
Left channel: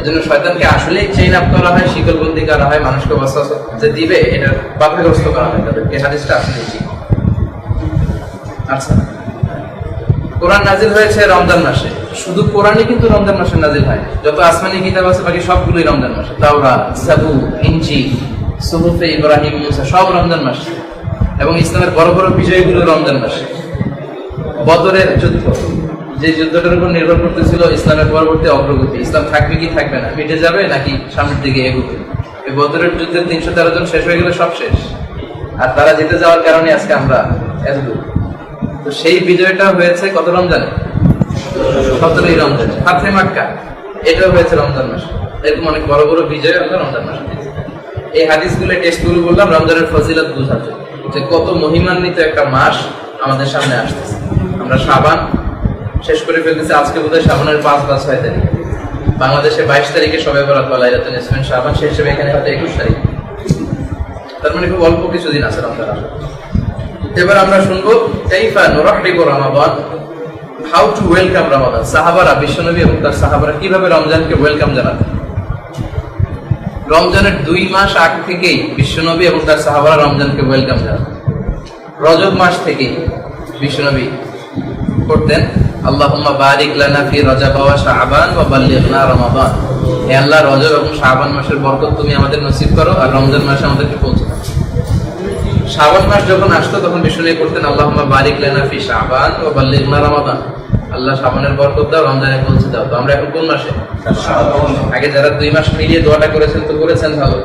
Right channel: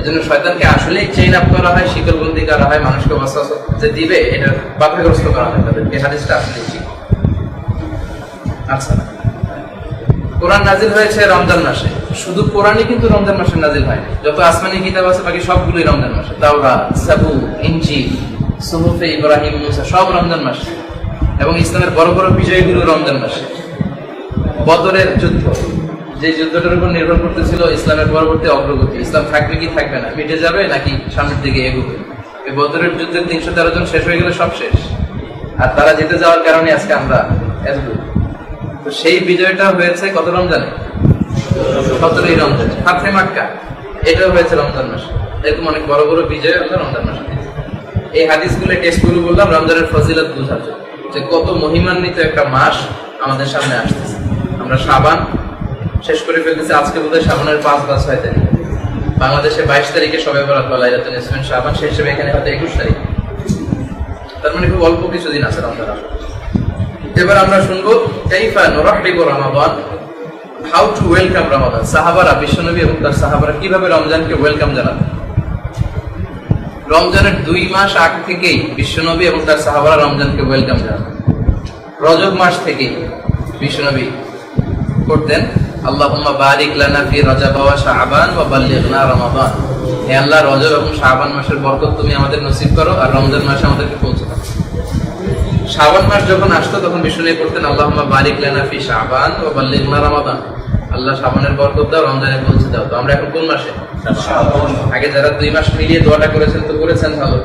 এজন্য শয়তানকে আসলেই চেইন আপ করা হয়, শিকলবন্দি করা হয়, মানুষকে ওয়াসওয়াসা যে দিবে এটা বাধাগ্রস্ত করা হয় তাদেরকে। হাদিসটা আসলে ঠিক। আচ্ছা, কোরআন নাজিল হয়েছে রমজান মাসে। শুধু কোরআনই কিন্তু রমজান মাসে নাজিল হয়। যত আসমানি কিতাব আছে বাকি সবগুলোই রমজান মাসে। তাওরাত, জাবুর, ইনজিল, সুহুফে ইব্রাহিম, মুসা সব রমজান মাসে। এবং ইসলামের বড় বড় বিজয়গুলো রমজান মাসে। বদরের যুদ্ধ, যে যুদ্ধটার উপর নির্ভর করতেছিল ইসলামের পরবর্তী অগ্রগতি, ইসলাম থাকবে কি থাকবে না, মিটে যাবে নাকি সামনের দিকে এগোবে। এই বদরের যুদ্ধের 313 জন শেষ হয়ে গেলে সব শেষ। আর তারা জিতে যাওয়ার কারণে আজকে আমরা এতদূর। তো সেই বিজয়টা হয়েছে কত রমজানে? 17ই রমজানে। ফাতহে মক্কা এটাও হয়েছে রমজান মাসে। এরকম অনেক বড় বড় বিজয় আমরা রমজান মাসে দিয়েছি। এই হাদিসগুলো টেস্টগুলো বললাম রমজানের ফজিলত বোঝার জন্য, যে কত মহিমান্বিত একটা মাস আমাদের সামনে আসতেছে। আমরা শাবান শেষ করে ফেলতেছি, আজকে বোধহয় শাবানের 5 বা 6 তারিখ। বাংলাদেশে 22 তারিখে শবে বরাত বা লাইলাতুল নিসফিন শাবান, সেই হিসেবে এখানে হয়তো 21 তারিখ। তার মানে খুব অল্প কিছুদিন আছে রমজান আসলে। এবার আমরা শুনবো কাইফা নুরাহিবু রমাদান, হাউ টু ওয়েলকাম রমাদান। সাহাবারা, বিশ্বনবী এবং তার সাহাবারা কিভাবে রমজানকে ওয়েলকাম জানাতেন। রমজানের 2 মাস আগ থেকেই বিশ্বনবী এবং তার সাহাবারা রমজানকে ওয়েলকাম জানাতেন। রজব মাস থেকেই বিশ্বনবী করতেন আল্লাহুম্মা বারিক লানা ফি রজব ওয়া শাবান ওয়া বাল্লিগনা রমাদান। হে আল্লাহ, রজব এবং শাবান মাসের বরকত তুমি আমাদের নসিব করো, আর রমজান মাসে আমাদেরকে পৌঁছে দাও। শাবান মাস যখন আসতো তখন বিশ্বনবী করতেন আল্লাহুম্মা বারিক লানা ফি শাবান ওয়া বাল্লিগনা রমাদান। আল্লাহ শাবানের বরকত দাও, রমজানে পৌঁছে দাও। তো আমরা এখন কোন মাসে? আগে যারা 2 মাস মিলিয়ে দোয়াটা করেছেন তো করেছেন ভালো,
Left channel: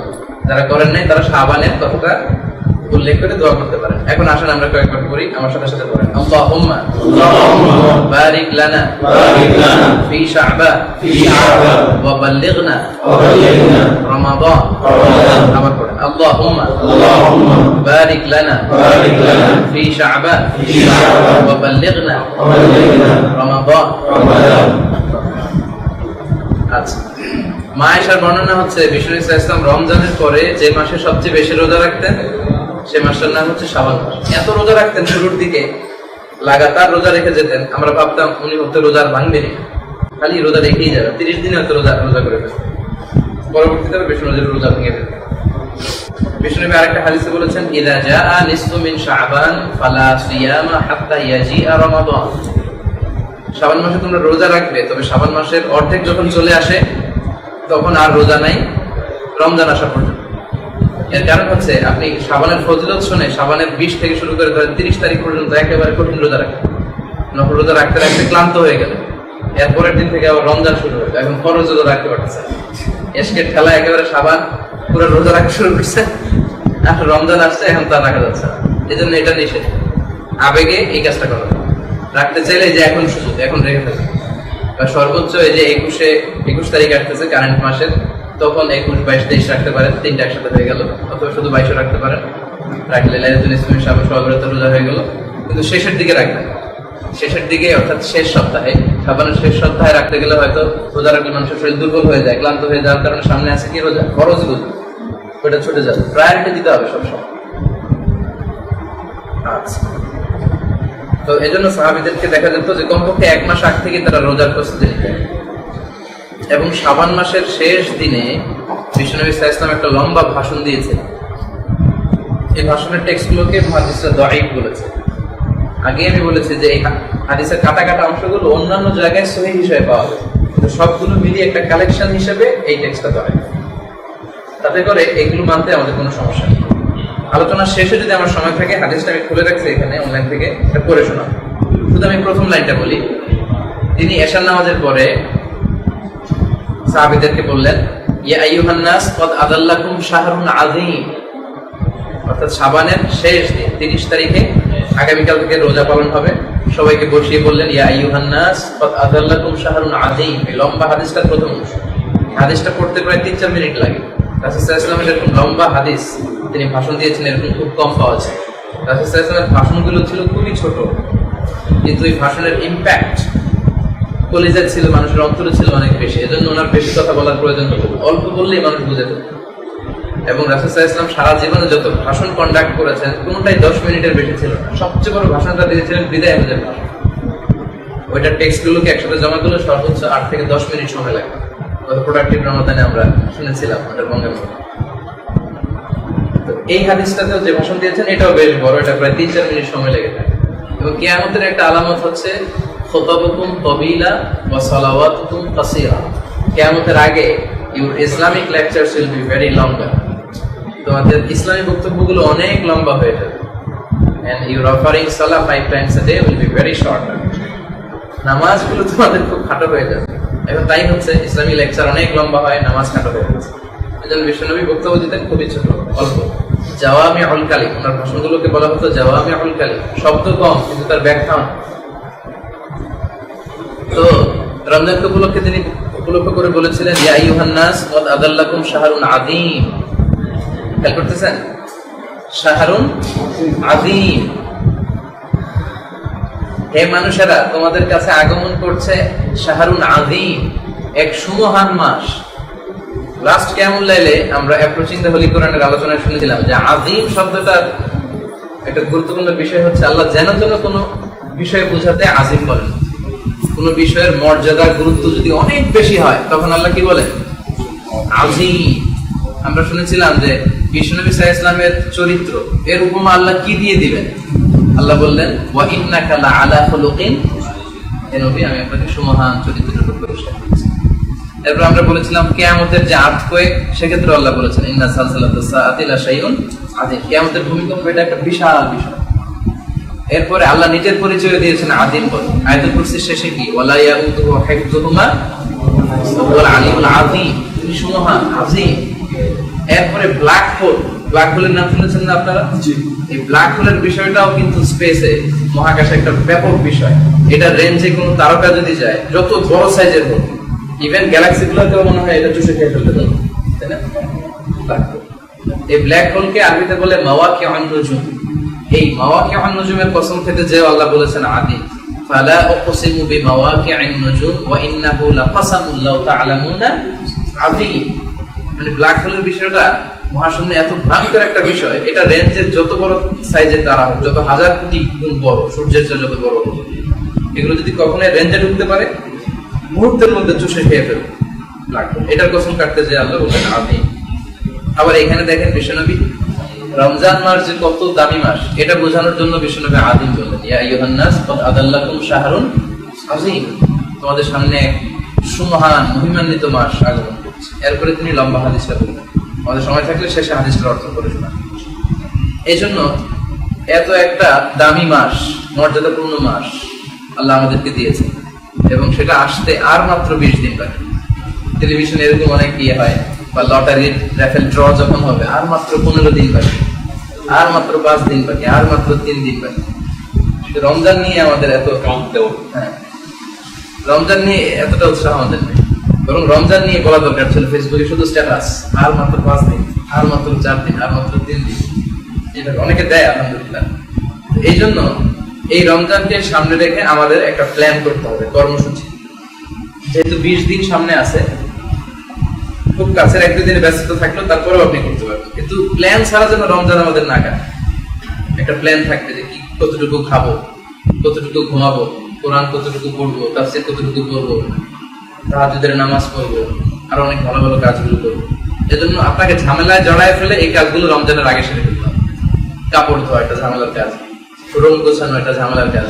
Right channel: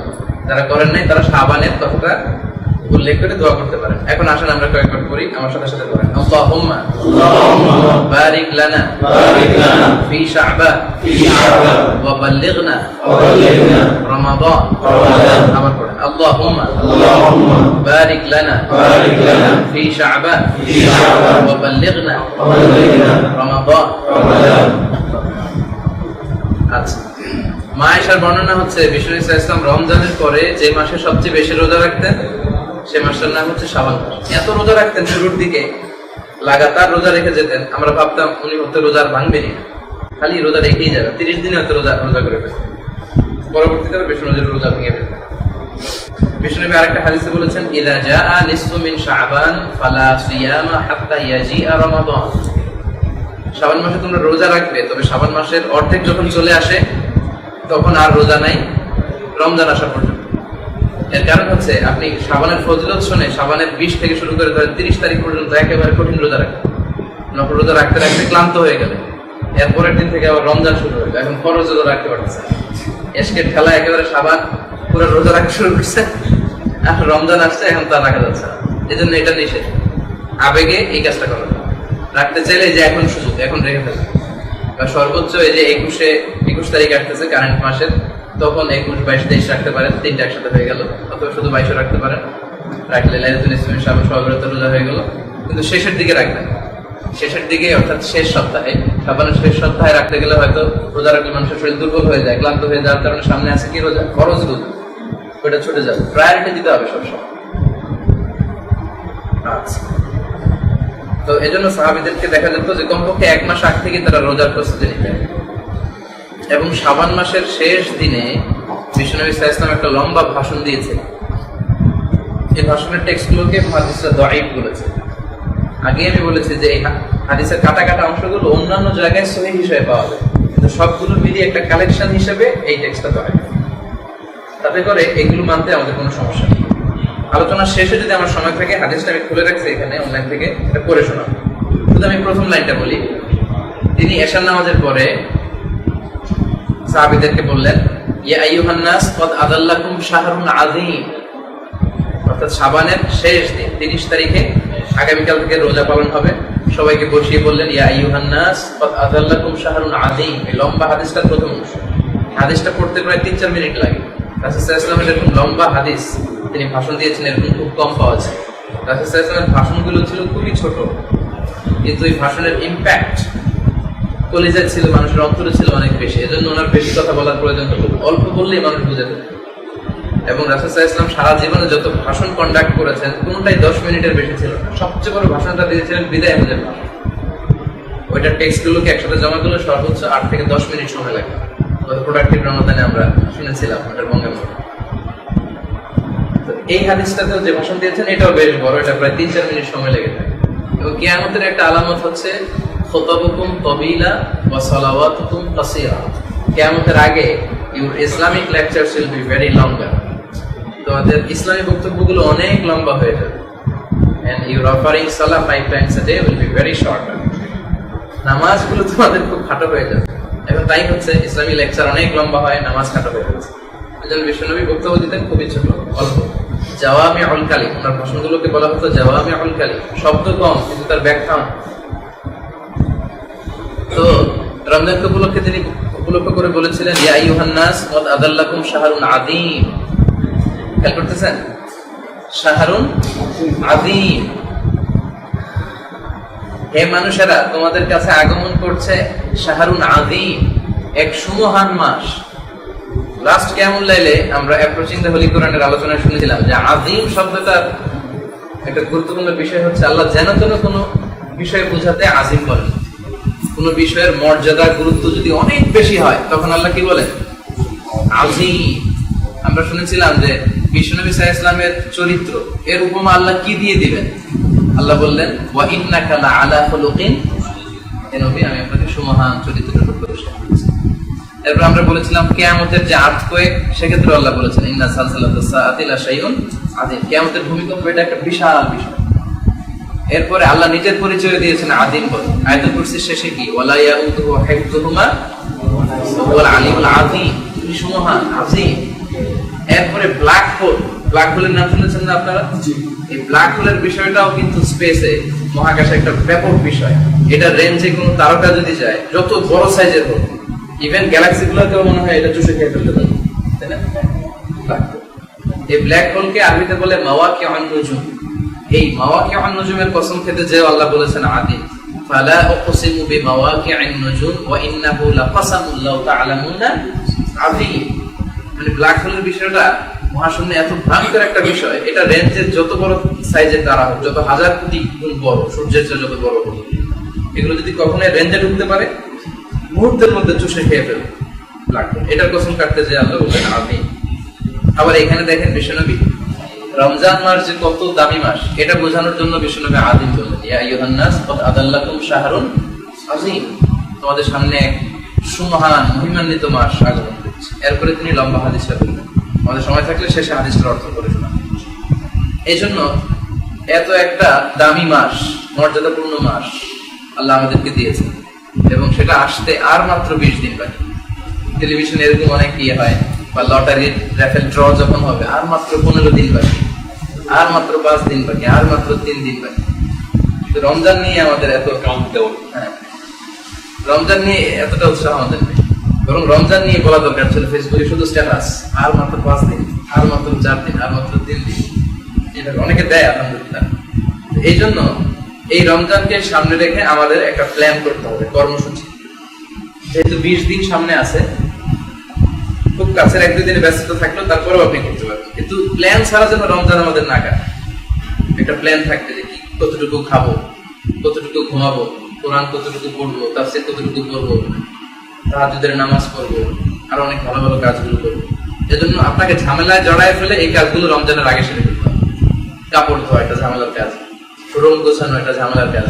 যারা করেন নাই তারা শাবানের কথাটা উল্লেখ করে দোয়া করতে পারেন। এখন আসেন আমরা কয়েকবার করি, আমার সাথে সাথে করেন। আল্লাহুম্মা বারিক লানা ফি শাবান ওয়া বাল্লিগনা রমাদান। আবার পড়েন আল্লাহুম্মা বারিক লানা ফি শাবান ওয়া বাল্লিগনা রমাদান। আচ্ছা, মা আয়েশার বর্ণনা হচ্ছে বিষ্ণু ইসলাম রমজানের পরে যে মাসে সবচেয়ে বেশি রোজা রাখতেন সে মাসটার নাম হচ্ছে শাবান মাস। এত রোজা রাখতেন, শুরুর দিকে লাগাতার রোজা রেখে যেতেন, আমরা ভাবতাম উনি হয়তো রোজা আর ভাঙবেনি, খালি রোজা রেখেই যাবে, 30 দিনে হয়তো রোজা করে ফেলতেন। পরবর্তীতে বিষ্ণু নবীর রোজা ভেঙে ফেলতেন। বিষ্ণু নবী আরেকটা হাদিসে বলেছেন ইযা জাআ নিসফু মিন শাবান ফালা সিয়ামা হাত্তা ইয়াজিআ রমাদান। শাবান মাসে তোমরা রোজা রাখবে, তবে শাবান মাসের অর্ধেক যখন চলে আসে তখন আর রোজা নাই রমজান আসা পর্যন্ত। এর কারণ হচ্ছে আপনি শাবানের ফজিলত শুনে শাবানের 20 থেকে শুরু করে ধরেন 30 তারিখ পর্যন্ত একেবারে কঠিন রোজা রাখেন, নফল রোজা রাখতে রাখতে ক্লান্ত হয়ে গেলেন, এরপরের দিন থেকে আবার রমজান শুরু হবে, এখন ফরজ রোজা রাখতে পারতেছে, এসকের খেলা একেবারে শাবান পুরো রোজা রাখা শুরু করছে, আর রমজান আসছে এখন তা রাখা যাচ্ছে না। এই জন্য এটা নিষেধ, আবেগে এই কাজটা করা রাখতে চাইলে যে এখন সুযোগ, এখন রেখে ফেলে। বা সর্বোচ্চ এই যে 21 তারিখ আসতেছে কারেন্ট মাসের, তখন 21, 22, 23 রাখতে পারেন, তিনটা একসাথে হয়ে গেল, অথবা শুধু 22 রাখতে পারেন, রাখলে লাইলাতুল নিসফে সহবরত রোজা হয়ে গেল। কিন্তু শেষের দিকে রাখবেন, শেষের দিকে অর্থাৎ শেষ সপ্তাহে, শাবানের শেষ সপ্তাহে রাখতে গেলে হয়তো রোজা রাখলে মানুষের শরীর দুর্বল হয়ে যায়, ক্লান্ত হয়ে যাওয়ার কারণে সামনে আছে কি রোজা, ফরজ রোজা, ওইটা ছুটে যাবে। প্রায়োরিটি দিতে হবে সবসময়। আচ্ছা, তো এই জন্য সাহাবীদেরকে দেখা যেত যে কমপক্ষে 1 মাস আগ থেকে তারা রোজার প্রস্তুতি নিতেন। এবং শাবান মাসের শেষ দিনে বিশ্বনবী সাল্লাল্লাহু আলাইহি ওয়াসাল্লাম একটা লম্বা ভাষণ দিয়েছেন। এই ভাষণের টেক্সটগুলোকে মুহাদ্দিসরা দাঈফ বলেছে। আগে আমি বলেছি যে এই হাদিসের কাটা কাটা অংশগুলো অন্যান্য জায়গায় সহিহ হিসেবে পাওয়া যায়, কিন্তু সবগুলো মিলিয়ে একটা কালেকশন হিসেবে এই টেক্সটটা দাঁড়ায়। তাতে করে এগুলো মানতে আমাদের কোনো সমস্যা নেই। আলোচনার শেষে যদি আমার সময় থাকে, হাদিসটা আমি খুলে রাখছি এখানে অনলাইন থেকে, এটা পড়ে শোনাবো। শুধু আমি প্রথম লাইনটা বলি। তিনি এশার নামাজের পরে সাহাবীদেরকে বললেন, ইয়া আইয়ুহান নাস ক্বাদ আদাল্লাকুম শাহরুন আযীম, অর্থাৎ শাবানের শেষ দিন 30 তারিখে আগামীকাল থেকে রোজা পালন হবে। সবাইকে বসিয়ে বললেন, ইয়া আইয়ুহান নাস ক্বাদ আদাল্লাকুম শাহরুন আযীম। এই লম্বা হাদিসটার প্রথম অংশ, হাদিসটা পড়তে প্রায় 3-4 মিনিট লাগে। রাসূল সাল্লাল্লাহু আলাইহি ওয়াসাল্লামের এরকম লম্বা হাদিস তিনি ভাষণ দিয়েছেন এরকম খুব কম পাওয়া যায়। রাসূল সাল্লাল্লাহু আলাইহি ওয়াসাল্লামের ভাষণগুলো ছিল খুবই ছোট, কিন্তু এই ভাষণের ইম্প্যাক্ট কলিজায় ছিল, মানুষের অন্তরে ছিল অনেক বেশি। এজন্য ওনার বেশি কথা বলার প্রয়োজন হতো, অল্প বললেই মানুষ বুঝে যেত। এবং রাসূল সাল্লাল্লাহু আলাইহি ওয়াসাল্লাম সারা জীবনে যত ভাষণ কন্ডাক্ট করেছেন কোনটাই 10 মিনিটের বেশি ছিল না। সবচেয়ে বড় ভাষণটা দিয়েছিলেন বিদায় হজের ভাষণ। ওইটা টেক্সটগুলোকে একসাথে জমা করলে সর্বোচ্চ 8 থেকে 10 মিনিট সময় লাগে। গত প্রোডাক্টিভ রমাদানে আমরা শুনেছিলাম ওটার বঙ্গের মধ্যে। তো এই হাদিসটাতেও যে ভাষণ দিয়েছেন এটাও বেশ বড়, এটা প্রায় 3-4 মিনিট সময় লেগে থাকে। এবং কিয়ামতের একটা আলামত হচ্ছে খুতাবুকুম তাবিলা ওয়া সালাওয়াতুকুম কাসীরা। কিয়ামতের আগে your Islamic lectures will be very longer. তোমাদের ইসলামী বক্তব্যগুলো অনেক লম্বা হয়ে যাবে। And your offering salah 5 times a day will be very short. নামাজগুলো তোমাদের খুব খাটো হয়ে যাবে। এখন তাই হচ্ছে, ইসলামী লেকচার অনেক লম্বা হয়, নামাজ খাটো হয়ে যাচ্ছে। এজন্য বিশ্বনবী বক্তব্য দিতেন খুবই ছোট, অল্প। জাওয়ামিউল কালিম, ওনার ভাষণগুলোকে বলা হতো জাওয়ামিউল কালিম, শব্দ কম কিন্তু তার ব্যাখ্যা। তো রমজান উপলক্ষে তিনি উপলক্ষ করে বলেছিলেন, ইয়া আইয়ুহান নাস ক্বাদ আদাল্লাকুম শাহরুন আযীম। খেয়াল করতেছেন, শাহরুন আযীম, হে মানুষেরা তোমাদের কাছে আগমন করছে শাহরুন আযীম, এক সুমহান মাস। লাস্ট কিয়ামুল লাইলে আমরা অ্যাপ্রোচিং দ্য হোলি কোরআনের আলোচনায় শুনেছিলাম যে আযীম শব্দটার একটা গুরুত্বপূর্ণ বিষয় হচ্ছে আল্লাহ যেন তেন কোনো বিষয় বোঝাতে আযীম বলেন। কোন বিষয়ের মর্যাদা গুরুত্ব যদি অনেক বেশি হয় তখন আল্লাহ কি বলেন, আযীম। আমরা শুনেছিলাম যে বিশ্বনবী সাল্লাল্লাহু আলাইহি ওয়াসাল্লামের চরিত্র এর উপমা আল্লাহ কি দিয়ে দিবেন। আল্লাহ বললেন, ওয়া ইন্নাকা লাআলা খুলুকিন, হে নবী আমি আপনাকে সুমহান চরিত্রের উপর পুরস্কার দিচ্ছি। এরপর আমরা বলেছিলাম কিয়ামতের যে আর্থকোয়েক, সেক্ষেত্রে আল্লাহ বলেছেন ইন্না সালসালাতাস সাআতি লাশাইউন আযীম। কিয়ামতের ভূমিকম্প এটা একটা বিশাল বিষয়। এরপরে আল্লাহ নিজের পরিচয় দিয়েছেন আযীম বলে। আয়াতুল কুরসির শেষে কি, ওয়ালা ইয়াউদুহু হিফযুহুমা ওয়াল আলিমুল আযীম, তিনি সুমহান আযীম। এরপরে ব্ল্যাক হোল, ব্ল্যাক হোলের নাম শুনেছেন না আপনারা? এই ব্ল্যাক হোলের বিষয়টাও কিন্তু স্পেসে, মহাকাশে একটা ব্যাপক বিষয়। এটা রেঞ্জে কোন তারকা যদি যায়, যত বড় সাইজের হোক, ইভেন গ্যালাক্সি গুলোকেও মনে হয় এটা চুষে খেয়ে ফেলতে পারে, তাই না? এই ব্ল্যাক হোলকে আরবিতে বলে মাওয়াকিউন নুজুম। এই মাওয়াকিউন নুজুমের কসম খেতে যে আল্লাহ বলেছেন আযীম, ফালা উকসিমু বিমাওয়াকিউন নুজুম ওয়া ইন্নাহু লাকাসামুন লাউ তা'লামুনা আযীম। মানে ব্ল্যাক হোলের বিষয়টা মহাশূন্যে এত ভয়ঙ্কর একটা বিষয়, এটা রেঞ্জের যত বড় সাইজের তারা হোক, যত হাজার কোটি গুণ বড়, সূর্যের চেয়ে যত বড় হোক, এগুলো যদি কখনো রেঞ্জে ঢুকতে পারে মুহূর্তের মধ্যে চুষে খেয়ে ফেলবে ব্ল্যাক হোল। এটার কসম কাটতে যে আল্লাহ বলছেন আযীম। আবার এখানে দেখেন বিশ্বনবী রমজান মাস যে কত দামি মাস, এটা বোঝানোর জন্য বিশ্বনবী আযীম বললেন, ইয়া আইয়ুহান নাস ক্বাদ আদাল্লাকুম শাহরুন আযীম, তোমাদের সামনে এক সুমহান মহিমান্বিত মাস আগমন করছে। এরপরে তিনি লম্বা হাদিসটা বললেন, আমাদের সময় থাকলে শেষে হাদিসটার অর্থ করে শোনান। এই জন্য এত একটা দামি মাস, মর্যাদাপূর্ণ মাস আল্লাহ আমাদেরকে দিয়েছেন, এবং সেটা আসতে আর মাত্র 20 দিন বাকি। টেলিভিশনে এরকম অনেক ইয়ে হয়, বা লটারির র্যাফেল ড্র যখন হবে আর মাত্র 15 দিন বাকি, আর মাত্র 5 দিন বাকি, আর মাত্র 3 দিন বাকি। রমজান নিয়ে আমাদের এত রমজান নিয়ে এতটা উৎসাহ আমাদের নেই। বরং রমজান নিয়ে বলা দরকার ছিল ফেসবুকে শুধু স্ট্যাটাস, আর মাত্র 5 দিন, আর মাত্র 4 দিন, আর মাত্র 3 দিন, এটা অনেকে দেয় আলহামদুলিল্লাহ। এই জন্য এই রমজানকে সামনে রেখে আমাদের একটা প্ল্যান করতে হবে, কর্মসূচি। যেহেতু 20 দিন সামনে আছে, খুব কাছের এক দুই দিনে ব্যস্ত থাকলেও তারপরেও আপনি করতে পারবেন, কিন্তু প্ল্যান ছাড়া যেন রমজান আমাদের না কাটে। একটা প্ল্যান থাকবে যে কি কতটুকু খাবো, কতটুকু ঘুমাবো, কোরআন কতটুকু পড়বো, তাফসীর কতটুকু পড়বো, তাহাজ্জুদের নামাজ পড়বো, আর অনেক ভালো ভালো কাজগুলো করবো। এজন্য আপনাকে ঝামেলায় জড়ায় ফেলে এই কাজগুলো রমজানের আগে সেরে ফেলতে হবে। কাপড় ধোয়া একটা ঝামেলার কাজ, রুম গোছানো একটা ঝামেলার কাজ,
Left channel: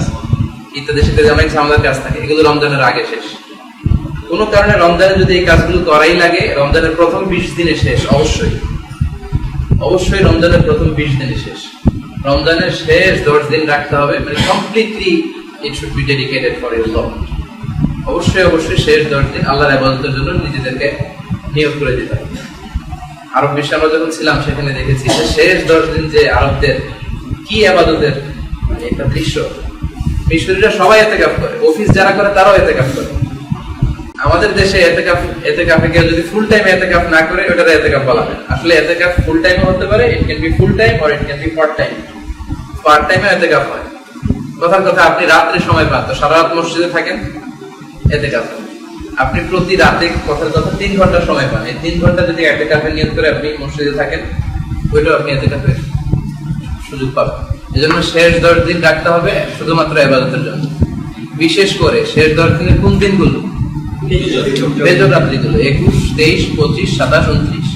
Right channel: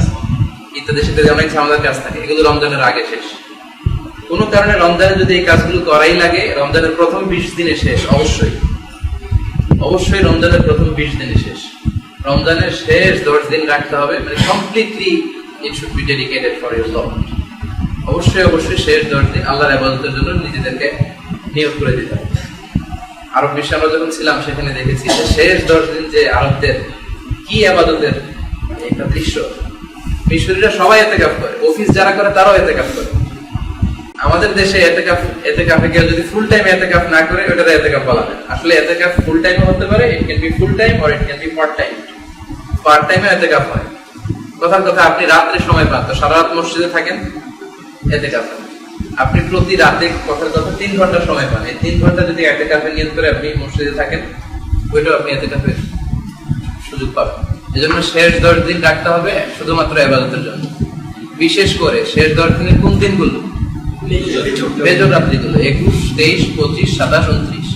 ইত্যাদি সেটা অনেক ঝামেলার কাজ থাকে, এগুলো রমজানের আগে শেষ। কোনো কারণে রমজানে যদি এই কাজগুলো করাই লাগে, রমজানের প্রথম 20 দিনে শেষ। অবশ্যই অবশ্যই রমজানের প্রথম 20 দিনে শেষ। রমজানের শেষ 10 দিন রাখতে হবে, মানে completely it should be dedicated for your Lord. অবশ্যই অবশ্যই শেষ 10 দিন আল্লাহর ইবাদতের জন্য নিজেদেরকে নিয়োগ করে দিতে হবে। আরব বিশ্বে আমরা যখন ছিলাম সেখানে দেখেছি যে শেষ 10 দিন যে আরবদের কি ইবাদতের একটা দৃশ্য। মিশরীরা সবাই ইতিকাফ করে, অফিস যারা করে তারাও ইতিকাফ করে। আমাদের দেশে ইতিকাফে কেউ যদি ফুল টাইম ইতিকাফ না করে ওটাকে ইতিকাফ বলা হয়। আসলে ইতিকাফ ফুল টাইম হতে পারে, it can be full time or it can be part time. Part টাইমে ইতিকাফ হয়। কথার কথা, আপনি রাত্রে সময় পান তো সারা রাত মসজিদে থাকেন, ইতিকাফ। আপনি প্রতি রাতে কথার কথা 3 ঘন্টা সময় পান, এই 3 ঘন্টা যদি ইতিকাফে নিয়ত করে আপনি মসজিদে থাকেন, ওইটাও আপনি ইতিকাফের সুযোগ পাবেন। এজন্য শেষ 10 দিন রাখতে হবে শুধুমাত্র ইবাদতের জন্য। বিশেষ করে শেষ 10 দিনের কোন দিনগুলো? বেজর রাত্রিগুলো 21, 23, 25, 27, 29।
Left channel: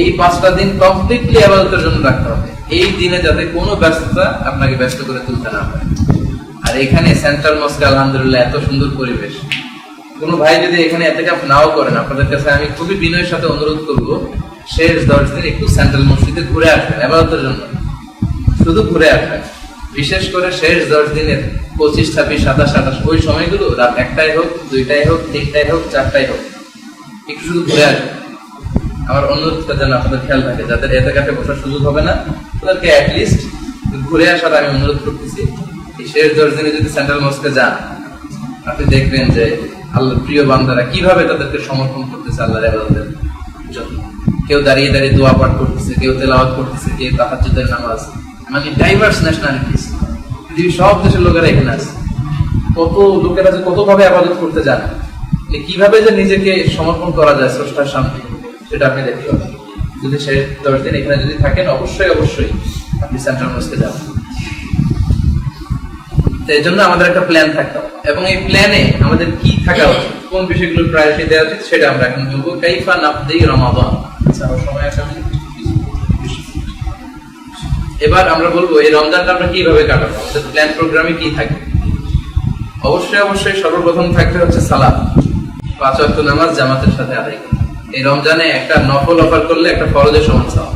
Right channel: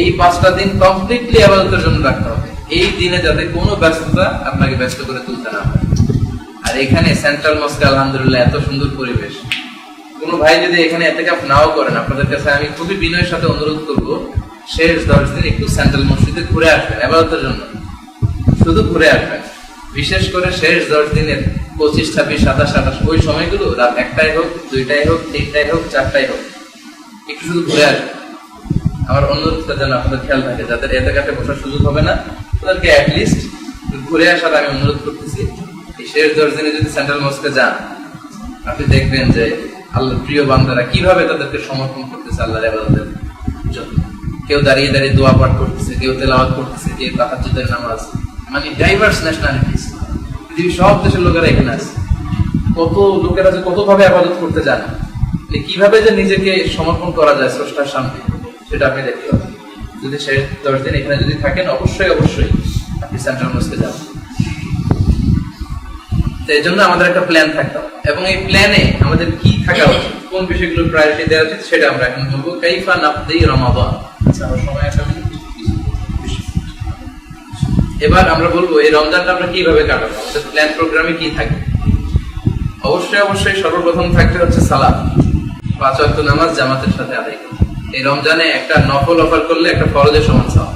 এই 5টা দিন কমপ্লিটলি ইবাদতের জন্য রাখতে হবে। এই দিনে যাতে কোনো ব্যস্ততা আপনাকে ব্যস্ত করে তুলতে না হয়। আর এখানে সেন্ট্রাল মস্কে আলহামদুলিল্লাহ এত সুন্দর পরিবেশ। কোনো ভাই যদি এখানে ইতিকাফ নাও করেন, আপনাদের কাছে আমি খুবই বিনয়ের সাথে অনুরোধ করব, শেষ 10 দিন একটু সেন্ট্রাল মসজিদে ঘুরে আসবেন ইবাদতের জন্য, শুধু ঘুরে আসবেন। বিশেষ করে শেষ 10 দিনের 25, 26, 27, 28 ওই সময়গুলো রাত 1টায় হোক, 2টায় হোক, 3টায় হোক, 4টায় হোক, একটু শুধু ঘুরে আসবেন। আমার অনুরোধটা যেন আপনাদের খেয়াল থাকে, যাদের ইতিকাফে বসার সুযোগ হবে না তাদেরকে অ্যাটলিস্ট ঘুরে আসার আমি অনুরোধ করতেছি। এই শেষ 10 দিনে যদি সেন্ট্রাল মস্কে যান, আপনি দেখবেন যে আল্লাহর প্রিয় বান্দারা কিভাবে তাদেরকে সমর্পণ করতেছে আল্লাহর ইবাদতের জন্য। কেউ দাঁড়িয়ে দাঁড়িয়ে দোয়া পাঠ করতেছে, কেউ তেলাওয়াত করতেছে, কেউ তাহাজ্জুদের নামাজ, মানে ডাইভার্স ন্যাশনালিটিস, পৃথিবীর সব দেশের লোকেরা এখানে আছে। কত লোকেরা যে কত ভাবে ইবাদত করতে জানে, কিভাবে যে নিজেকে সমর্পণ করা যায় স্রষ্টার সামনে, সেটা আপনি দেখতে পাবেন। যদি শেষ 10 দিন এখানে যদি থাকেন, অবশ্যই অবশ্যই আপনি সেন্ট্রাল মস্কে যাবেন। তো এই জন্য আমাদের একটা প্ল্যান থাকতে হবে, এবং এই প্ল্যানে আমাদের কি থাকা উচিত, কোন বিষয়গুলো প্রায়োরিটি দেওয়া উচিত, সেটা আমরা এখন বলবো। কাইফা নাকদি রমাদান। আচ্ছা, আমার সময় একটা মিনিট। এবার আমরা বলবো এই রমজানটা আমরা কিভাবে কাটাবো, আমাদের প্ল্যান প্রোগ্রামে কি থাকবে। অবশ্যই অবশ্যই সর্বপ্রথম থাকবে হচ্ছে সালাত, 5 ওয়াক্ত নামাজ জামাতের সাথে আদায় করা। এই রমজানে একটা নফল অফার করলে একটা ফরজের সমান সওয়াব,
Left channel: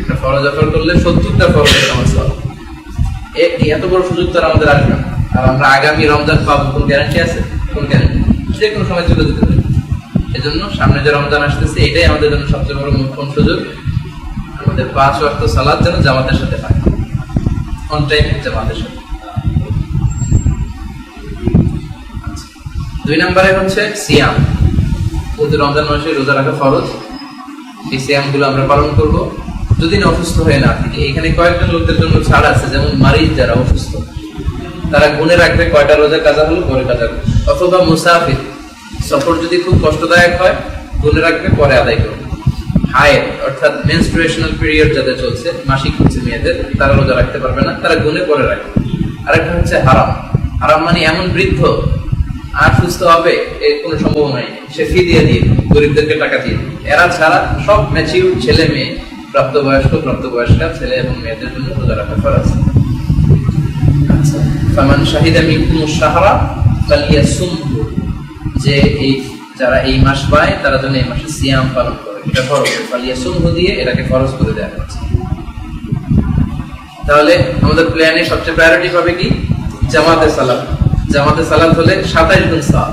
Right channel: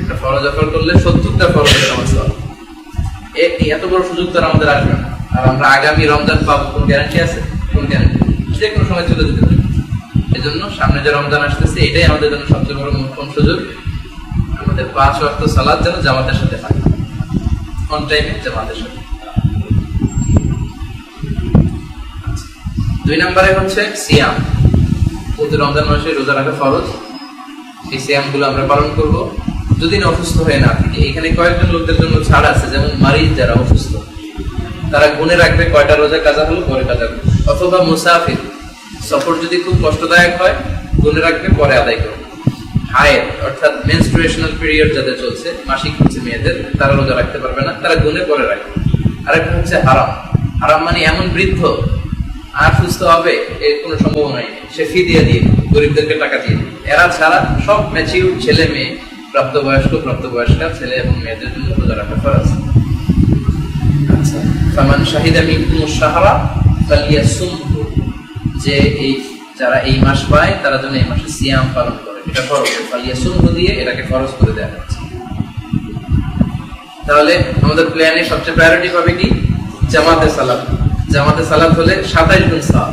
একটা ফরজ অফার করলে 70টা ফরজের সমান সওয়াব। এত বড় সুযোগ তো আমাদের আসবে না। আর আমরা আগামী রমজান পাবো কোন গ্যারান্টি আছে? কোন গ্যারান্টি? যে কোনো সময় চলে যেতে পারে। এজন্য সামনে যে রমজান আসতেছে, এটাই আমাদের জন্য সবচেয়ে বড় মোক্ষম সুযোগ। আমাদের 5 ওয়াক্ত সালাত যেন জামাতের সাথে হয়, অন টাইম জামাতের সাথে। 2 নম্বরে হচ্ছে সিয়াম। যেহেতু রমজান মাসে রোজা রাখা ফরজ, এই সিয়াম গুলো আমরা পালন করবো যদি না অসুস্থ হয়ে না থাকে। এখানে কয়েকজন লোকদের জন্য ছাড় আছে, যেমন মারিজ যারা অসুস্থ, তারা গুনে রাখবে কয়টা রোজা কাজা হলো, পরে কাজা করবে। অথবা মুসাফির, সফর যদি খুব কষ্টদায়ক হয়, গুনে রাখবে, পরে আদায় করবে। হায়ের অর্থাৎ মেনস্ট্রুয়েশনাল পিরিয়ড যাদের চলছে, মাসিক হচ্ছে মেয়েদের, তারা রোজা রাখতে পারবে না, তারা গুনে পরে রাখবে। আরেকটা হচ্ছে হারাম। হারাম মানে এমন বৃদ্ধ আর সুস্থ হবে এর কোনো সম্ভাবনাই নেই, সে ফি দিয়ে দিয়ে গরিবদেরকে টাকা দিয়ে দিবে। এরা ছাড়া সব ম্যাচিউর ছেলে মেয়ে, প্রাপ্তবয়স্কা ছেলে এবং মেয়েদের জন্য রোজা রাখা ফরজ। আচ্ছা, ফামান শাহিদা মিনকুমুশ শাহরা ফালিয়াসুমহু, যে এই যারা এই মাস পায় তারা যেন এই মাসে সিয়াম পালন করে, এটা ফরজ। ফালিয়াসুমহু দিয়ে এটাকে ফরজ করে দেওয়া হচ্ছে। তাহলে আমাদের প্ল্যানে সবচেয়ে প্রায়োরিটি পাবে কি? জামাতে সালাত। জামাতে সালাত হলে 27 গুণ সওয়াব।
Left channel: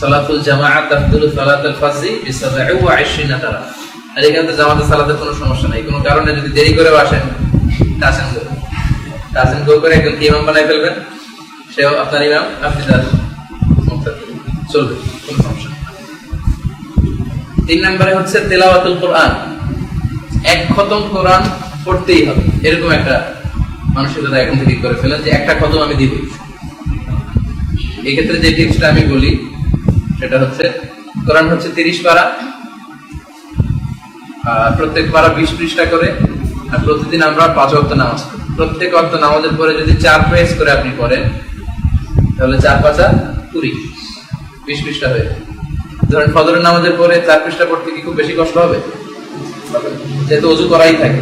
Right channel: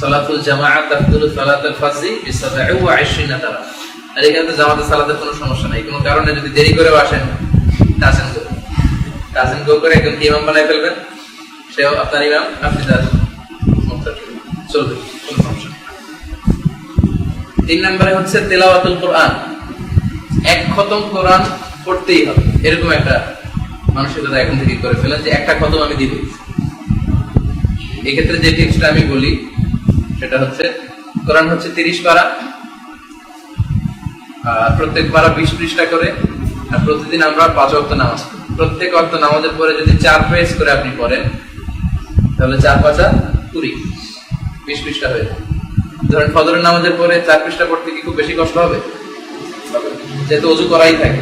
সালাতুল জামাআত তাফদুলু সালাতুল ফাজরি বি27 দ্বারা। আর এখানে তো জামাতে সালাতের কোনো সমস্যা নাই। কোনো কারণে যদি দেরি করেও আসেন, তাসেন গো করে একজন ইমাম বানাই ফেলবেন, সেও আপনার ইমাম, আপনি তার মুক্তাদি, চলবে, কোনো সমস্যা নেই। 3 নম্বরে হচ্ছে তেলাওয়াতুল কোরআন, এক খতম কোরআন পড়তেই হবে, এরকম একটা মানসিকতা এখন থেকে করে ফেলেন যে একটা খতম আমি দিব। এক্ষেত্রে যে টিপসটা আমি বলি সেটা হচ্ছে, কোরআন হচ্ছে 30 পারা, প্রত্যেক পারা 20 পৃষ্ঠা করে, আর প্রতিদিন আমরা 5 ওয়াক্ত নামাজ পড়ি। প্রত্যেক ওয়াক্ত নামাজের পরে যদি 4 পেজ করে আপনি পড়েন তাহলে 4 পাঁচা 20, 20 পৃষ্ঠা হয়ে যায়। ধরেন ফজরের নামাজের পরে 4 পৃষ্ঠা পড়তে কি খুব বেশি কষ্ট হবে? যেহেতু অজু করাই থাকে,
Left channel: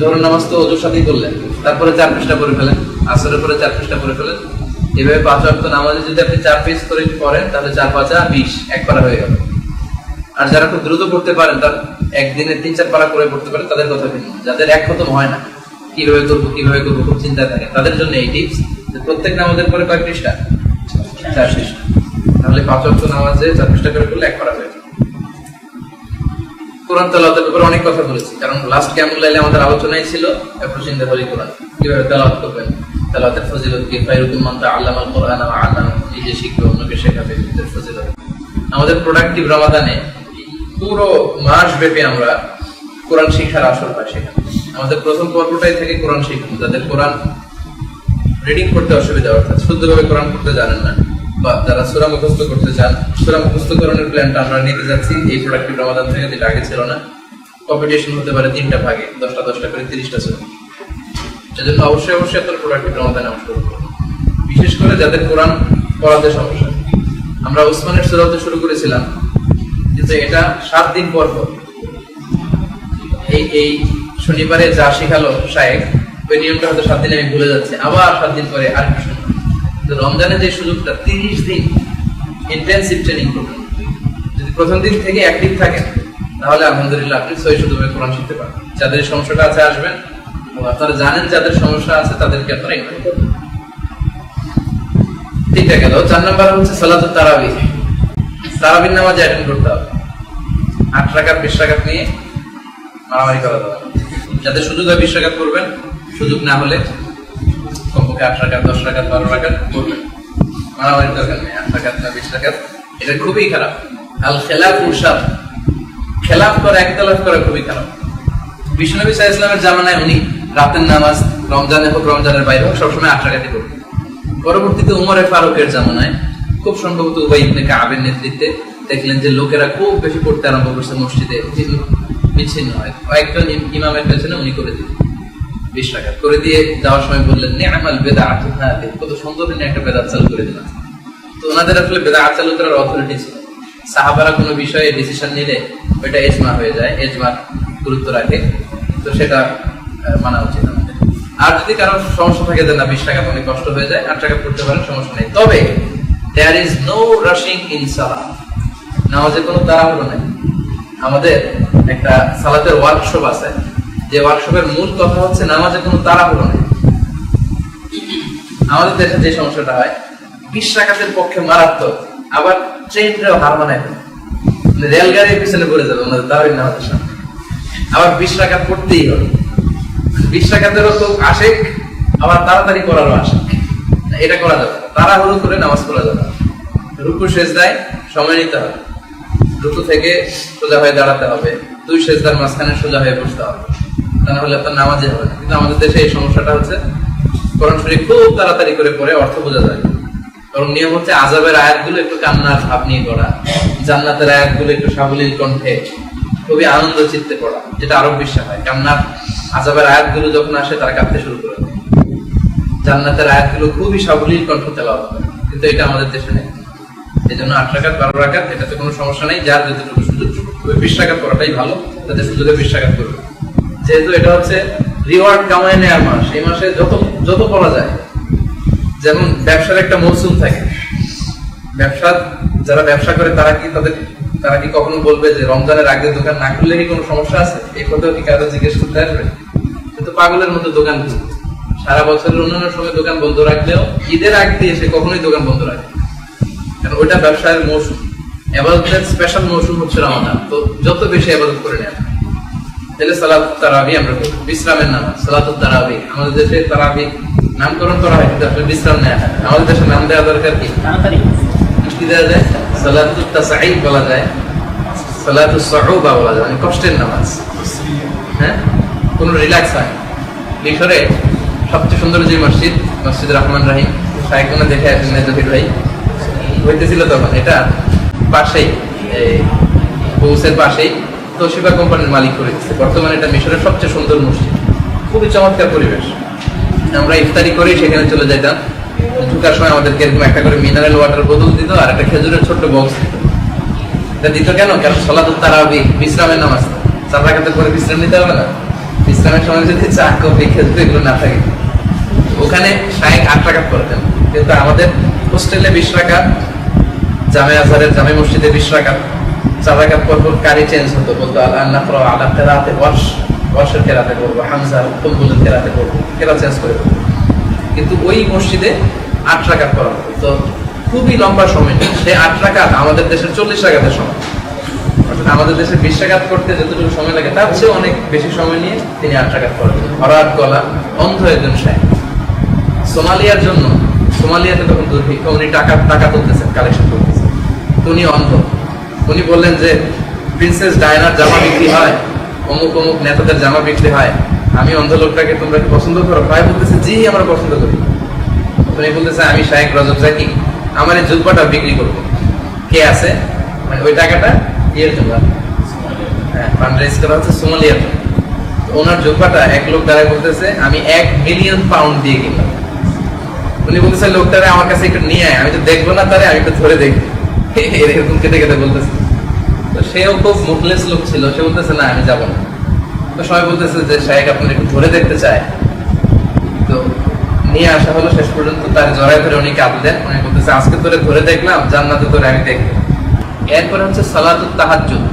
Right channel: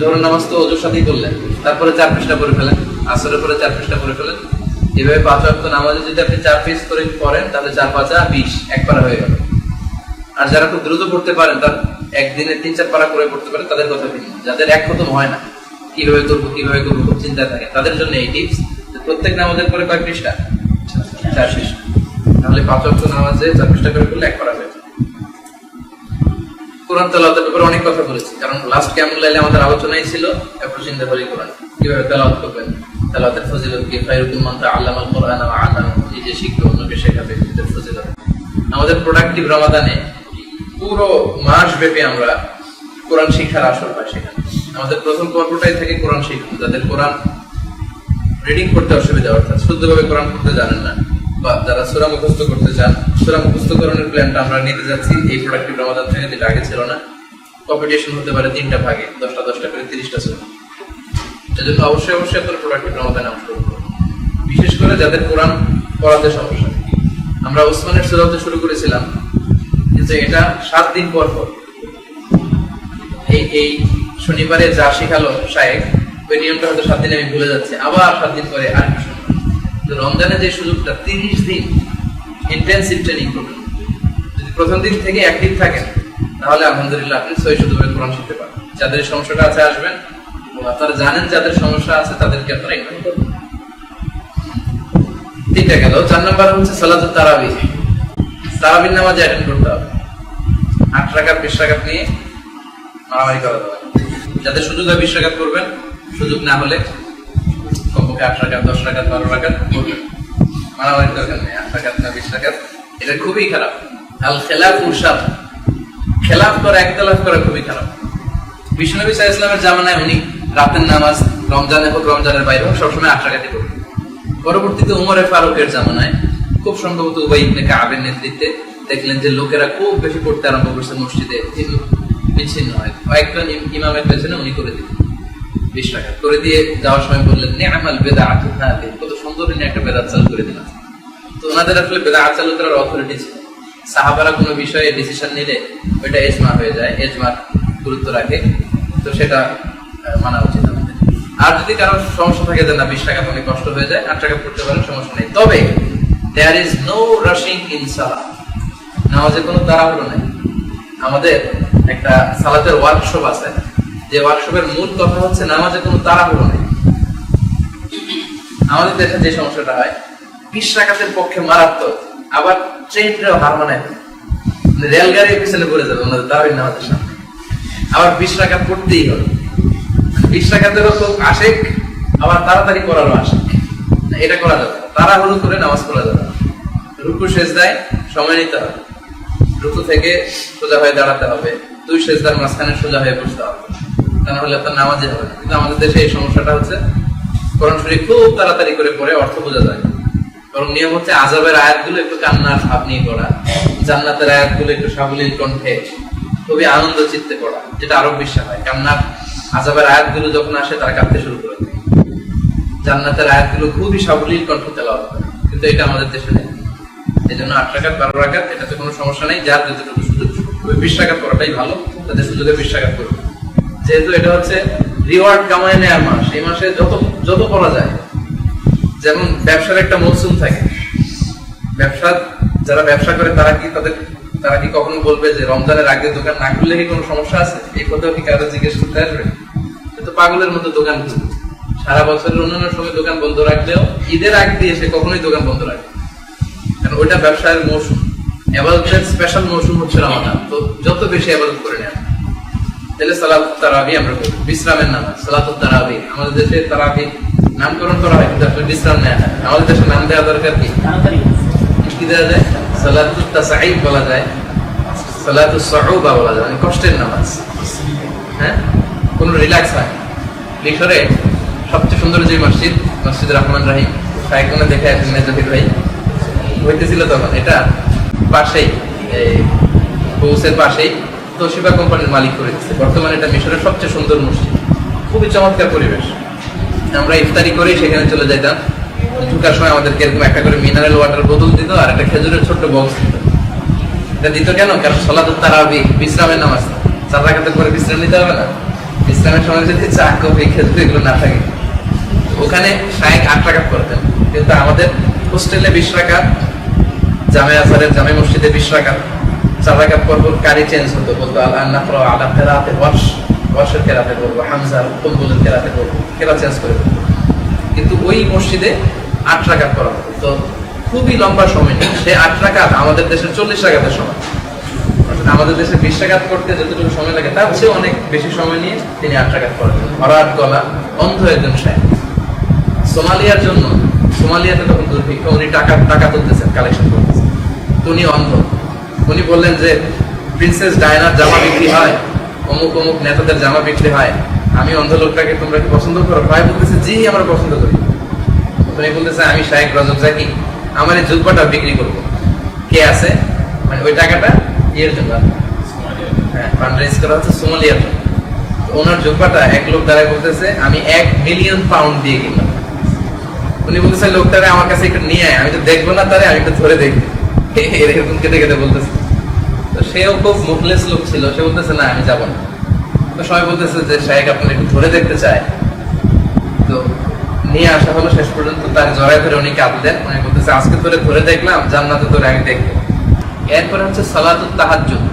জোহরের নামাজ তো অজুর সাথেই করলেন, তারপরে 4 পৃষ্ঠা পড়ে ফেলেন, আসরের পরে 4 পৃষ্ঠা পড়ে ফেলেন, এভাবে 5 ওয়াক্ত নামাজে যদি আপনি 4 পেজ করে পড়েন তাহলে 4 পাঁচা 20, এক পারা হয়ে গেল। আর যারা খুব দ্রুত পড়তে পারেন, তার একদিনে 3-4 পারা করে পড়তে পারেন, তাদের কথা ভিন্ন। যাদের এক খতম হয় না, কিভাবে করবো খুব চিন্তা থাকে, তাদের জন্য এই টিপস, প্রত্যেক নামাজের পরে কয়েক পৃষ্ঠা? 4 পৃষ্ঠা। তাহলে 5 ওয়াক্ত নামাজে 4 পৃষ্ঠা করে পড়লে এক পারা হয়ে যায়। কোরআন তেলাওয়াতের ব্যাপারে অনেক কথা বলেছি, কারণ লাস্ট কিয়ামুল লাইলে আমাদের আলোচনাই ছিল এরপর চিন্তা করি কোরআন কিভাবে তেলাওয়াত করবেন, তেলাওয়াতের ফজিলত কি, খায়রুকুম মান তাআল্লামাল কোরআনা ওয়া আল্লামাহু, নিজে শিখবে অন্যকে শেখাবে, এর ফজিলত। আমাদের প্রোডাক্টিভ রমাদানে পুরো মাস ব্যাপী আমরা কোরআন শিক্ষার আসর পাই। সেখানে আমাদের প্রথম পর্বটাই থেকে কোরআন শিক্ষা। যাদের কোরআন রিডিং করতে অসুবিধা, অর্থাৎ শুদ্ধভাবে কোরআন পড়তে জানেন না, বা যারা সূরা মুখস্থ করতে চান, সূরা মুখস্থকরণের প্ল্যানটা আমরা নিতে যাচ্ছি এই প্রোডাক্টিভ রমাদান থেকে, যেটা আগে ছিল না। কম্পিটিশন হতে পারে 3টা ভাগে, 10টা করে 30টা সূরা। সেজন্য অবশ্যই আপনার প্রোডাক্টিভ রমাদানে অংশগ্রহণ করুন। বিশেষ করে যাদের কোরআন পড়াতে সমস্যা। আমরা ওসমানের সূরাতে শুরু করেছিলাম, কিন্তু এটা 7 দিন পর পর, এই শনিবারে যা শিখালো শায়েখ, ওই নিয়মটা হয়তো 7 দিনে আমি ভুলে যাচ্ছি, আবার 7 দিন পরে আরেকটা শুনবো। রমজানে যে সুযোগটা 30 দিন ইন্টেনসিভ ট্রেনিং করবেন, যদি প্রথম দিন থেকে অ্যাক্টিভ থাকেন তাহলে আলহামদুলিল্লাহ আপনি সহিষ্ণুভাবে কোরআন শিখতে পারবেন। যাদের সমস্যাটা আছে আসবেন, এবং আপনারা জানেন যাদের সমস্যা আছে তাদেরকে আপনারা ইনভাইট করবেন। 3টা গেল। 4 নম্বর হচ্ছে সালাতুত তারাবিহ। তারাবির নামাজে অ্যাটেন্ড করতে হবে। 8 রাকাত 20 রাকাত নিয়ে মারামারি করা যাবে। যাদের সুযোগ হয় 20 রাকাত করবেন, সুযোগ না হলে কমপক্ষে 8 রাকাত 10 রাকাত 12 রাকাত করবেন। মারামারি দরকার নেই, 8 রাকাত না 20 রাকাত, এটা খুবই খারাপ। আল খেলাফু শার, খেলাফ করা, একতলাফ করা খুবই খারাপ। বিশ্বনবী সাল্লাল্লাহু আলাইহি ওয়াসাল্লামের জামানায় উনি রাতের নামাজ রমজানে হোক রমজানের বাইরে হোক সবসময় 8 রাকাতই পড়তেন। পরবর্তীতে উমরে ফারুকের জামানায় খুব সম্ভবত উবাই ইবনে কাবের নেতৃত্বে দেখলেন যে লোকেরা খুব বেশি পড়তে আরম্ভ করছে মসজিদে, বিচ্ছিন্ন হয়। কয়েকজন ইমামের পেছনে উনি করে দিলেন 20 রাকাত করে দিয়ে যাওয়ার সময় বললেন, নি'মাল বিদআতু হাযিহি, কত সুন্দর একটা বেদাত চালু করে দিলেন। তো ওনাদের আসলে বেদাত চালু করার অথরিটি ছিল। সাহাবারা কোনো বিষয়ে ডিসিশন নিলে ওইটা ইজমা হয়ে যায়, ইজমার গুরুত্ব রাখে, তো সেটা মানা উচিত আমাদের। আর যদি কারো সমস্যা থাকে যে না 20 রাকাত অনেক কষ্ট হয়ে যায়, 8 রাকাত পড়তে পারেন, সমস্যা নেই। তবে there is no rushing in সালাত, নামাজে কোনো তাড়াহুড়ো নাই। আমাদের একটা সালাতের ওয়ার্কশপ আছে, যে ওয়ার্কশপের মূল কথা হচ্ছে নামাজে কোনো তাড়াহুড়ো নেই। আমাদের দেশে যে সমস্যাটা হয়, 20 রাকাতের পক্ষে মারাত্মক, আবার ট্রেনটাও হার মানায়, রেলগাড়ির পিছনে পড়ে যাবে ওনাদের তারাবির নামাজের সামনে, আবার 20 রাকাত পড়তেই হবে। 20 রাকাতেরও খুব আশেক, আবার তাড়াতাড়ি করারও আশেক। এটা করা যাবে, তাড়াহুড়ো করে নামাজ পড়া যাবে। রুকু সেজদায় সময় নিতে হবে, রুকু থেকে সোজা হয়ে দাঁড়াতে হবে, 2 সেজদার মাঝখানে সোজা হয়ে বসতে হবে, তা না হলে আপনার নামাজে হবে না। কিন্তু আমাদের দেশে এই সমস্যাটা হচ্ছে, কোরআন শরীফ খুব তাড়াতাড়ি করে পড়ে অর্থ বোঝা যায়, কারণ নিয়ম হচ্ছে আযাবের আয়াতগুলো একটু কান্নার ভাব নিয়ে পড়া, জান্নাতের আয়াতগুলো একটু সাবলীল কণ্ঠে খুবই আনন্দ চিত্তে পড়া, যেটা আরব বিশ্বাস হয়। কান্নার আযাবের আয়াতগুলো যখন আসে তারা কাঁদতে শুরু করে, জান্নাতের আয়াতগুলো খুবই সাবলীল কণ্ঠ তেলাওয়াত করে, কিন্তু এটা আমাদের দেশে নেই। এই জন্য 8 রাকাত 12 রাকাত এটাতে কোনো সমস্যা নেই, যার যতটুকু সুযোগ 20 রাকাত করাটাই ভালো, তাদের সুযোগে 20 রাকাত করবে। যেহেতু এটা হচ্ছে রিওয়ার্ড কামায় নেওয়ার মাস, এই মাসে যত পড়া যায়। যেমন ব্যবসার একটা মৌসুম থাকে, যারা ব্যবসা করে তারা কি কখনো বলবে যে রমজানের আগে দোকান না খুললে কি কোনো সমস্যা আছে? এই কথাও কি কারো জিজ্ঞেস করতে আসবে? কিন্তু পাগলের মতো দোকান খুলবে, সারা বছরের অন্যান্য সময় দোকান বন্ধ রাখলেও ঈদের আগ দিয়ে সে কখনোই দোকান বন্ধ রাখে, কারণ ওইটা ব্যবসার মৌসুম। ইবাদতের স্পেশাল মৌসুম হচ্ছে রমাদান, তো যত বেশি ইবাদত করে নেন। তাহলে সালাতুত তারাবিহ আমরা করি, বিশ্রামের নামাজ সালাতুত তারাবিহ। আমাদের দেশে তারাবিহ নামকরণ করা হয়, কিন্তু আসলে বিশ্রাম নেয় না। আমাদের দেশে নাম দেওয়া দরকার কি দেওয়া যায়? সালাতুত তাসঈদ বলা যায়, সালাতুস সুউবা বলা যায়, মানে কষ্টের নামাজ। হ্যাঁ, কোনো রিল্যাক্স হয়। মিশরে সবচেয়ে সুন্দর যে মসজিদ, মসজিদ রহমান রাহিম, সাইকোনে দেখে আসেন মেজদির ভাই হইতেছিল তখন। এটা পাশেই, এই বৌসের পাশেই তোশিবা কোম্পানির মালিক করে দিচ্ছে। বর্তমানে এটা মিশরের সবচেয়ে সুন্দর মসজিদ, খুবই চমৎকার পরিবেশ। আমরা ইফতারি করে সেখানে চলে যাইতাম। ঢুকার সময় আমাদেরকে এরকম একটা করে মিনারেল ওয়াটার বোতল দিত আর একটা খেজুরের ছোট্ট বক্স দিত। এটা দিত কেন? কারণ সালাতুত তারাবি, বিশ্রামের নামাজ, 4 রাকাতের পরে বিশ্রাম নিতে হবে না? বিশ্রামের সময় যদি চা, কফি, খেজুর এগুলো না থাকে। ওখানে শায়েখ 8 রাকাত করতেন, কিন্তু আমাদের হোস্টেলে 20 রাকাত, জামে আজহারের জামে মসজিদে 20 রাকাত, 4 রাকাত পর পর কারি চেঞ্জ হতো। বলতো আল-নাফর আলা কিরাআতে ওয়ার্শ, ওয়ার্শের কিরাআতে পড়বো, হামজা কুলবুলের কিরাআতে পড়বো, কিরাআত চেঞ্জ করে দেবো। কিন্তু ওই মসজিদে 8 রাকাত করা হতো। তো খুবই লম্বা সময় নিয়ে সে 8 রাকাত আমাদের দেশের 40 রাকাতের সময়, অর্থাৎ আমাদের দেশে 20 রাকাত করতে যতটুকু সময় লাগে তার চেয়ে অনেক বেশি সময় নিয়ে তিনি 8 রাকাত করেন। ভরাট গলা, অন্ধ একজন শায়েখ। সোমালিয়ার জন্য, সোমালিয়াতে তখন দুর্ভিক্ষ, উনি টাকা তুলতেছেন, কালেকশন করতেছেন। তো উনি অন্ধ। উনি বললেন যে প্রিন্সেস ডায়নার জামা বিক্রি হয়, অমুক অমুক নেতাদের জামা বিক্রি হয়, আমি অন্ধ লোকটাকে তোমরা কি পছন্দ করো? ভাই বলতেছে জি, আমরা পছন্দ করি। উনি বলতেছে আমি শায়েখ রজব জাকি, আমার এই জুব্বাটা বিক্রি করবো। কে আছে? মানে ওই টাকাটা ইয়ের জন্য, হ্যাঁ, ফান্ড রেজ করা হচ্ছে সোমালিয়ার জন্য। ওনার জুব্বাটা এক লোক দ্বারা বলতেছে আমি 1 মিলিয়ন পাউন্ড দিয়ে কিনলাম। উনি বলতেছে লোকটারে আমার কাছে একটু নিয়ে আয়, আমি তো দেখবো না তারে, আমি একটু ধরে দেখি। এরকম কেটে কেটে বলতেছে। তো সেও খুব মুখলেস লোক ছিল, সে বলতেছে না আমি যাবো না। তো সবাই বলতেছে যে শায়েখ আপনার একটু ধরে দেখতে চায়। তো নিয়ে আসা হলো, শেষ পর্যন্ত তার জড়ায় ধরে উনি কাঁদলেন। উনি বলতেছে আজকে তোরে ধরে দেখলাম, জান্নাতে তোরে আমি দেখবো। এরপরে হচ্ছে সালাতুত তাহাজ্জুদ,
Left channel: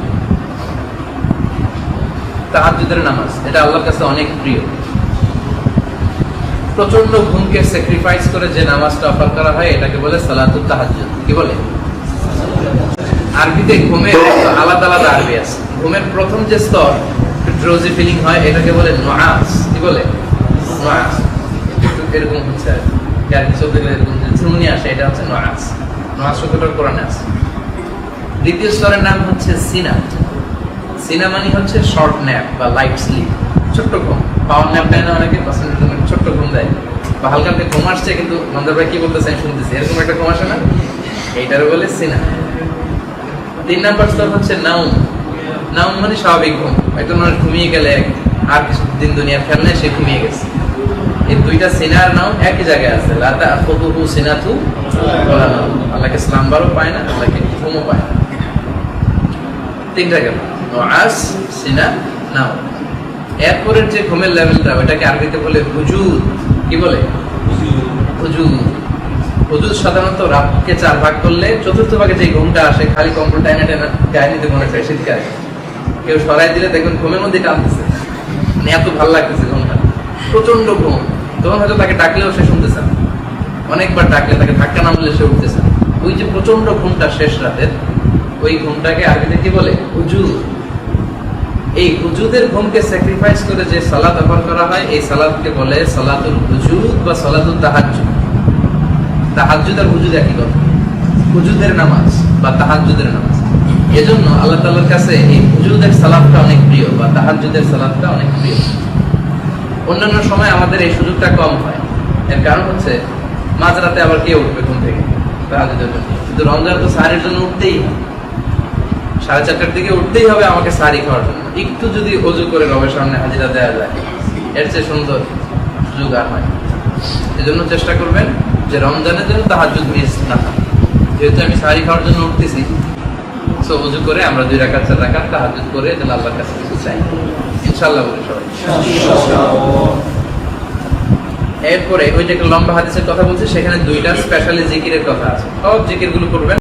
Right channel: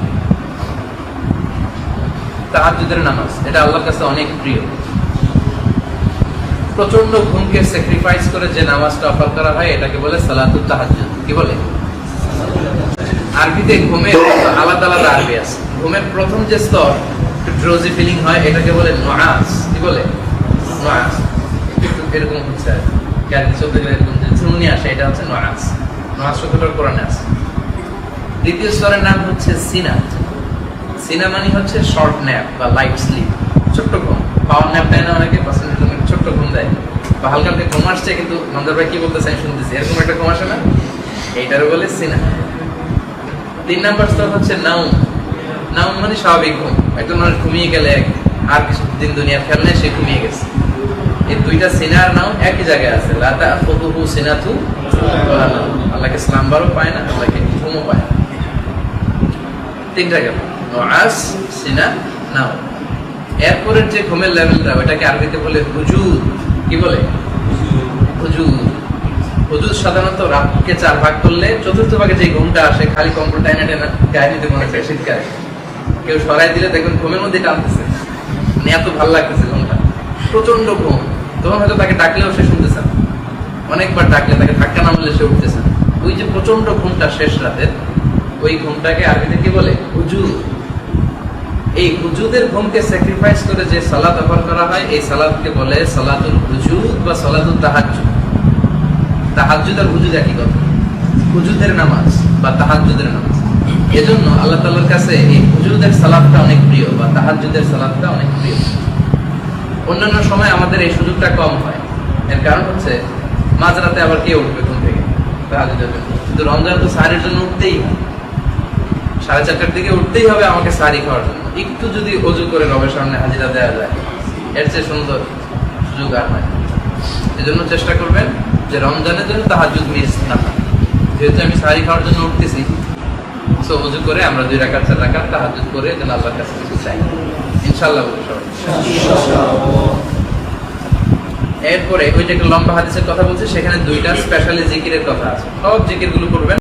তাহাজ্জুদের নামাজ। এটা আল্লাহর কাছে অনেক প্রিয়। প্রচন্ড ঘুমকে স্যাক্রিফাইস করে যে নামাজটা অফার করা হয় এটাকে বলে সালাতুত তাহাজ্জুদ। কি বলে? আরবিতে ঘুমের আলাদা আলাদা আরবি আছে। ঘুমের প্রথম যে স্তর, ড্রোজি ফিলিং হয়, এটাকে বলে নুআস। কি বলে? নুআস। এরকম হচ্ছে আর কি চলতে গেলে এরকম যে ঝুমনি আসে, এটা হচ্ছে নুআস। নুআস শব্দটা কোরআনে আছে। দ্বিতীয় স্তরের নাম হচ্ছে সিনা। সিনা মানে হচ্ছে শর্ট ন্যাপ বা লাইট স্লিপ, ছোট্ট ঘুম। পাওয়ার ন্যাপ দেয় না অনেকে, ছোট্ট ঘুম দেয়, বা হালকা হালকা ঘুম আসছে কিন্তু মন্দার ভাই কি বলতেছে আমি শুনতেছি, এরকম একটা ঘুম আসে না, এইটারও বলে সিনা। 3 নাম্বার স্তর হচ্ছে নাউম। নাউম মানে স্বাভাবিক ঘুম, একজন মানুষ ঘুমিয়ে গেলে আর কিছুদিন দুনিয়ার খেয়াল নেই, সে ঘুমিয়ে গেছে। এই দুইটা সিনা আর নাউম একই জায়গায় আছে। লা তাখুযুহু সিনাতু ওয়ালা নাউম। আল্লাহকে স্লাম্বারও পায় না, আল্লাহকে ঘুমও পায় না। 3টা গেল, নুআস, সিনা, নাউম। এরপরের যে ঘুমের লেভেলটা, ওটাকে আরবিতে বলে হুজুদ। কি বলে? হুজুদ। হুজুদ সাধারণত রাতকে 4 ভাগ করলে চতুর্থ ভাগে যে ঘুমটা আসে, খালি কম্বল টাইনা টাইনা গায়ে নিতে মনে চায় শীতকালে, কেউ সরাই দিলে দেখবেন ঘুমের মধ্যে টানতেছে, মানে এত ভালো লাগতেছে ঘুমটা, প্রচন্ড ঘুম। তখন হয়তো তাকে ডাকলেও সে শুনতেছে না, অনেকবার ডাকলে তাকে ধাক্কা না মারলে সে উঠতেছে না। ওই যে প্রচন্ড ঘুমটা শেষ রাতের, ওই ঘুমটাকে আরবিতে কি বলে? হুজুদ। এই হুজুদের ঘুমকে স্যাক্রিফাইস করে যে সালাত অফার করা হয়, এই সালাতকে বলে সালাতুল হুজুদ বা সালাতুল তাহাজ্জুদ। তাহাজ্জুদ আর হুজুদ একই কথা, হুজুদের নামাজ বা তাহাজ্জুদের নামাজ। এজন্য আল্লাহ তাআলার কাছে এই হুজুদের সালাতটা অনেক প্রিয় বা তাহাজ্জুদের সালাতটা অনেক প্রিয়। অন্যান্য সময় আমাদের এই সুযোগটা কম হয়। এর কারণ হচ্ছে মাঝরাতে আবার কে উঠবে ঘুম থেকে তাহাজ্জুদের জন্য? কিন্তু রমজান তো সাহারির জন্য উঠতেই হয়, 4:30টার দিকে উঠতেই হবে আমাকে সাহারি খাওয়ার জন্য। একটু যদি ওযু করে রবের সামনে হাজিরা দেওয়া যায়, এর চেয়ে সুন্দর সুযোগ আর হয়। এজন্য চেষ্টা করবেন যে রমজানের জন্য তাহাজ্জুদ মিস না হয়। যেহেতু আমি সাহারি খাওয়ার জন্য উঠতেছি, সো ওযু করে আমরা 2 রাকাত 4 রাকাত তাহাজ্জুদ করে যেন আল্লাহর কাছে কিছু চাই, ইনশাআল্লাহ বলে সবাই। এরপরে ওই যে একটা লম্বা হাদিসের কথা বলছি, সেখানে 2টা স্পেশালি জিকিরের কথা আছে। সব জিকিরগুলো করবেন।